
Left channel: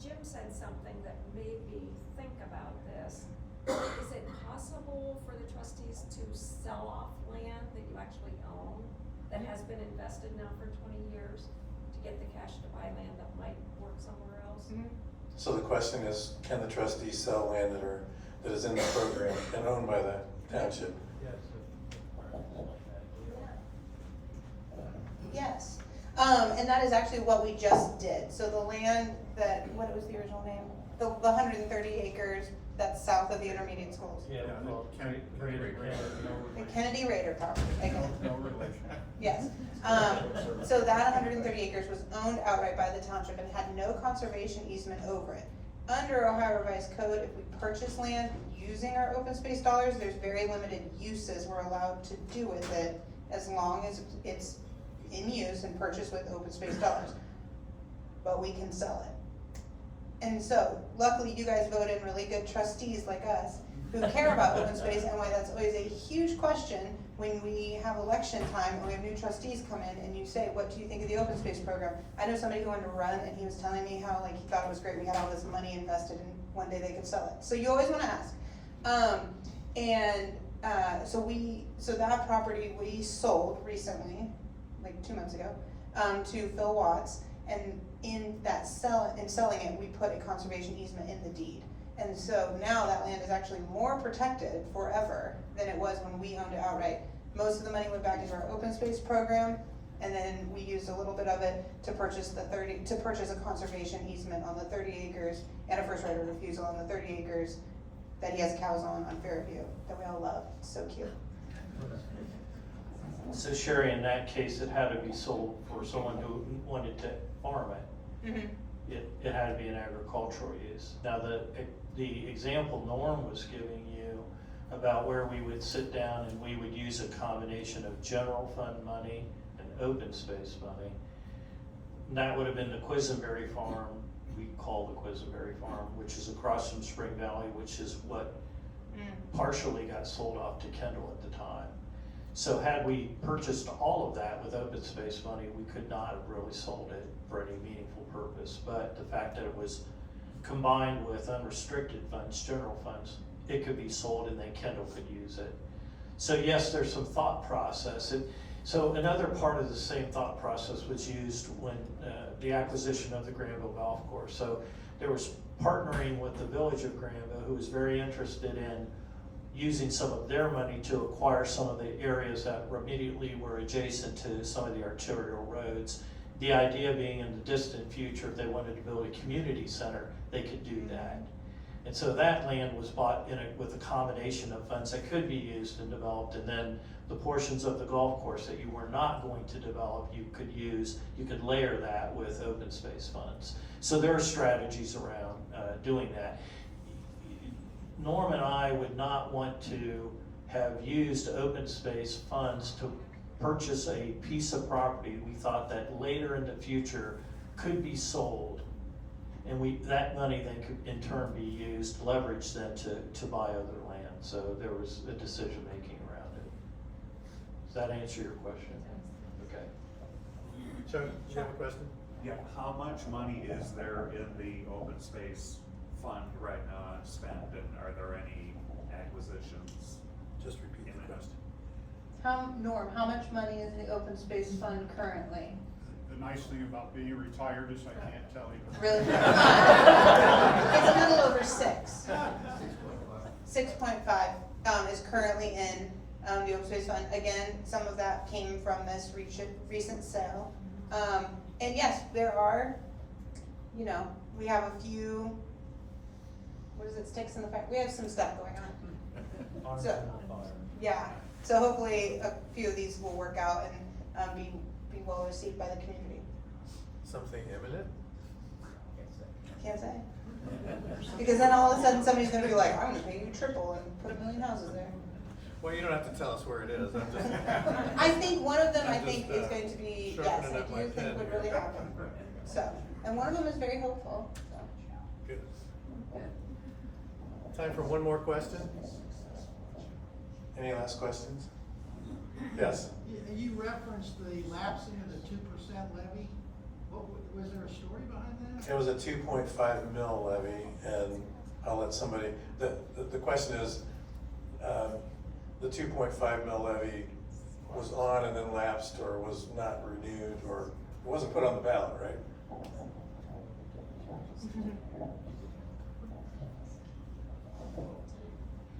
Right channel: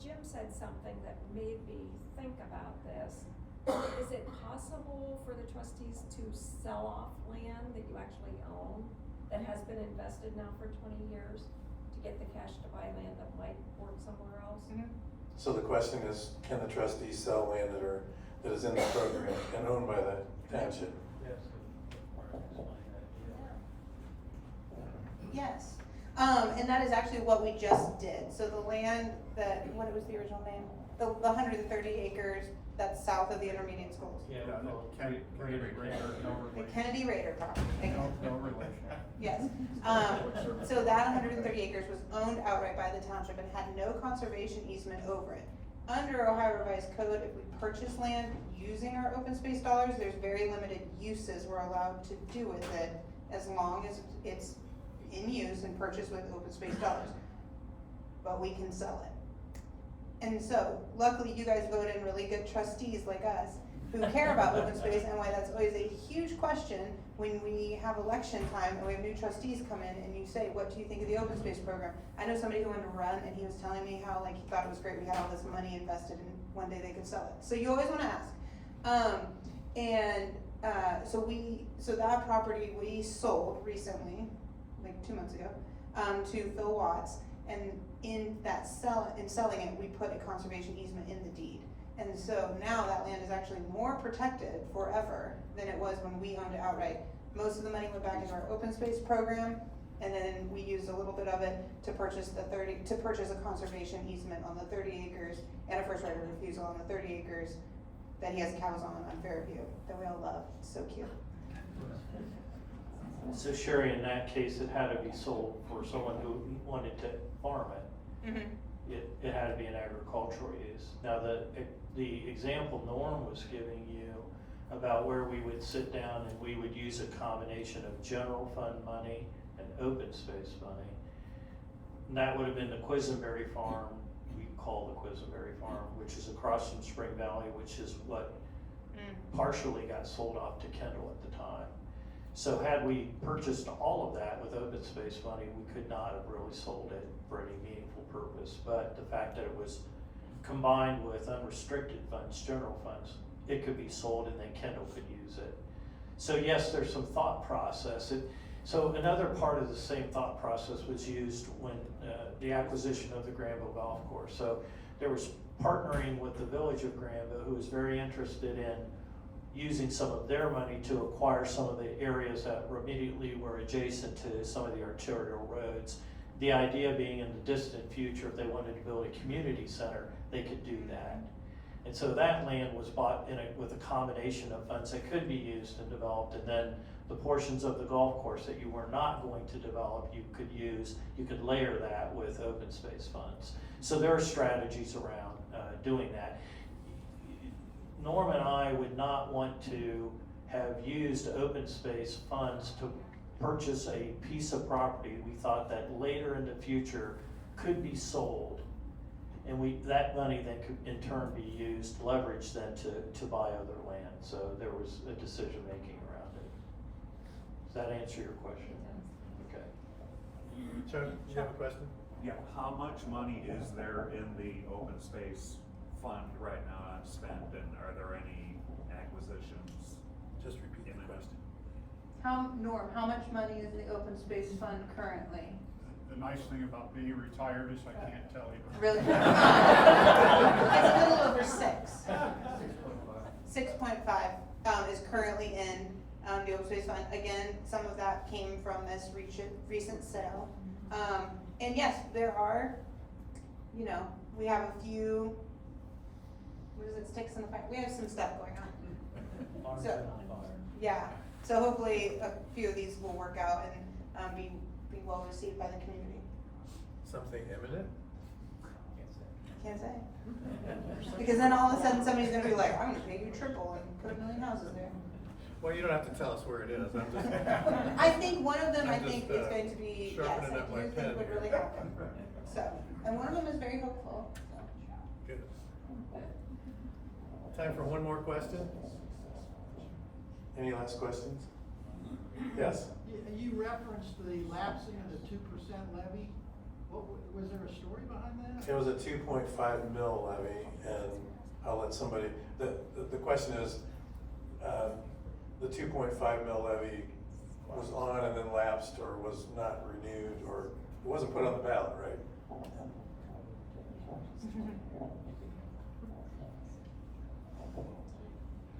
Jim said something that made me think about this. Is it possible for the trustees to sell off land that you actually own, that has been invested now for 20 years, to get the cash to buy land that might work somewhere else? So the question is, can the trustees sell land that is in the program and owned by the township? Yes. And that is actually what we just did. So the land that, what was the original name? The 130 acres that's south of the intermediate schools. Yeah, The Kennedy Raider property, again. No relation. Yes. So that 130 acres was owned outright by the township and had no conservation easement over it. Under Ohio Revised Code, if we purchase land using our open space dollars, there's very limited uses we're allowed to do with it as long as it's in use and purchased with open space dollars. But we can sell it. And so, luckily you guys voted in really good trustees like us who care about open space, and why that's always a huge question when we have election time and we have new trustees come in and you say, what do you think of the open space program? I know somebody who wanted to run and he was telling me how like he thought it was great, we had all this money invested and one day they could sell it. So you always wanna ask. So that property we sold recently, like 2 months ago, to Phil Watts, and in selling it, we put a conservation easement in the deed. And so now that land is actually more protected forever than it was when we owned it outright. Most of the money went back into our open space program, and then we used a little bit of it to purchase a conservation easement on the 30 acres and a first right of refusal on the 30 acres that he has cows on Fairview that we all love. It's so cute. So Sherry, in that case, it had to be sold for someone who wanted to farm it. Mm-hmm. It had to be an agricultural use. Now, the example Norm was giving you about where we would sit down and we would use a combination of general fund money and open space money, and that would have been the Quisenberry farm we call the Quisenberry Farm, which is across from Spring Valley, which is what partially got sold off to Kendall at the time. So had we purchased all of that with open space money, we could not have really sold it for any meaningful purpose. But the fact that it was combined with unrestricted funds, general funds, it could be sold and then Kendall could use it. So yes, there's some thought process. So another part of the same thought process was used when the acquisition of the Granville Golf Course. So there was partnering with the village of Granville, who was very interested in using some of their money to acquire some of the areas that immediately were adjacent to some of the arterial roads. The idea being in the distant future, if they wanted to build a community center, they could do that. And so that land was bought with a combination of funds that could be used and developed, and then the portions of the golf course that you were not going to develop, you could layer that with open space funds. So there are strategies around doing that. Norm and I would not want to have used open space funds to purchase a piece of property we thought that later in the future could be sold. And that money then could in turn be used, leveraged then to buy other land. So there was a decision making around it. Does that answer your question? Okay. Chuck, you have a question? Yeah, how much money is there in the open space fund right now unspent, and are there any acquisitions? Just repeat the question. Norm, how much money is in the open space fund currently? The nice thing about being retired is I can't tell you. Really? It's a little over 6. 6.5 is currently in the open space fund. Again, some of that came from this recent sale. And yes, there are, we have a few, sticks in the fire? We have some stuff going on. So, yeah, so hopefully a few of these will work out and be well received by the community. Something imminent? Can't say. Because then all of a sudden somebody's gonna be like, I'm gonna pay you triple and put 1 million houses there. Well, you don't have to tell us where it is, I'm just. I think one of them, I'm just, is going to be, yes, sharpening I up my do pen think would here. really happen. So, and one of them is very hopeful, so. Good. Time for one more question? Any last questions? Yes? You referenced the lapsing of the 2% levy. Was there a story behind that? It was a 2.5 mil levy, and I'll let somebody, the question is, the 2.5 mil levy was on and then lapsed, or was not renewed, or it wasn't put on the ballot, right?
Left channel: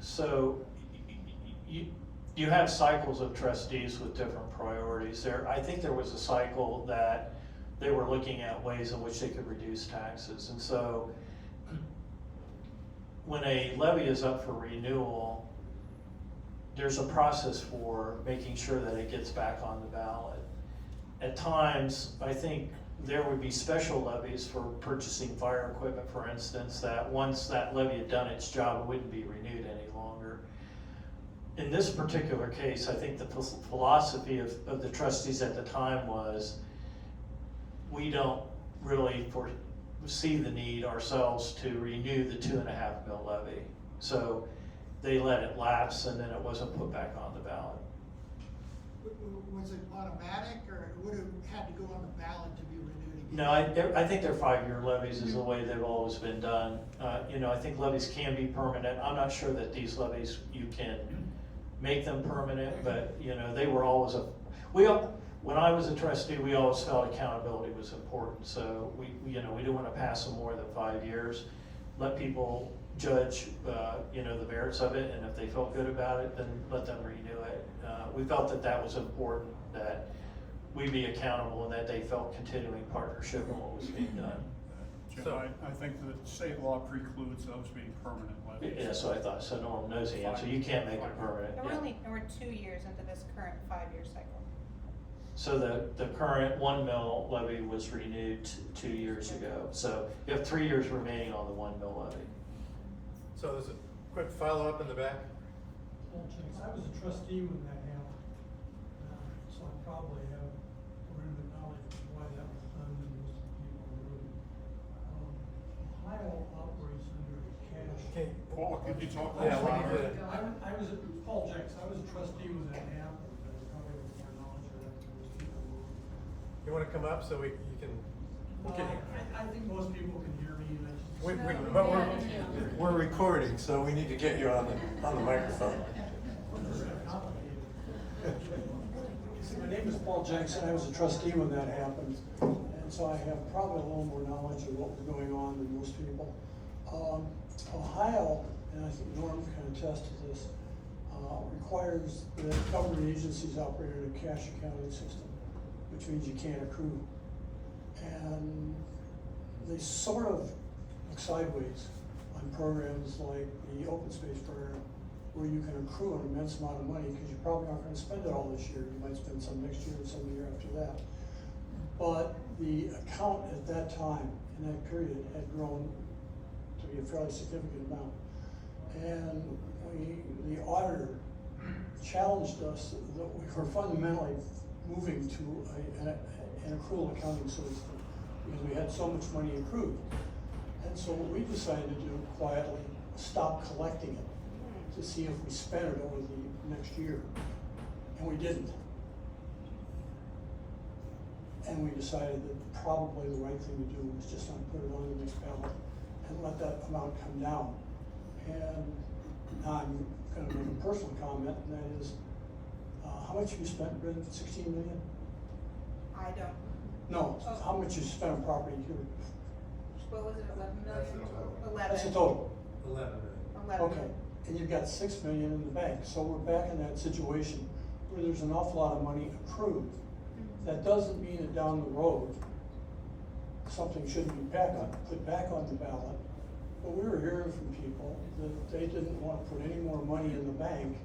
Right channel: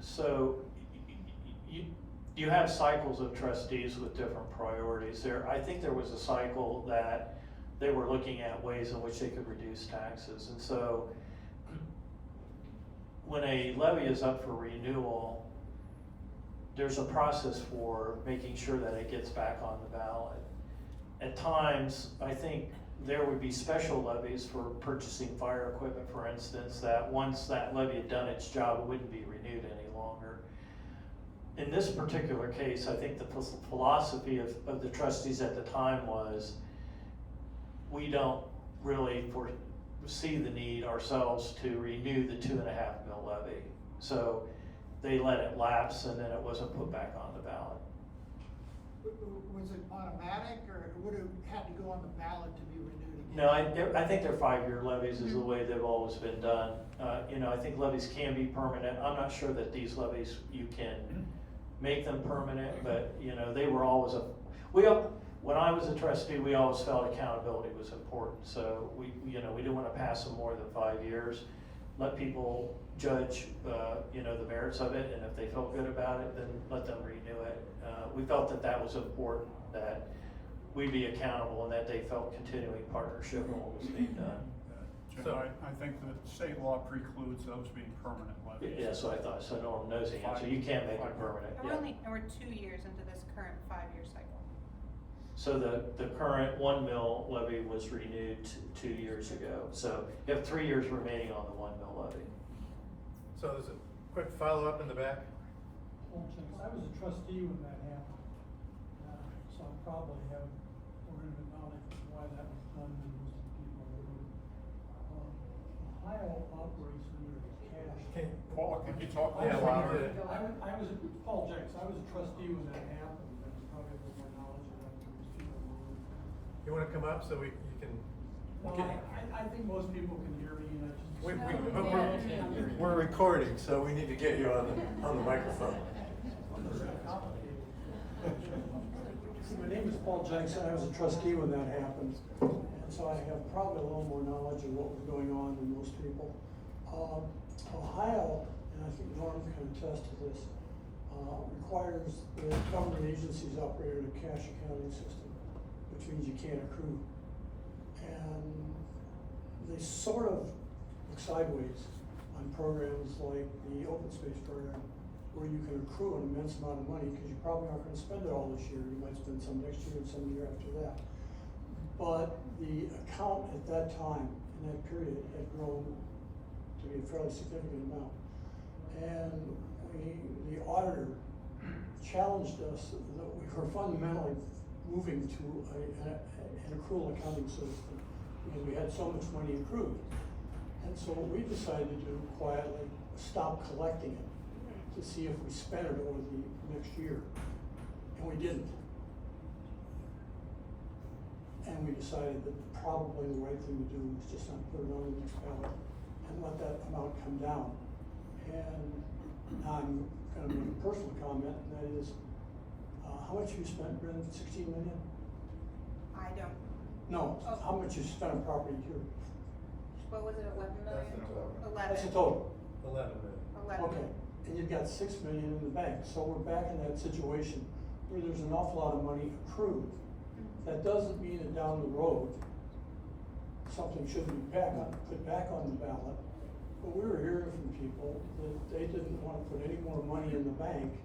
So you have cycles of trustees with different priorities. I think there was a cycle that they were looking at ways in which they could reduce taxes. And so when a levy is up for renewal, there's a process for making sure that it gets back on the ballot. At times, I think there would be special levies for purchasing fire equipment, for instance, that once that levy had done its job, it wouldn't be renewed any longer. In this particular case, I think the philosophy of the trustees at the time was, we don't really foresee the need ourselves to renew the 2.5 mil levy. So they let it lapse, and then it wasn't put back on the ballot. Was it automatic, or it would have had to go on the ballot to be renewed again? No, I think they're 5-year levies is the way they've always been done. I think levies can be permanent. I'm not sure that these levies, you can make them permanent, but, they were always when I was a trustee, we always felt accountability was important. So we didn't want to pass them more than 5 years. Let people judge, the merits of it, and if they felt good about it, then let them renew it. We felt that was important, that we be accountable and that they felt continuing partnership in what was being done. Jim, I think that state law precludes those being permanent levies. Yeah, so I thought, so no one knows the answer. You can't make it permanent. And we're 2 years into this current 5-year cycle. So the current 1 mil levy was renewed 2 years ago. So you have 3 years remaining on the 1 mil levy. So there's a quick follow-up in the back. Well, Chance, I was a trustee when that happened, so I probably have a little bit of knowledge of why that was done and most of the people who would. You talk a Yeah, little we need louder. to- I was, Paul Jenks, I was a trustee when that happened, but probably with more knowledge of that, most people would. You wanna come up so you can, I think most people can hear me, and I just. but we're recording, so we need to get you on the microphone. My name is Paul Jenks, and I was a trustee when that happened, and so I have probably a little more knowledge of what was going on than most people. Ohio, and I think Norm can attest to this, requires that government agencies operate in a cash accounting system, which means you can't accrue. And they sort of look sideways on programs like the open space program, where you can accrue an immense amount of money, because you probably aren't gonna spend it all this year. You might spend some next year and some the year after that. But the account at that time, in that period, had grown to be a fairly significant amount. And the auditor challenged us that we were fundamentally moving to an accrual accounting system, because we had so much money accrued. And so what we decided to do quietly, stop collecting it, to see if we spent it over the next year, and we didn't. And we decided that probably the right thing to do was just not put it on the next ballot and let that amount come down. And now I'm gonna make a personal comment, and that is, how much have you spent, Brenda, 16 million? I don't, No, Oh. how much you spent on property here? what was it, 11 million? That's the total. 11. 11 Okay, and you've got 6 million in the bank, so we're back in that situation where there's an awful lot of money accrued. That doesn't mean that down the road, something should be put back on the ballot. But we were hearing from people that they didn't want to put any more money in the bank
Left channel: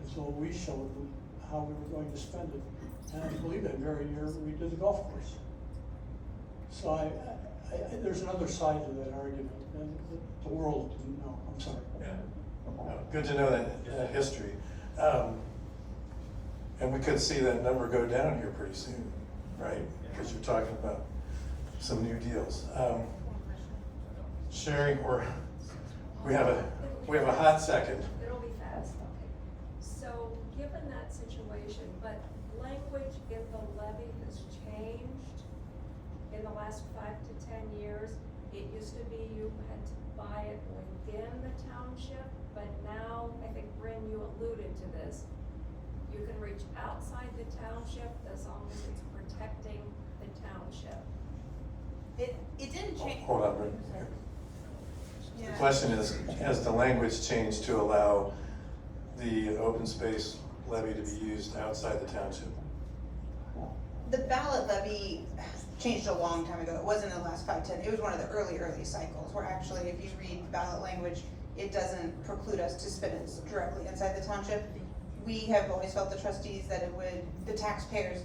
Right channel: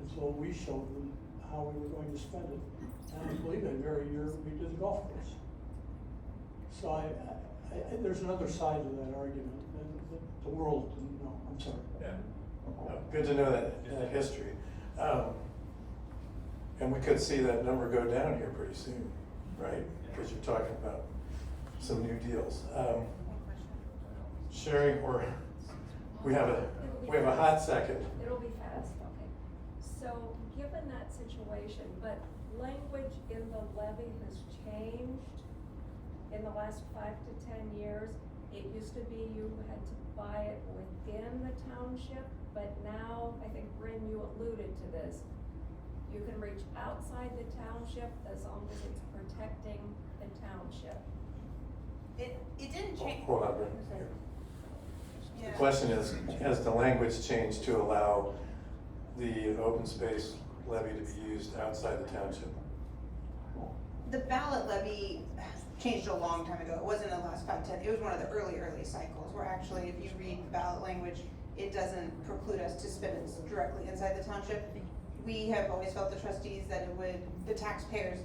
until we showed them how we were going to spend it. And I believe that very year we did the golf course. So there's another side to that argument, and the world didn't know. I'm sorry. Yeah. Good to know that history. And we could see that number go down here pretty soon, right? Because you're talking about some new deals. Sherry, we have a hot second. It'll be fast, okay. So, given that situation, but language in the levy has changed in the last 5 to 10 years. It used to be you had to buy it within the township, but now, I think, Bryn, you alluded to this. You can reach outside the township as long as it's protecting the township. It didn't change. Hold on, Brent. Yeah. The question is, has the language changed to allow the open space levy to be used outside the township? The ballot levy changed a long time ago. It wasn't in the last 5, 10, it was one of the early cycles, where actually, if you read ballot language, it doesn't preclude us to spend it directly inside the township. We have always felt, the trustees, that the taxpayers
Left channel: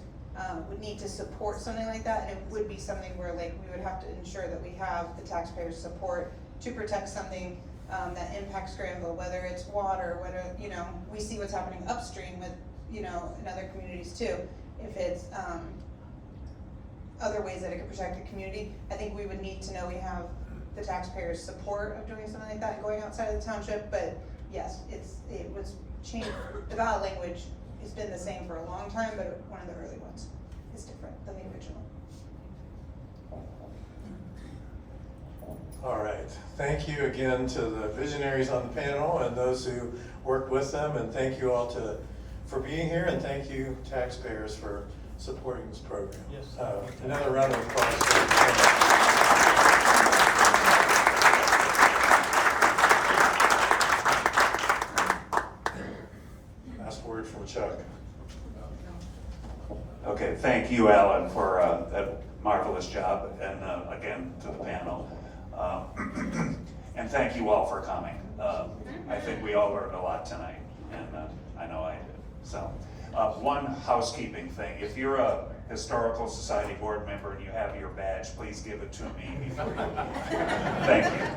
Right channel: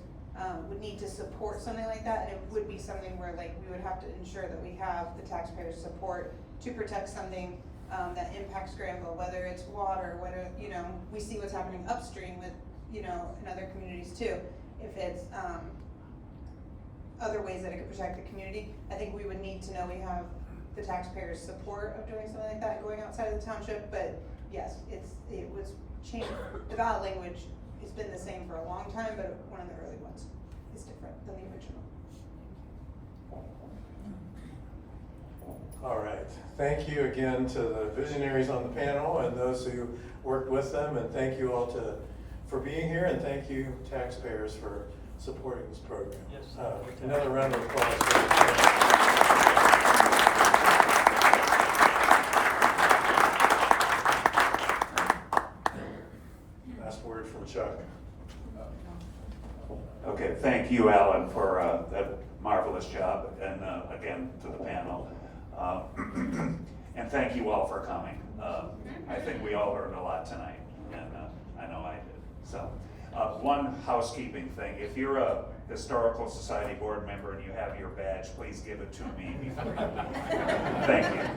would need to support something like that, and it would be something where, like, we would have to ensure that we have the taxpayers' support to protect something that impacts Granville, whether it's water, whether, we see what's happening upstream with, in other communities too. If it's other ways that it could protect the community, I think we would need to know we have the taxpayers' support of doing something like that, going outside of the township. But yes, it was changed. The ballot language has been the same for a long time, but one of the early ones is different than the original. All right, thank you again to the visionaries on the panel and those who worked with them, and thank you all for being here, and thank you taxpayers for supporting this program. Yes. Another round of applause for last word from Chuck. Okay, thank you, Alan, for that marvelous job, and again, to the panel. And thank you all for coming. I think we all learned a lot tonight, and I know I did. So, one housekeeping thing. If you're a Historical Society board member and you have your badge, please give it to me before you leave. Thank you.